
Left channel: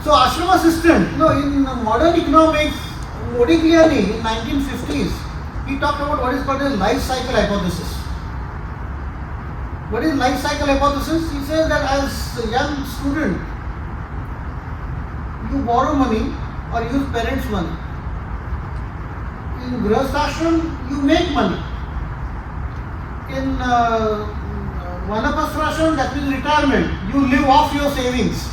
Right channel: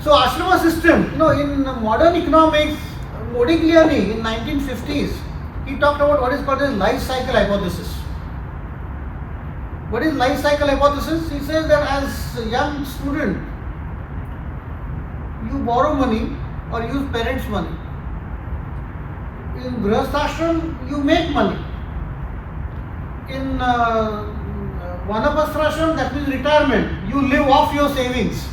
So ashrama system, in modern economics, Modigliani in 1950s, he talked about what is called a life cycle hypothesis. What is life cycle hypothesis? He says that as a young student, you borrow money or use parents' money. In Grihasthashram, you make money. In Vanaprastha, that means retirement, you live off your savings.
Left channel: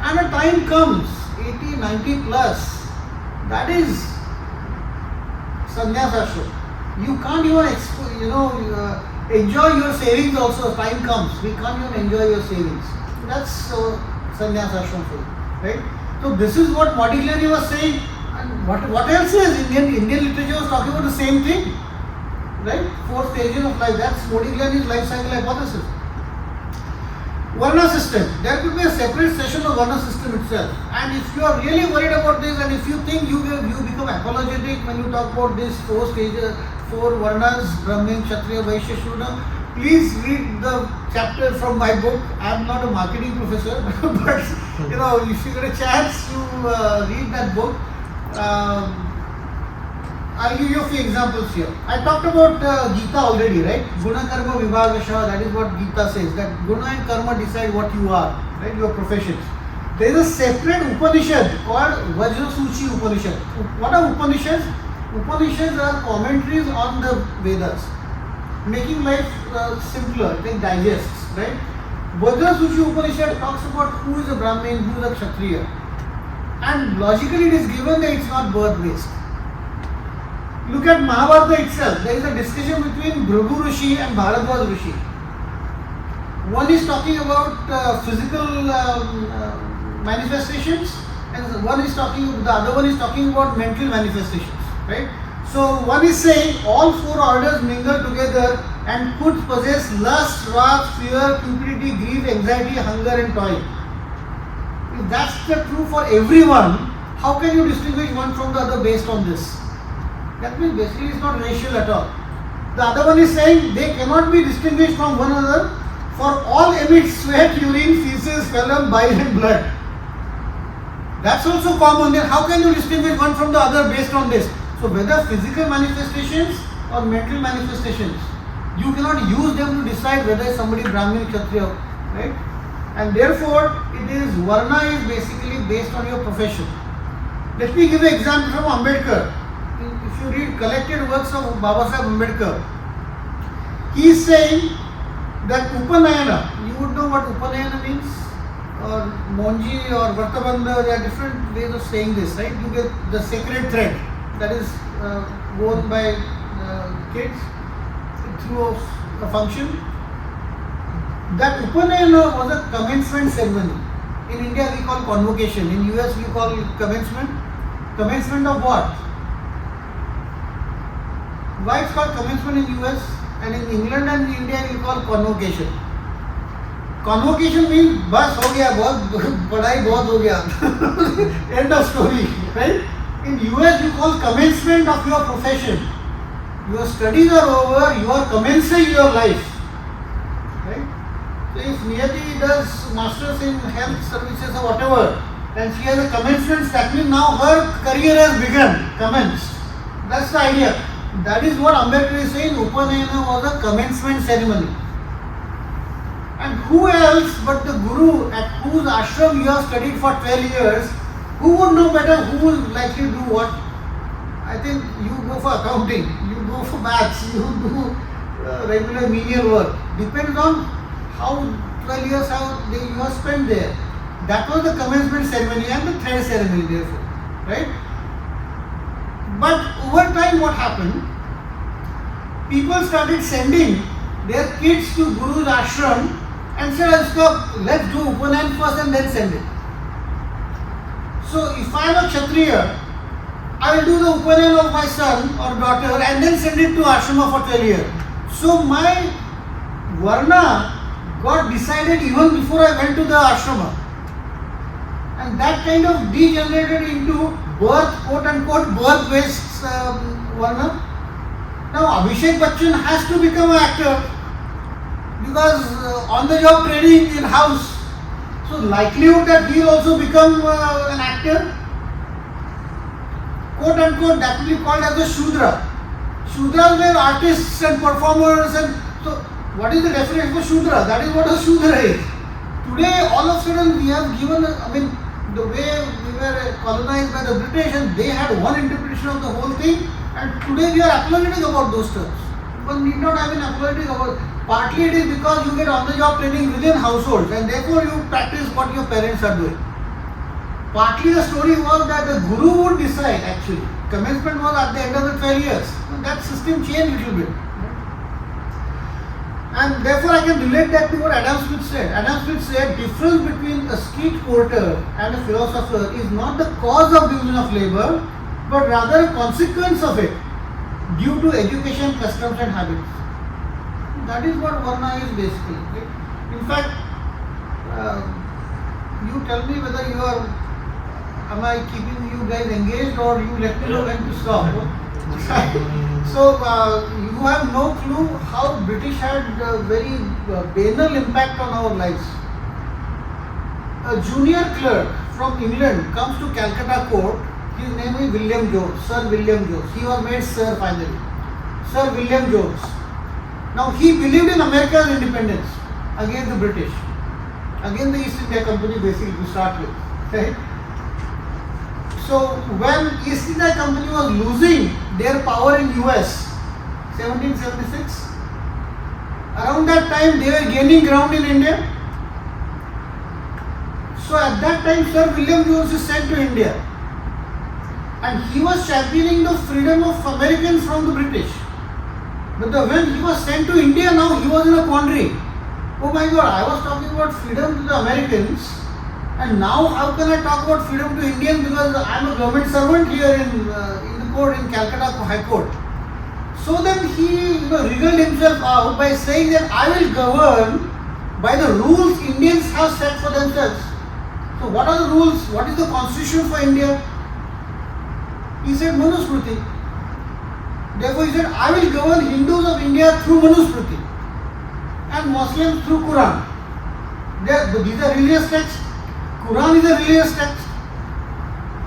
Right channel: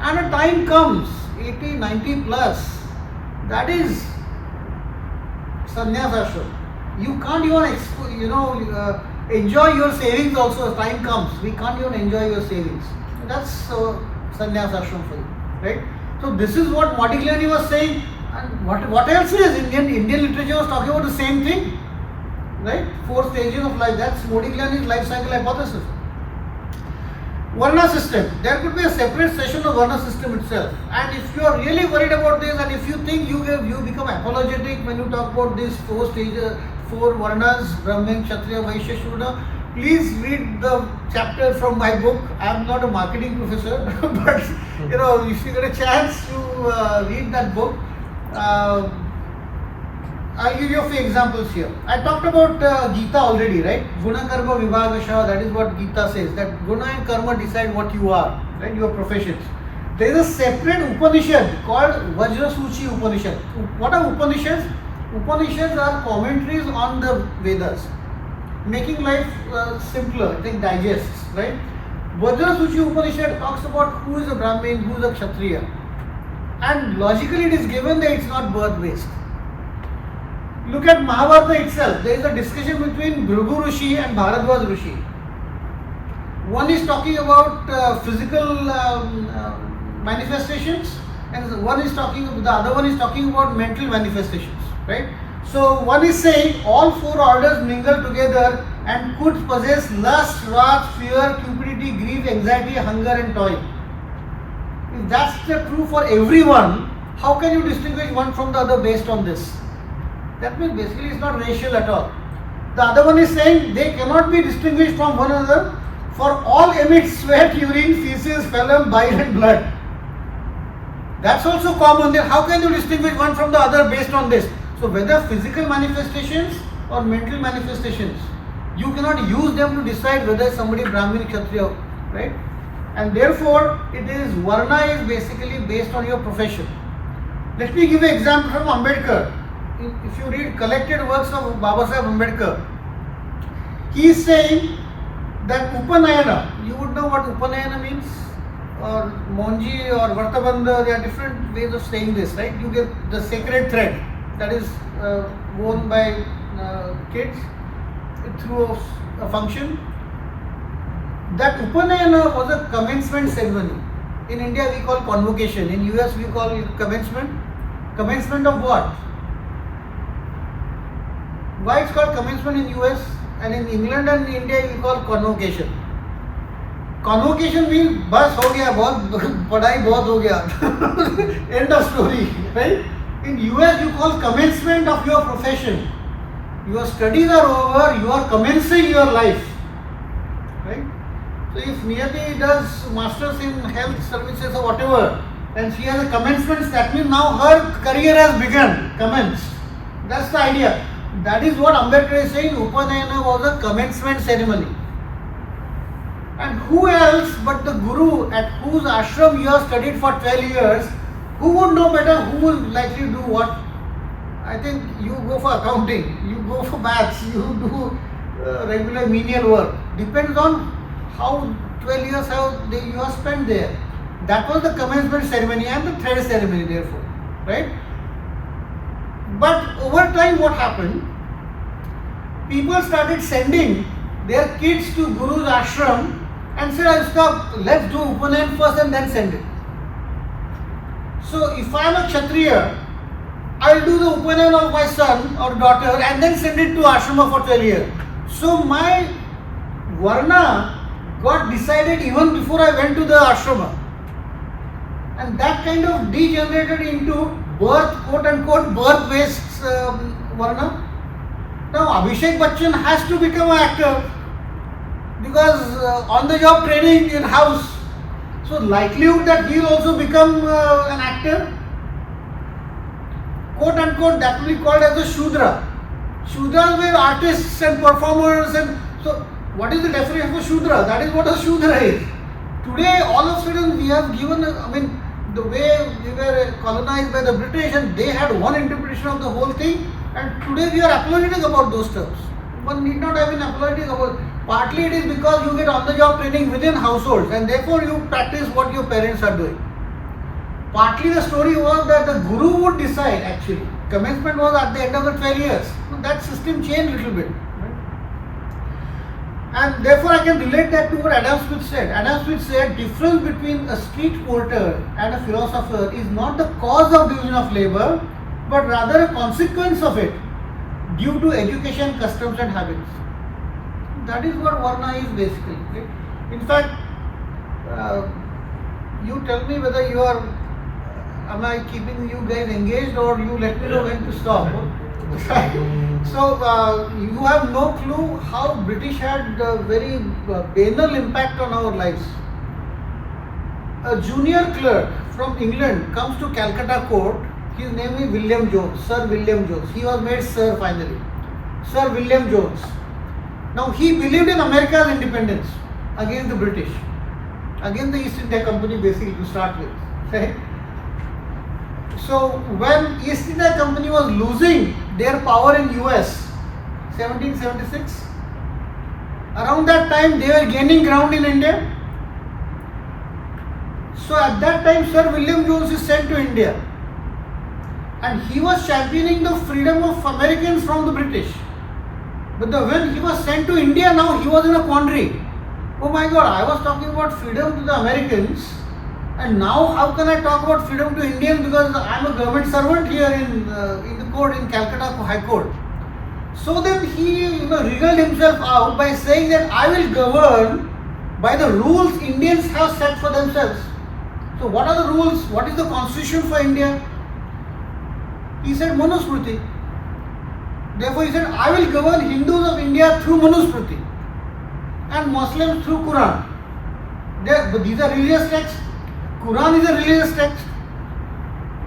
And a time comes, 80, 90 plus, that is sannyas ashram. You can't even enjoy your savings also as time comes. We can't even enjoy your savings. That's sannyas ashram for you. right? So this is what Modigliani was saying, and what else is Indian literature was talking about the same thing, right? 4 stages of life. That's Modigliani's life cycle hypothesis. Varna system. There could be a separate session of Varna system itself. And if you are really worried about this, and if you think you become apologetic when you talk about these 4 stages, 4 Varnas, Brahmin, Kshatriya, Vaishya, Shudra, please read the chapter from my book. I am not a marketing professor, but if you get a chance to read that book, I'll give you a few examples here. I talked about Gita already, right? Guna Karma Vibhagasha, that is what Gita says, that Guna and Karma decide what you are, right? Your professions. There is a separate Upanishad called Vajrasuchi Upanishad. What are Upanishads? Upanishads are commentaries on the Vedas, making life simpler, like digests, right? Vajrasuchi Upanishad talks about who is a Brahmin, who is a Kshatriya. And logically it is given that it's not birth-based. Look at Mahabharata itself. There is a discussion between Bhrigu Rishi and Bharadwaj Rishi. One is talking about physical manifestations, and the other one is talking about mental manifestations, right? So one is saying all 4 orders mingle together and could possess lust, wrath, fear, cupidity, grief, anxiety, hunger, and toil. If that's the true for everyone, how can you distinguish one from the other based on this? That means basically it's not racial at all. The other one is saying they cannot be distinguished from one another, for all emit sweat, urine, feces, phlegm, bile and blood. That's also common. Then how can you distinguish one from the other based on this? So whether physical manifestations or mental manifestations, you cannot use them to decide whether somebody is Brahmin, Kshatriya, right? And therefore it is Varna is basically based on your profession. Let me give you an example from Ambedkar. If you read collected works of Baba Saheb Ambedkar, he is saying that Upanayana, you would know what Upanayana means, or Monji or Vartabandha, there are different ways of saying this, right? You get the sacred thread that is worn by kids through a function. That Upanayana was a commencement ceremony. In India we call convocation, in US we call commencement. Commencement of what? Why it's called commencement in US, and in England and India we call convocation. Convocation means bas ho gaya, padhai bahut ho gaya. End of story, right? In US you call commencement of your profession. Your studies are over, you are commencing your life, right? So if Niyati does masters in health services or whatever, and she has a commencement, that means now her career has begun, commenced. That's the idea. That is what Ambedkar is saying. Upanayana was a commencement ceremony. And who else but the Guru at whose ashram you have studied for 12 years, who would know better who will likely do what? I think you go for accounting, you go for maths, you do regular menial work. Depends on how 12 years you have spent there. That was the commencement ceremony and the thread ceremony therefore, right? But over time what happened? People started sending their kids to Guru's ashram and said, let's do Upanayan first and then send it. So if I am a Kshatriya, I will do the Upanayan of my son or daughter and then send it to ashrama for 12 years. So my Varna got decided even before I went to the ashrama. And that kind of degenerated into birth, quote unquote, birth-based Varna. Now Abhishek Bachchan has to become an actor because on-the-job training in house. So likelihood that he will also become an actor, quote unquote, that will be called as a Shudra. Shudras were artists and performers, and so what is the definition for Shudra? That is what a Shudra is. Today all of a sudden we have given, the way we were colonized by the British and they had one interpretation of the whole thing, and today we are apologetic about those terms. One need not have been apologetic about it. Partly it is because you get on-the-job training within households and therefore you practice what your parents are doing. Partly the story was that the Guru would decide actually. Commencement was at the end of the 12 years. That system changed a little bit. And therefore I can relate that to what Adam Smith said. Adam Smith said difference between a street porter and a philosopher is not the cause of division of labor, but rather a consequence of it due to education, customs and habits. That is what Varna is basically. Right? In fact, you tell me whether you are, am I keeping you guys engaged or you let me know when to stop. So you have no clue how British had a very banal impact on our lives. A junior clerk from England comes to Calcutta court. His name is William Jones, Sir William Jones. He was made Sir finally. Sir William Jones. Now he believed in America's independence against the British, against the East India Company basically to start with. Right? So when East India Company was losing their power in US, 1776, around that time they were gaining ground in India. So at that time Sir William Jones is sent to India and he was championing the freedom of Americans from the British. But when he was sent to India, now he was in a quandary. Oh my God, I was talking about freedom to the Americans, and now how can I talk about freedom to Indians because I am a government servant here in the court in Calcutta High Court. So then he wriggled himself out by saying that I will govern by the rules Indians have set for themselves. So what are the rules? What is the constitution for India? He said Manusmriti. Therefore he said I will govern Hindus of India through Manusmriti and Muslims through Quran. These are religious texts. Quran is a religious text.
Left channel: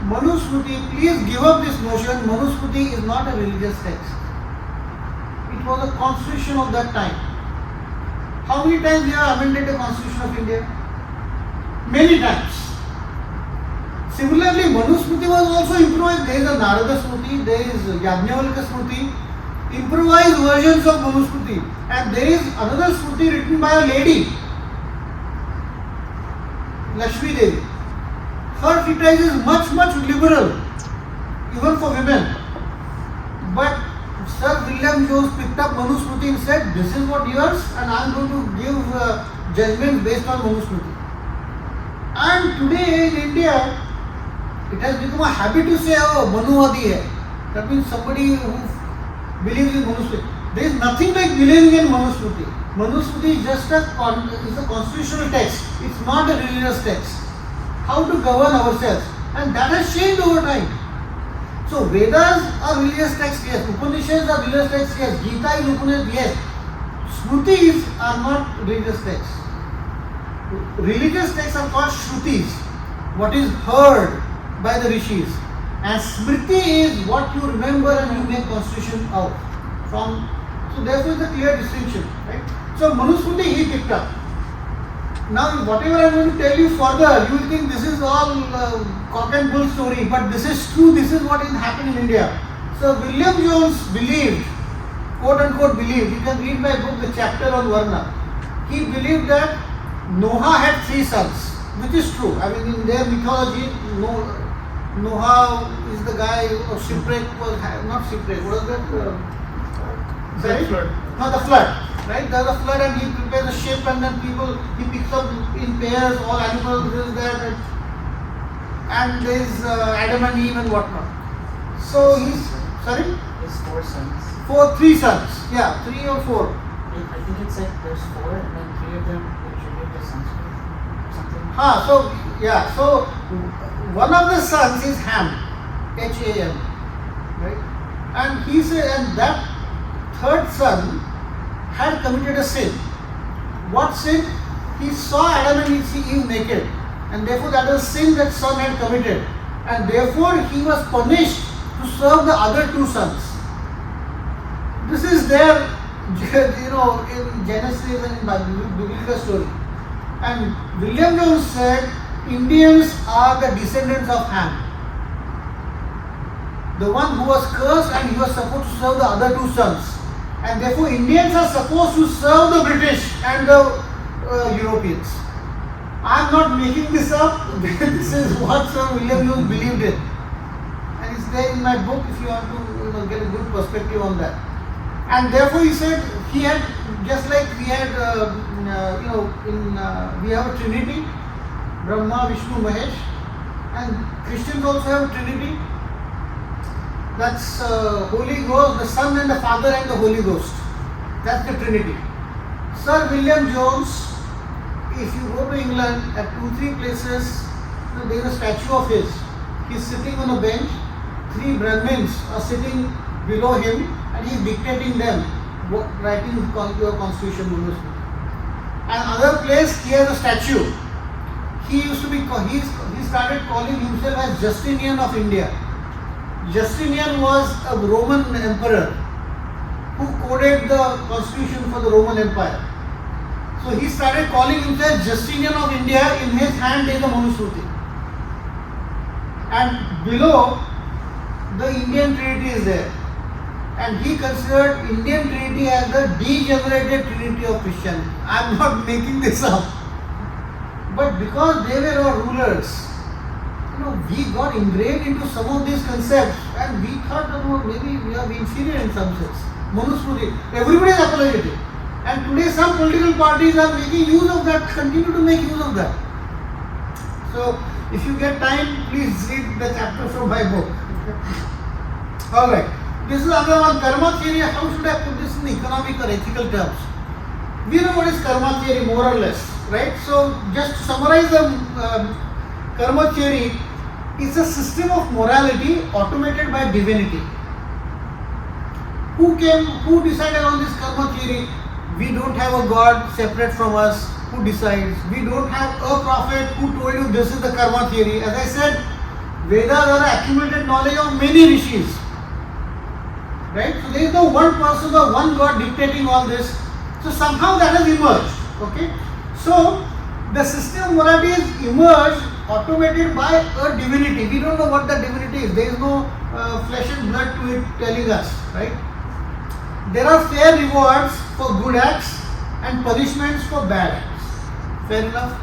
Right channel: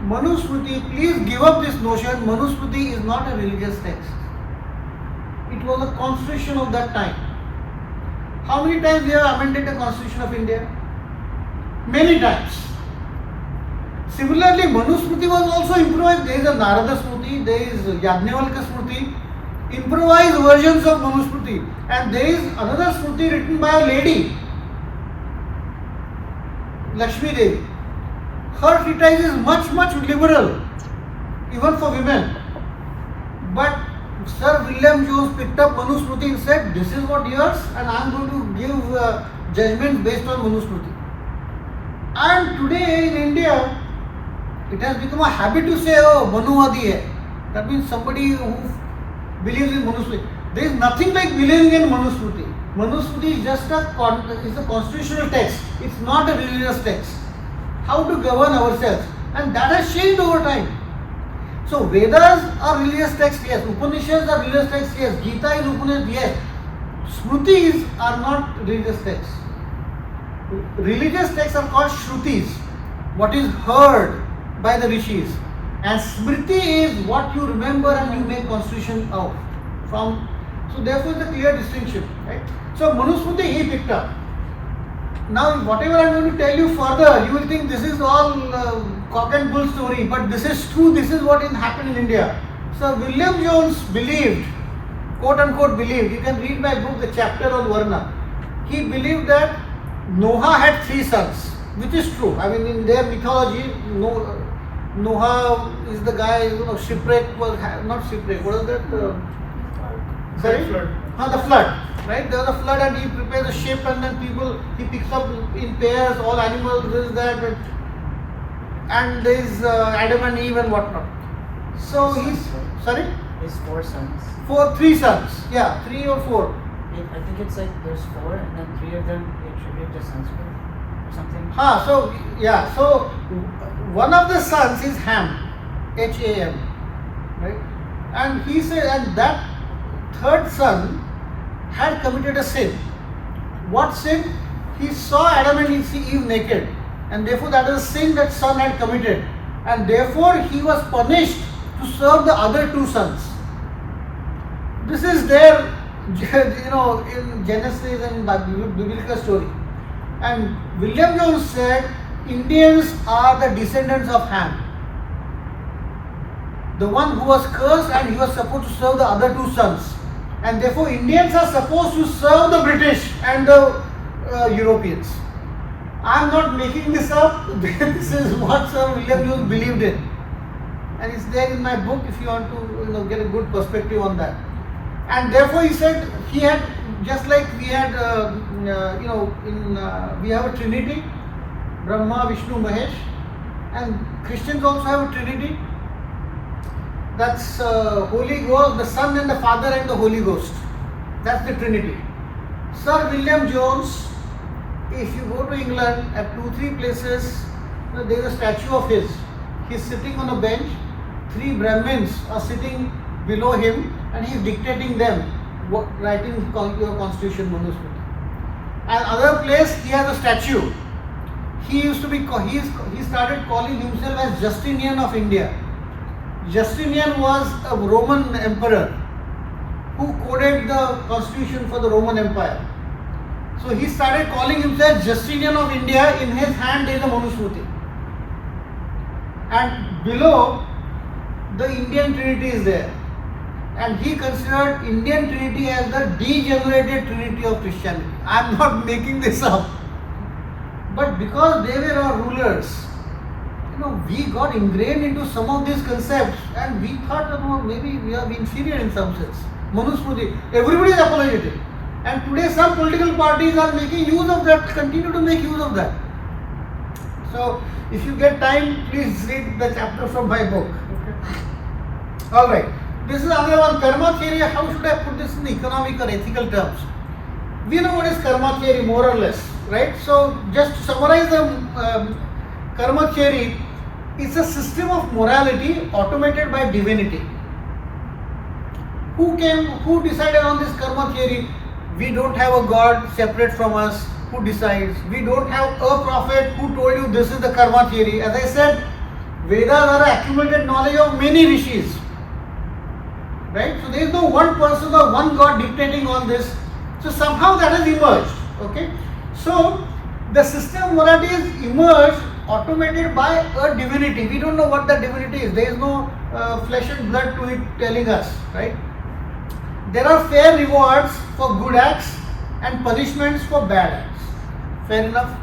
Manusmriti, please give up this notion. Manusmriti is not a religious text. It was a constitution of that time. How many times we have amended the constitution of India? Many times. Similarly, Manusmriti was also improvised. There is a Narada Smriti, there is Yajnavalkya Smriti, improvised versions of Manusmriti. And there is another Smriti written by a lady, Lakshmi Devi. Her treatise is much liberal, even for women. But Sir William Jones picked up Manusmriti and said, this is what yours and I am going to give judgments based on Manusmriti. And today in India, it has become a habit to say, oh, Manuwadi hai. That means somebody who believes in Manusmriti. There is nothing like believing in Manusmriti. Manusmriti is just a constitutional text. It's not a religious text. How to govern ourselves. And that has changed over time. So Vedas are religious texts, yes. Upanishads are religious texts, yes. Gita is Upanishad, yes. Smritis are not religious texts. Religious texts are called Shrutis, what is heard by the rishis. And Smriti is what you remember and you make constitution out from. So therefore it's a clear distinction, right? So Manusmriti he picked up. Now whatever I am going to tell you further, you will think this is all cock and bull story, but this is true, this is what happened in India. So William Jones believed, quote unquote believed, you can read my book, the chapter on Varna. He believed that Noah had 3 sons, which is true. I mean in their mythology, Noah is the guy, shipwreck was, not shipwreck, what is that? Sorry? Flood. The flood. Right? There's a flood and he prepares a ship and then people, he picks up in pairs, all animals, this, that, and there's Adam and Eve and whatnot. So he's, sorry? His 4 sons. 3 sons. Yeah, 3 or 4. I think it said there's 4 and then 3 of them we attribute to Sanskrit or something. So, yeah, so one of the sons is Ham, Ham, right? And he said, and that 3rd son had committed a sin. What sin? He saw Adam and Eve naked, and therefore that is a sin that son had committed, and therefore he was punished to serve the other 2 sons. This is there, in Genesis and in biblical story. And William Jones said Indians are the descendants of Ham, the one who was cursed and he was supposed to serve the other 2 sons. And therefore Indians are supposed to serve the British and the Europeans. I am not making this up. This is what Sir William Jones believed in. And it's there in my book if you want to get a good perspective on that. And therefore he said he had, just like we had, we have a Trinity, Brahma, Vishnu, Mahesh, and Christians also have a Trinity. That's Holy Ghost, the Son and the Father and the Holy Ghost. That's the Trinity. Sir William Jones, if you go to England at 2-3 places, there is a statue of his. He's sitting on a bench. 3 Brahmins are sitting below him, and he's dictating them, writing your constitution, Manusmriti. And other place, he has a statue. He used to be, he started calling himself as Justinian of India. Justinian was a Roman emperor who coded the constitution for the Roman Empire. So he started calling himself Justinian of India. In his hand is a Manusmriti. And below, the Indian Trinity is there. And he considered Indian Trinity as the degenerated Trinity of Christianity. I am not making this up. But because they were our rulers, we got ingrained into some of these concepts, and we thought, maybe we are inferior in some sense. Manusmriti, everybody is apologetic. And today some political parties are making use of that, continue to make use of that. So, if you get time, please read the chapter from my book. Alright, this is another one, karma theory. How should I put this in economic or ethical terms? We know what is karma theory, more or less, right? So, just to summarize the karma theory, it's a system of morality automated by divinity. Who decided on this karma theory? We don't have a God separate from us who decides. We don't have a prophet who told you this is the karma theory. As I said, Vedas are accumulated knowledge of many rishis. Right? So there is no one person or one God dictating all this. So somehow that has emerged. Okay? So the system of morality is emerged automated by a divinity. We don't know what the divinity is. There is no flesh and blood to it telling us. Right? There are fair rewards for good acts and punishments for bad acts. Fair enough?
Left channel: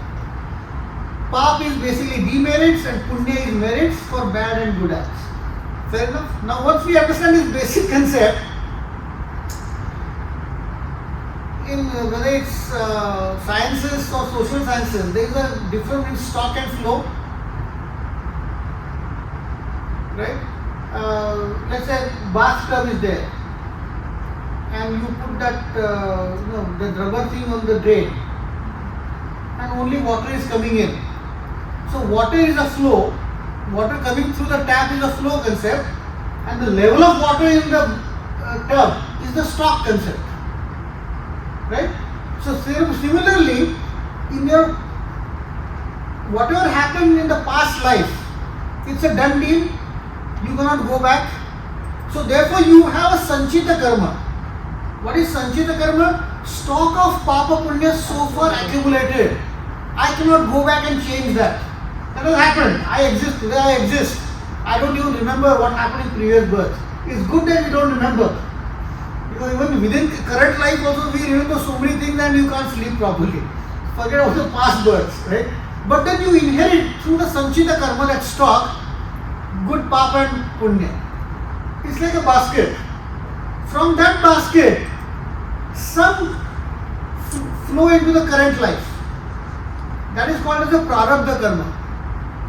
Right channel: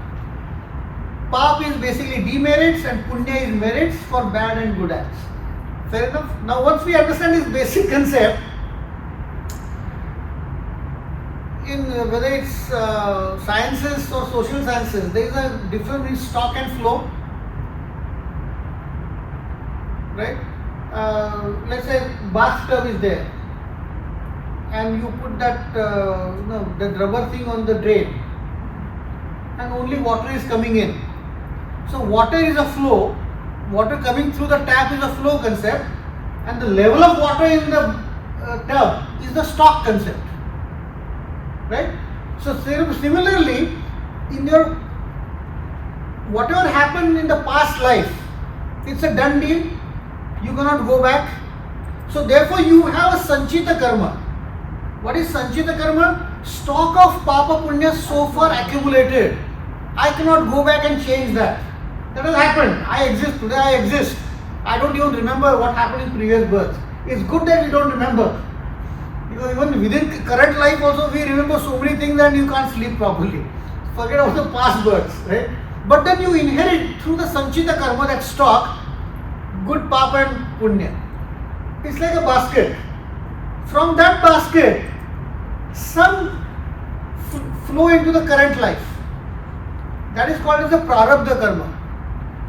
Pap is basically demerits and punya is merits for bad and good acts. Fair enough? Now once we understand this basic concept, in whether it's sciences or social sciences, there is a difference in stock and flow. Right? Let's say bathtub is there, and you put that the rubber thing on the drain, and only water is coming in. So water is a flow, water coming through the tap is a flow concept, and the level of water in the tub is the stock concept. Right? So similarly, in your whatever happened in the past life, it's a done deal, you cannot go back. So therefore you have a sanchita karma. What is sanchita karma? Stock of papa punya so far accumulated. I cannot go back and change that. That has happened. I exist. Today I exist. I don't even remember what happened in previous birth. It's good that we don't remember. Because even within current life also we remember so many things and you can't sleep properly. Forget about the past births, right? But then you inherit through the sanchita karma, that stock, good papa and punya. It's like a basket. From that basket, some flow into the current life. That is called as the prarabdha karma.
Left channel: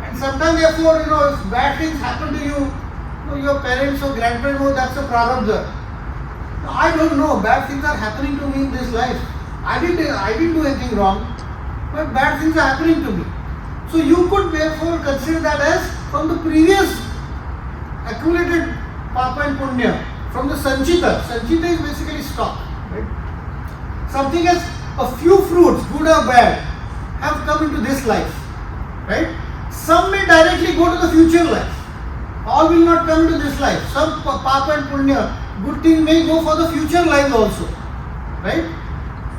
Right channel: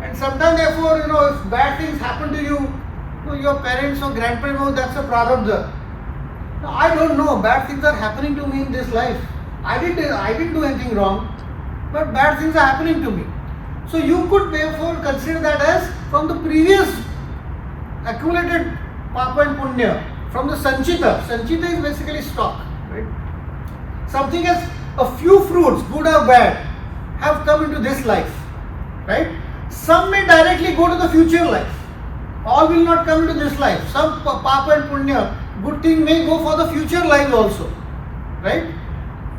And sometimes therefore, if bad things happen to you, your parents or grandparents know that's a prarabdha. Now, I don't know, bad things are happening to me in this life. I didn't do anything wrong, but bad things are happening to me. So you could therefore consider that as from the previous accumulated papa and punya, from the sanchita. Sanchita is basically stock, right? Something as a few fruits, good or bad, have come into this life, right? Some may directly go to the future life. All will not come into this life. Some papa and punya, good thing may go for the future life also, right?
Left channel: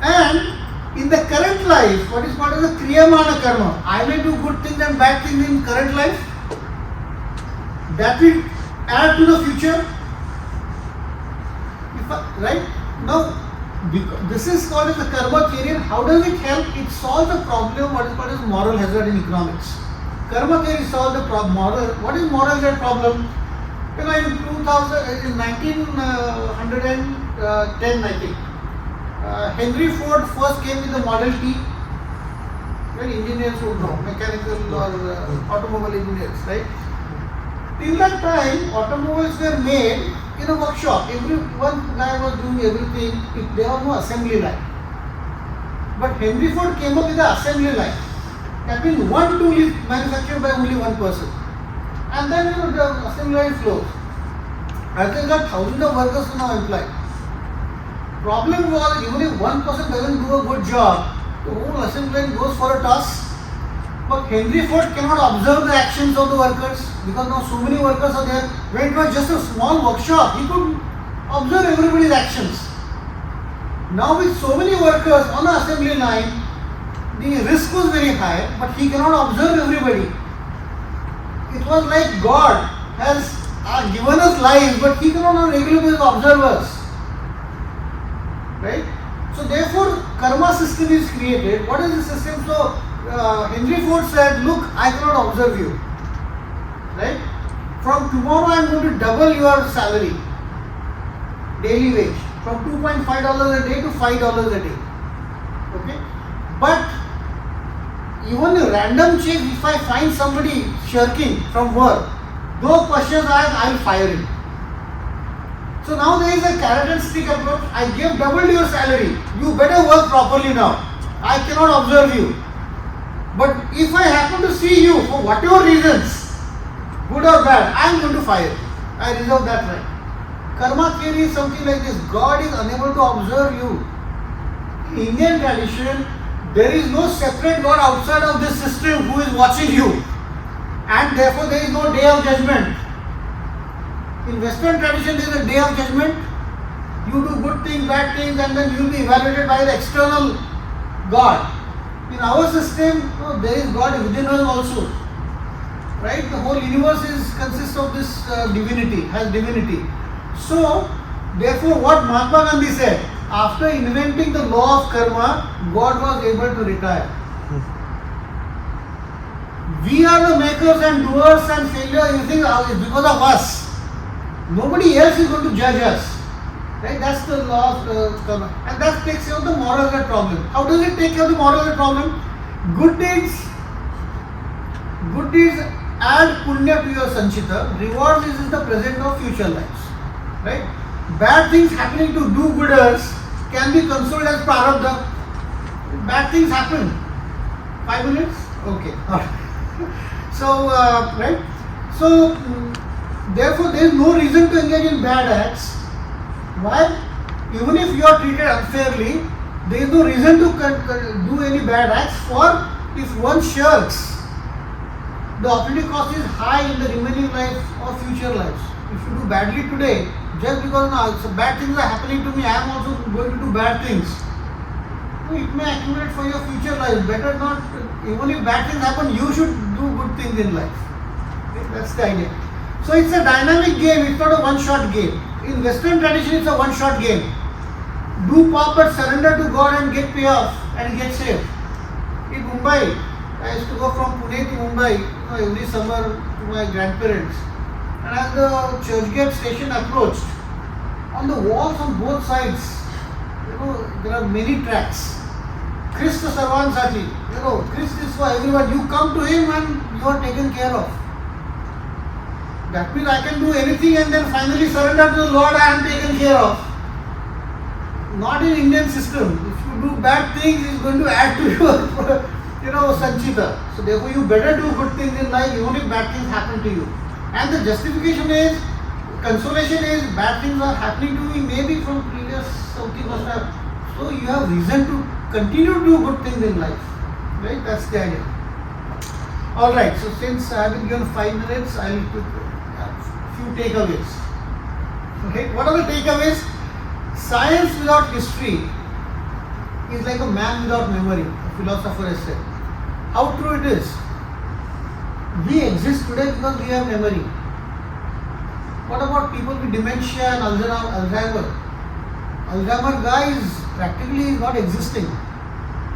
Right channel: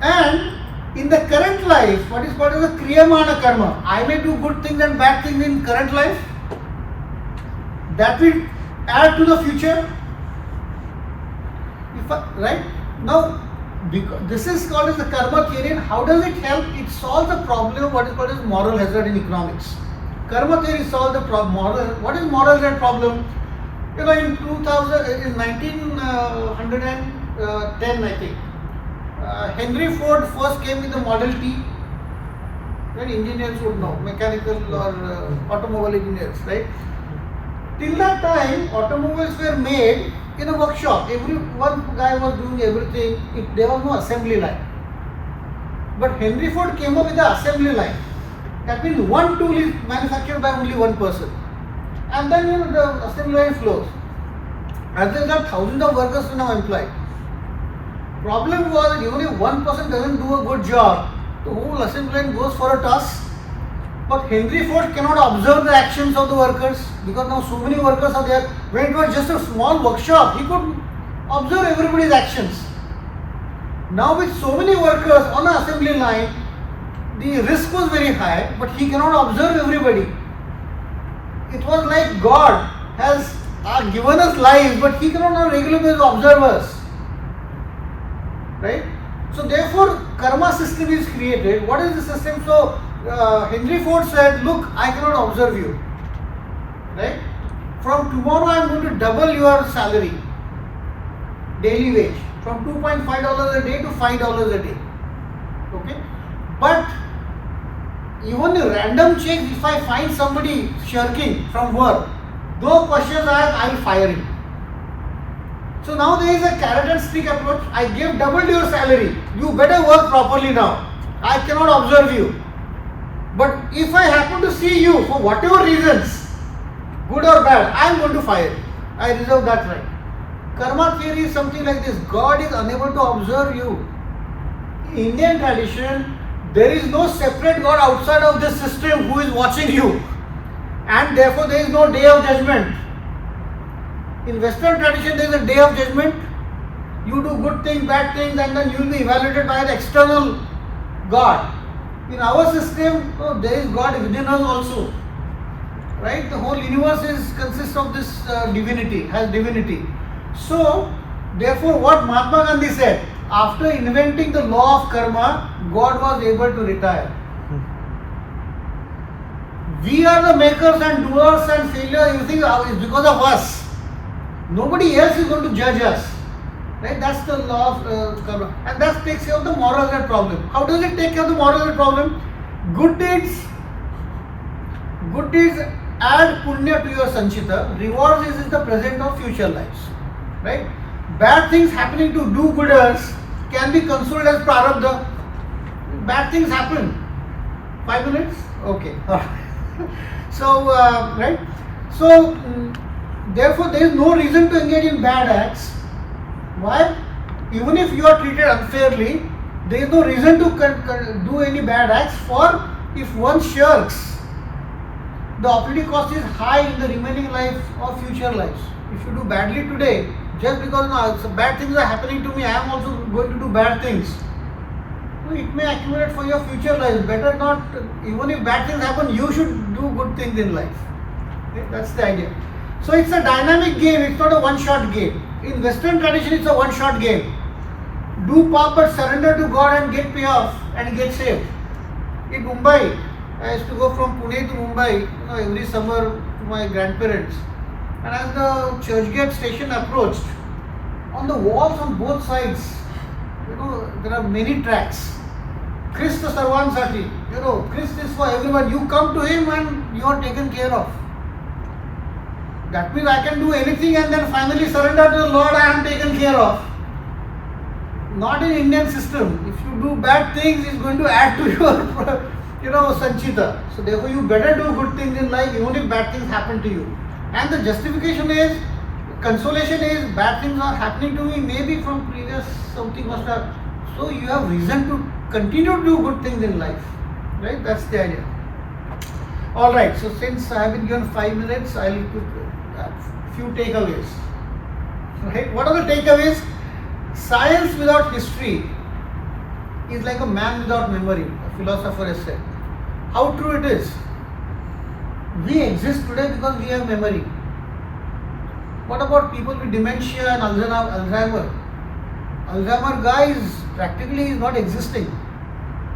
And in the current life, what is called as a kriyamana karma. I may do good things and bad things in current life. That will add to the future. Right? Now, this is called as the karma theory. And how does it help? It solves the problem of what is called as moral hazard in economics. Karma theory solves the moral. What is moral hazard problem? In 1900 10, I think. Henry Ford first came with the Model T. Well, engineers would know, mechanical or automobile engineers, right? Till that time, automobiles were made in a workshop. One guy was doing everything. There was no assembly line. But Henry Ford came up with the assembly line. That means one tool is manufactured by only one person. And then the assembly line flows. As a result, thousands of workers are now employed. Problem was that even if one person doesn't do a good job, the whole assembly line goes for a toss. But Henry Ford cannot observe the actions of the workers because now so many workers are there. When it was just a small workshop, he could observe everybody's actions. Now with so many workers on the assembly line, the risk was very high, but he cannot observe everybody. It was like God has given us lives, but he cannot on a regular basis observe us. Right? So therefore, karma system is created. What is the system? So Henry Ford said, look, I cannot observe you. Right? From tomorrow I am going to double your salary, daily wage, from $2.5 a day to $5 a day. Okay? But even a random check, if I find somebody shirking from work, no questions asked, I will fire him. So now there is a carrot and stick approach. I gave double your salary. You better work properly now. I cannot observe you. But if I happen to see you for whatever reasons, good or bad, I am going to fire you. I reserve that right. Karma theory is something like this. God is unable to observe you. In Indian tradition, there is no separate God outside of this system who is watching you. And therefore there is no day of judgment. In Western tradition, there is a day of judgment. You do good things, bad things, and then you will be evaluated by the external God. In our system, there is God within us also. Right? The whole universe consists of this divinity, has divinity. So, therefore, what Mahatma Gandhi said, after inventing the law of karma, God was able to retire. We are the makers and doers and failures. You think it's because of us. Nobody else is going to judge us. Right? That's the law of karma. And that takes care of the moral hazard problem. How does it take care of the moral hazard problem? Good deeds add punya to your sanchita. Rewards is in the present or future lives. Right? Bad things happening to do-gooders can be considered as prarabdha. Bad things happen. 5 minutes? Okay. So, right? So, therefore, there is no reason to engage in bad acts. Why? Even if you are treated unfairly, there is no reason to do any bad acts. For if one shirks, the opportunity cost is high in the remaining life or future lives. If you do badly today, just because bad things are happening to me, I am also going to do bad things. So it may accumulate for your future life. Better not, even if bad things happen, you should do good things in life. Okay? That's the idea. So it's a dynamic game, it's not a one-shot game. In Western tradition, it's a one-shot game. Do pop but surrender to God and get payoff and get saved. In Mumbai, I used to go from Pune to Mumbai every summer to my grandparents. And as the Churchgate station approached, on the walls on both sides, there are many tracts. Krishna Sarvansati, Krishna is for everyone. You come to him and you are taken care of. That means I can do anything and then finally surrender to the Lord, I am taken care of. Not in Indian system. If you do bad things, it's going to add to your, sanchita. So therefore you better do good things in life even if bad things happen to you. And the justification is, consolation is, bad things are happening to me, maybe from previous something must have. So you have reason to continue to do good things in life. Right? That's the idea. Alright, so since I have been given 5 minutes, I will put a few takeaways. Right? What are the takeaways? Science without history is like a man without memory, a philosopher has said. How true it is? We exist today because we have memory. What about people with dementia and Alzheimer? Alzheimer guy is practically not existing.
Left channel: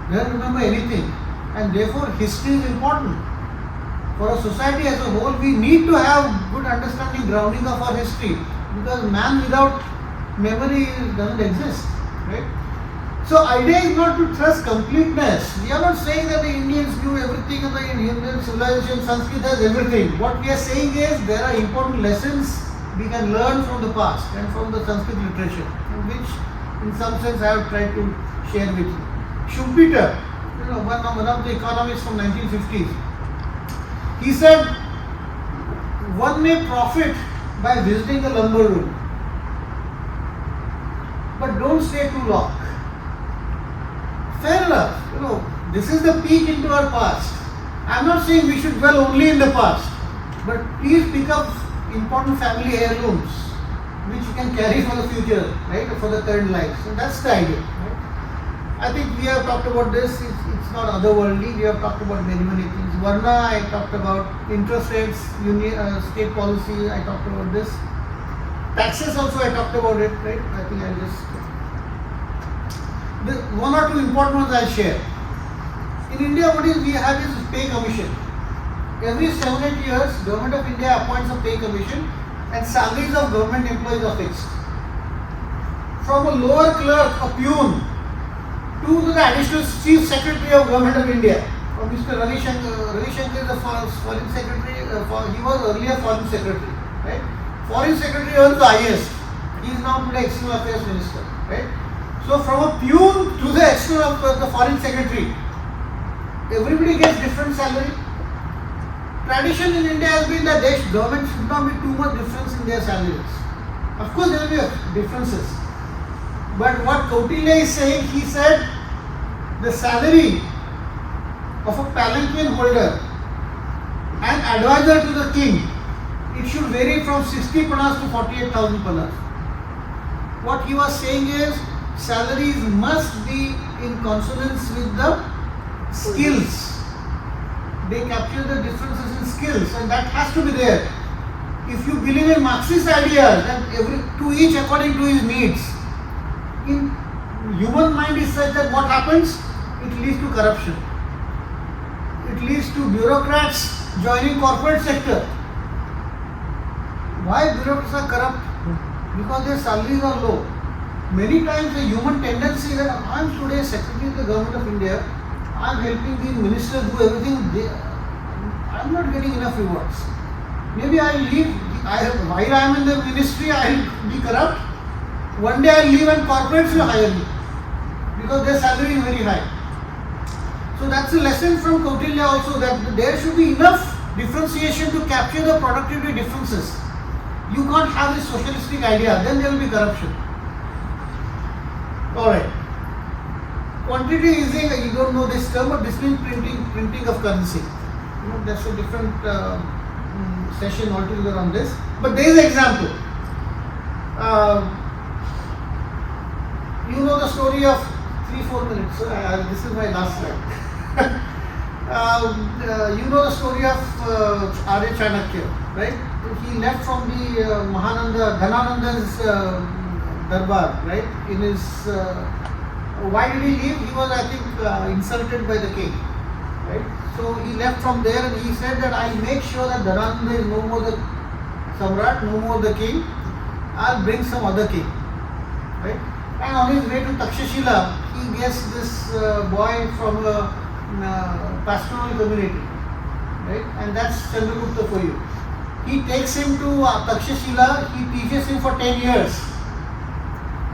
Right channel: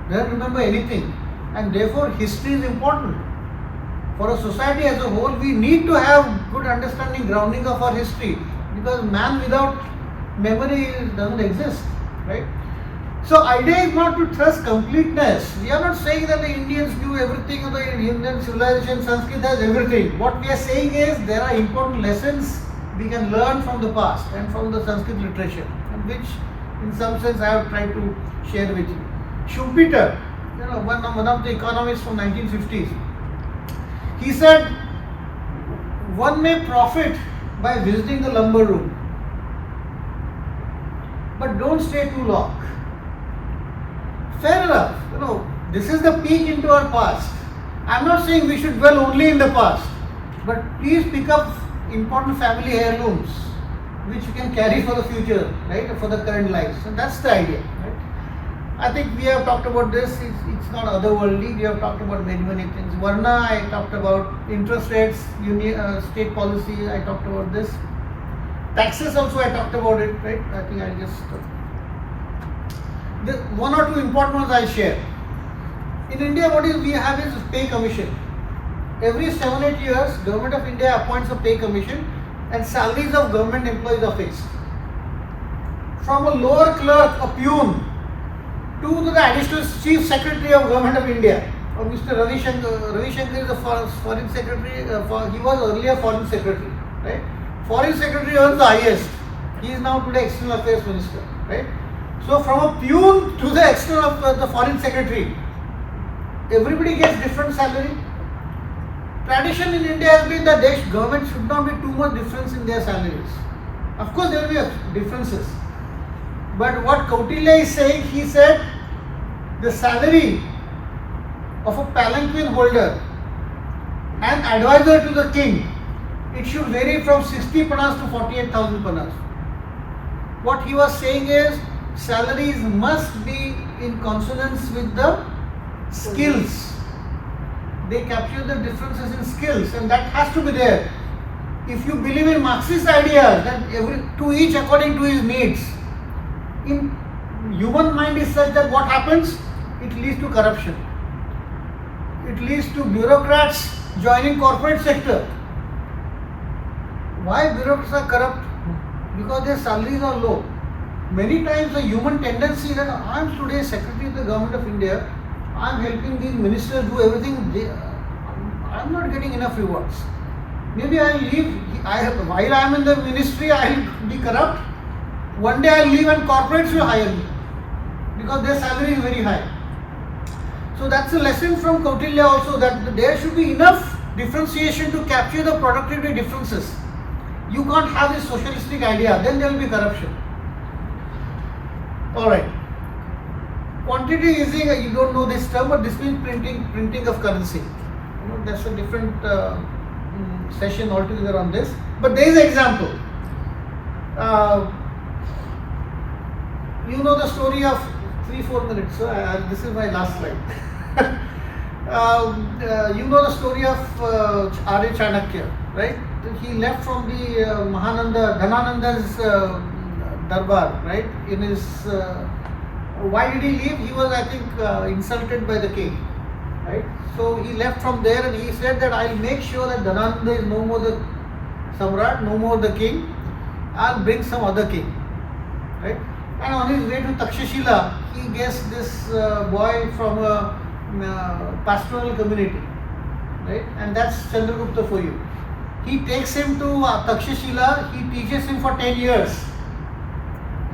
They don't remember anything. And therefore history is important. For a society as a whole, we need to have good understanding, grounding of our history. Because man without memory doesn't exist, right? So idea is not to trust completeness. We are not saying that the Indians knew everything of the Indian civilization, Sanskrit has everything. What we are saying is there are important lessons we can learn from the past and from the Sanskrit literature, and which in some sense I have tried to share with you. Schumpeter, one of the economists from 1950s, he said, one may profit by visiting the lumber room, but don't stay too long. Fair enough, this is the peek into our past. I'm not saying we should dwell only in the past, but please pick up important family heirlooms which you can carry for the future, right, for the current life. So that's the idea, right? I think we have talked about this. It's not otherworldly. We have talked about very many things. Varna, I talked about interest rates, state policy. I talked about this. Taxes also, I talked about it, right? I think I just the one or two important ones I'll share. In India, what we have is pay commission. Every 7-8 years, Government of India appoints a pay commission, and salaries of government employees are fixed. From a lower clerk, a peon, to the additional chief secretary of Government of India, or Mr. Ravi Shankar. Ravi Shankar is the foreign secretary. He was earlier foreign secretary, right? Foreign secretary was the highest. He is now today external affairs minister, right? So from a peon to the external the foreign secretary, everybody gets different salary. Tradition in India has been that government should not be too much difference in their salaries. Of course, there will be differences. But what Kautilya is saying, he said, the salary of a palanquin holder and advisor to the king, it should vary from 60 panas to 48,000 panas. What he was saying is, salaries must be in consonance with the skills. They capture the differences in skills, and that has to be there. If you believe in Marxist ideas, that to each according to his needs, in human mind is such that what happens? It leads to corruption. It leads to bureaucrats joining corporate sector. Why bureaucrats are corrupt? Because their salaries are low. Many times the human tendency that I am today Secretary of the Government of India, I am helping these ministers do everything. I am not getting enough rewards. Maybe I will leave. While I am in the ministry, I will be corrupt. One day I will leave and corporates will hire me because their salary is very high. So that's a lesson from Kautilya also, that there should be enough differentiation to capture the productivity differences. You can't have this socialistic idea, then there will be corruption. Alright. Quantity easing, you don't know this term, but this means printing of currency. That's a different session altogether on this. But there is an example. You know the story of 3-4 minutes. This is my last slide. You know the story of Arya Chanakya, right? He left from the Dhanananda's darbar, right? In his why did he leave? He was, I think, insulted by the king, right? So he left from there, and he said that I'll make sure that Dhanananda is no more the Samrat, no more the king. I'll bring some other king, right? And on his way to Taxation, he gets this boy from a pastoral community, right? And that's Chandragupta for you. He takes him to Taxation, he teaches him for 10 years.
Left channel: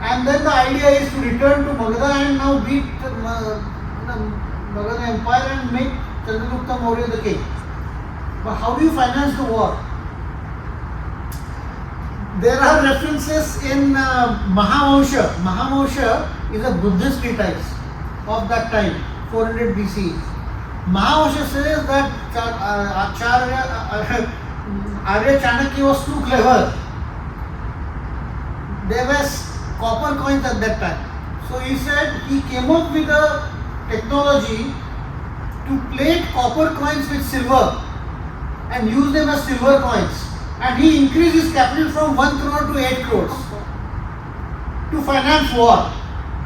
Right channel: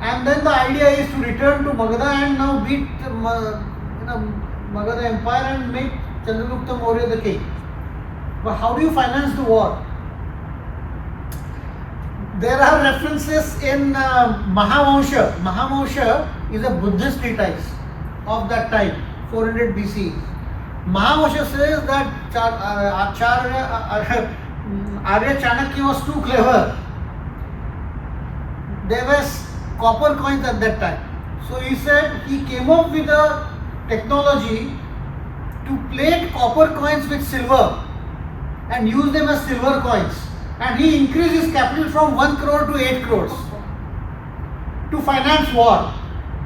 And then the idea is to return to Magadha and now beat Magadha Empire and make Chandragupta Maurya the king. But how do you finance the war? There are references in Mahavamsha. Mahavamsha is a Buddhist treatise of that time, 400 BC. Mahavamsha says that Arya Chanakya was too clever. There was copper coins at that time. So he said he came up with a technology to plate copper coins with silver and use them as silver coins. And he increased his capital from 1 crore to 8 crores to finance war.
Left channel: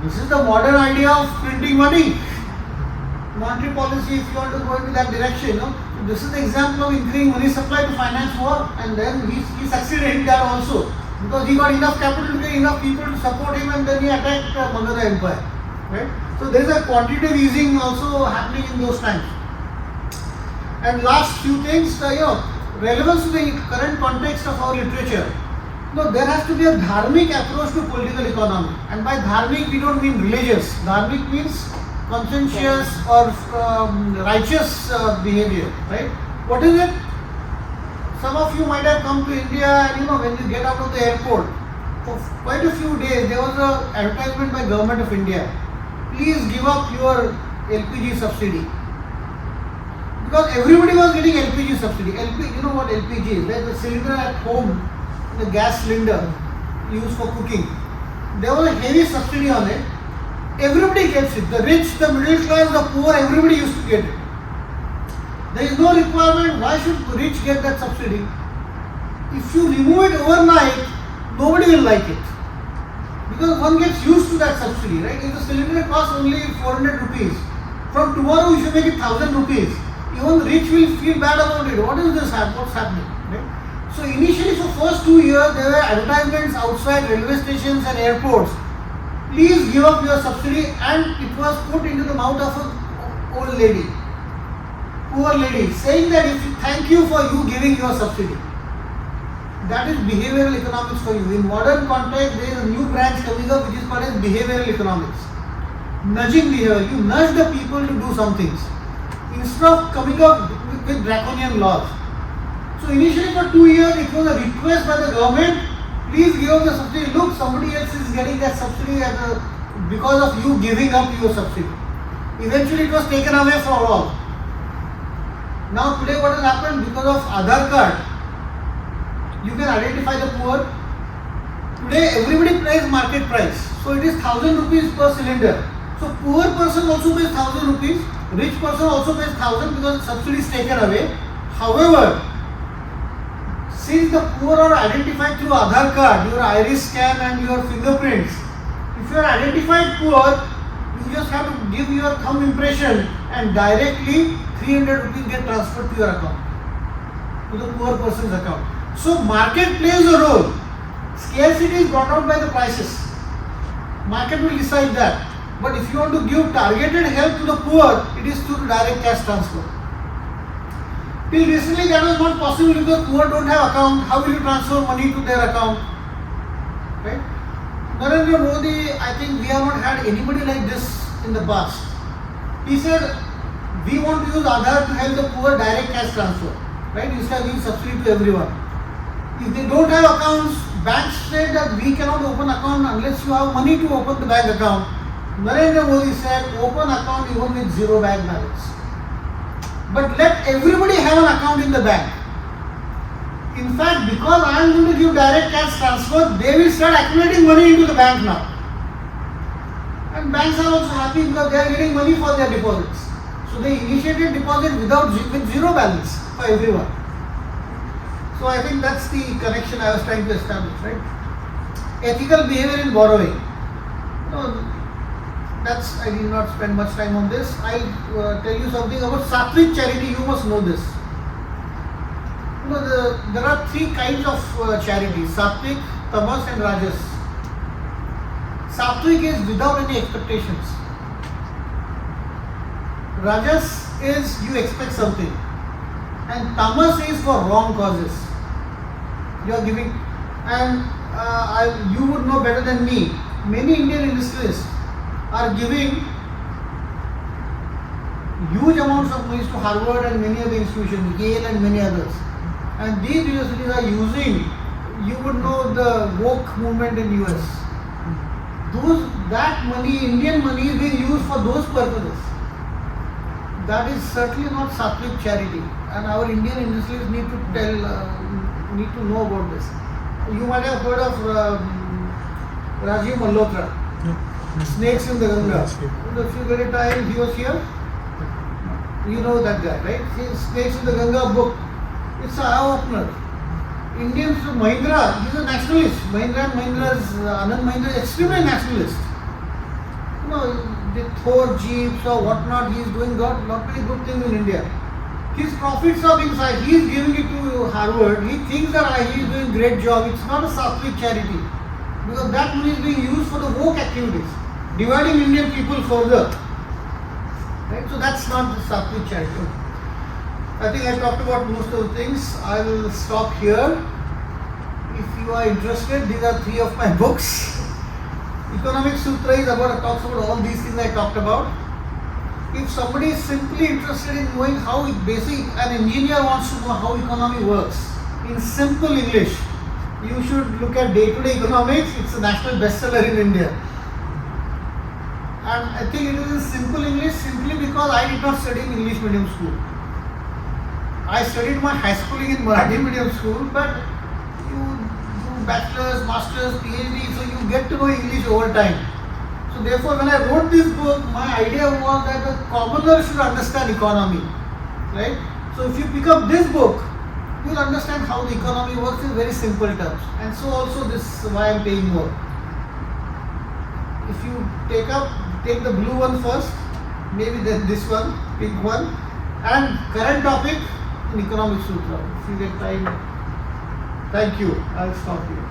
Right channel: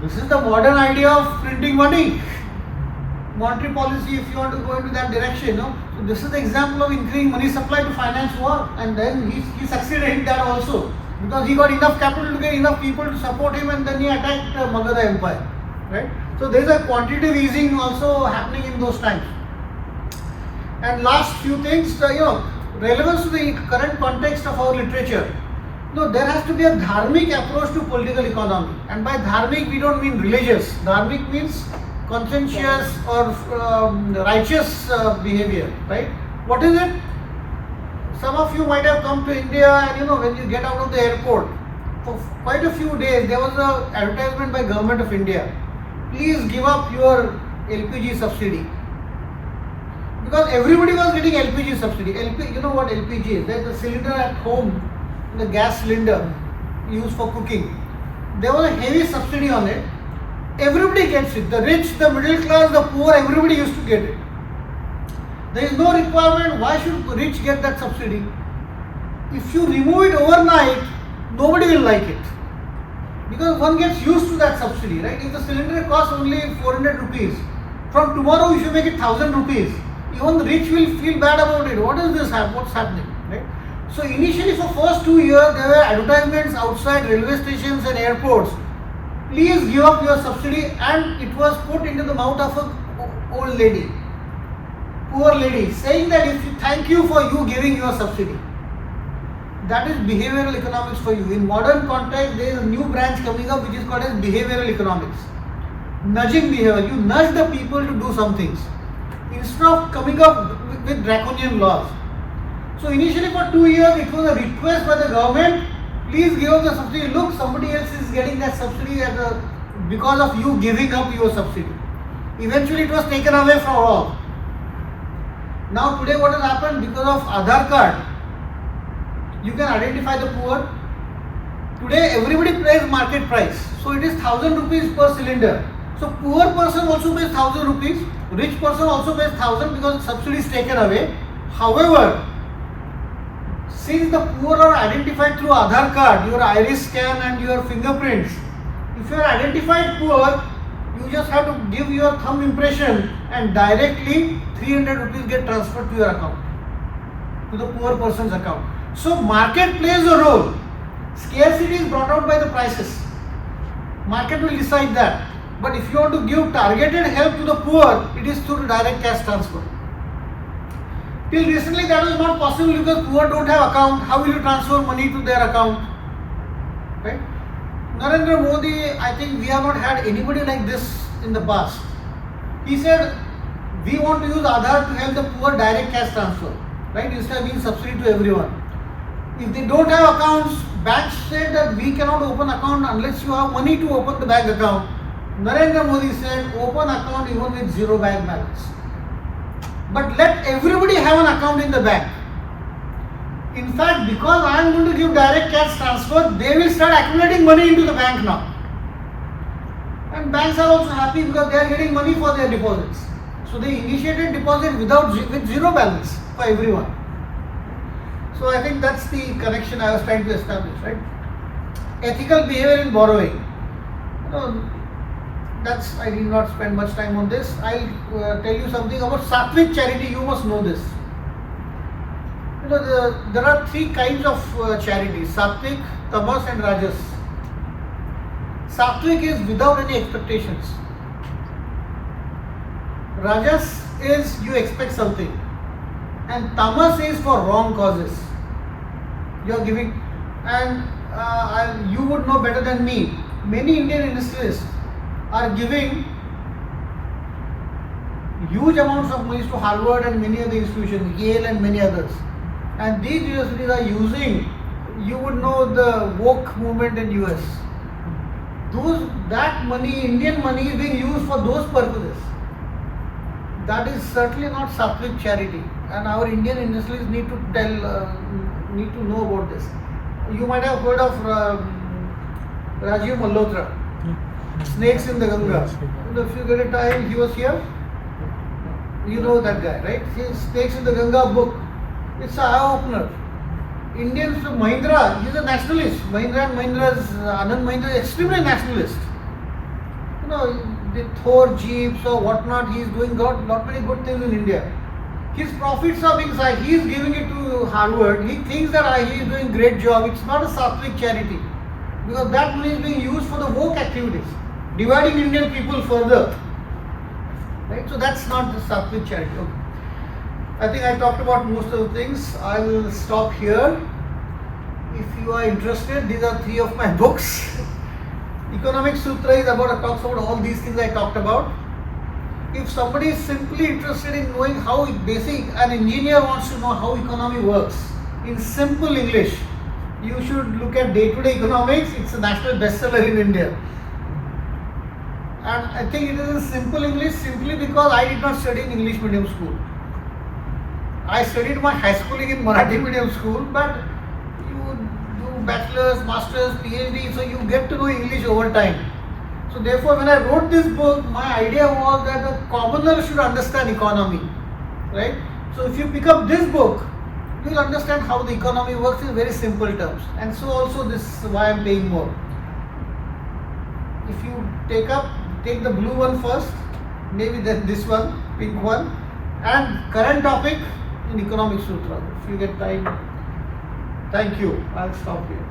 This is the modern idea of printing money. Monetary policy, if you want to go into that direction, So this is the example of increasing money supply to finance war, and then he succeeded in that also. because he got enough capital to get enough people to support him, and then he attacked Magadha Empire, right? So there is a quantitative easing also happening in those times. And last few things, relevance to the current context of our literature. No, there has to be a dharmic approach to political economy, and by dharmic we don't mean religious. Dharmic means conscientious or righteous behavior, right? What is it? Some of you might have come to India, and when you get out of the airport, for quite a few days there was an advertisement by Government of India. Please give up your LPG subsidy. Because everybody was getting LPG subsidy. You know what LPG is? There's a cylinder at home, the gas cylinder used for cooking. There was a heavy subsidy on it. Everybody gets it. The rich, the middle class, the poor, everybody used to get it. There is no requirement. Why should the rich get that subsidy? If you remove it overnight, nobody will like it. Because one gets used to that subsidy, right? If the cylinder costs only 400 rupees, from tomorrow you should make it 1000 rupees. Even the rich will feel bad about it. What is this? What's happening? Right? So initially for first 2 years there were advertisements outside railway stations and airports. Please give up your subsidy, and it was put into the mouth of an old lady, poor lady, saying that thank you for you giving your subsidy. That is behavioral economics for you. In modern context, there is a new branch coming up which is called as behavioral economics. Nudging behavior. You nudge the people to do some things instead of coming up with draconian laws. So initially for 2 years it was a request by the government, please give up the subsidy. Look, somebody else is getting that subsidy because of you giving up your subsidy. Eventually it was taken away from all. Now today what has happened, because of Aadhaar card, you can identify the poor. Today everybody pays market price. So it is 1000 rupees per cylinder. So poor person also pays 1000 rupees. Rich person also pays 1000 because subsidy is taken away. However, since the poor are identified through Aadhaar card, your iris scan and your fingerprints, if you are identified poor, you just have to give your thumb impression and directly 300 rupees get transferred to your account, to the poor person's account. So market plays a role. Scarcity is brought out by the prices. Market will decide that. But if you want to give targeted help to the poor, it is through direct cash transfer. Till recently that was not possible because poor don't have account. How will you transfer money to their account? Right? Narendra Modi, I think we have not had anybody like this in the past. He said, we want to use Aadhaar to help the poor direct cash transfer. Right? Instead of giving subsidy to everyone. If they don't have accounts, banks said that we cannot open account unless you have money to open the bank account. Narendra Modi said, open account even with zero bank balance. But let everybody have an account in the bank. In fact, because I am going to give direct cash transfer, they will start accumulating money into the bank now. And banks are also happy because they are getting money for their deposits. So they initiated deposit with zero balance for everyone. So I think that's the connection I was trying to establish, right? Ethical behavior in borrowing. I did not spend much time on this. I'll tell you something about Sattvic charity. You must know this. There are three kinds of charity: Sattvic, Tamas, and Rajas. Sattvic is without any expectations. Rajas is you expect something, and Tamas is for wrong causes. You are giving, and you would know better than me. Many Indian industrialists are giving huge amounts of money to Harvard and many other institutions, Yale and many others. And these universities are using, you would know the woke movement in US. That money, Indian money, is being used for those purposes. That is certainly not Sattvic charity, and our Indian industrialists need to know about this. You might have heard of Rajiv Malhotra, Snakes in the Ganga. If you get a time, he was here. You know that guy, right? Snakes in the Ganga book. It's an eye-opener. Indians, Mahindra, he's a nationalist. Mahindra and Mahindra's Anand Mahindra is extremely nationalist. The Thor jeeps or whatnot, he's doing lot many good things in India. His profits are being side. He is giving it to Harvard. He thinks that he is doing great job. It's not a Sattvic charity because that money is being used for the woke activities, dividing Indian people further. Right? So that's not the Sattvic charity. Okay. I think I talked about most of the things. I will stop here. If you are interested, these are 3 of my books. Economic Sutra is talks about all these things I talked about. If somebody is simply interested in knowing how an engineer wants to know how economy works in simple English, you should look at Day-to-Day Economics. It's a national bestseller in India. And I think it is in simple English simply because I did not study in English medium school. I studied my high schooling in Marathi medium school, but you do bachelor's, master's, PhD, so you get to know English over time. So therefore, when I wrote this book, my idea was that a commoner should understand economy, right? So if you pick up this book, you will understand how the economy works in very simple terms. And so also this is why I am paying more. If you take the blue one first, maybe then this one, pink one, and current topic in Economic Sutra. If you get time, thank you. I'll stop here.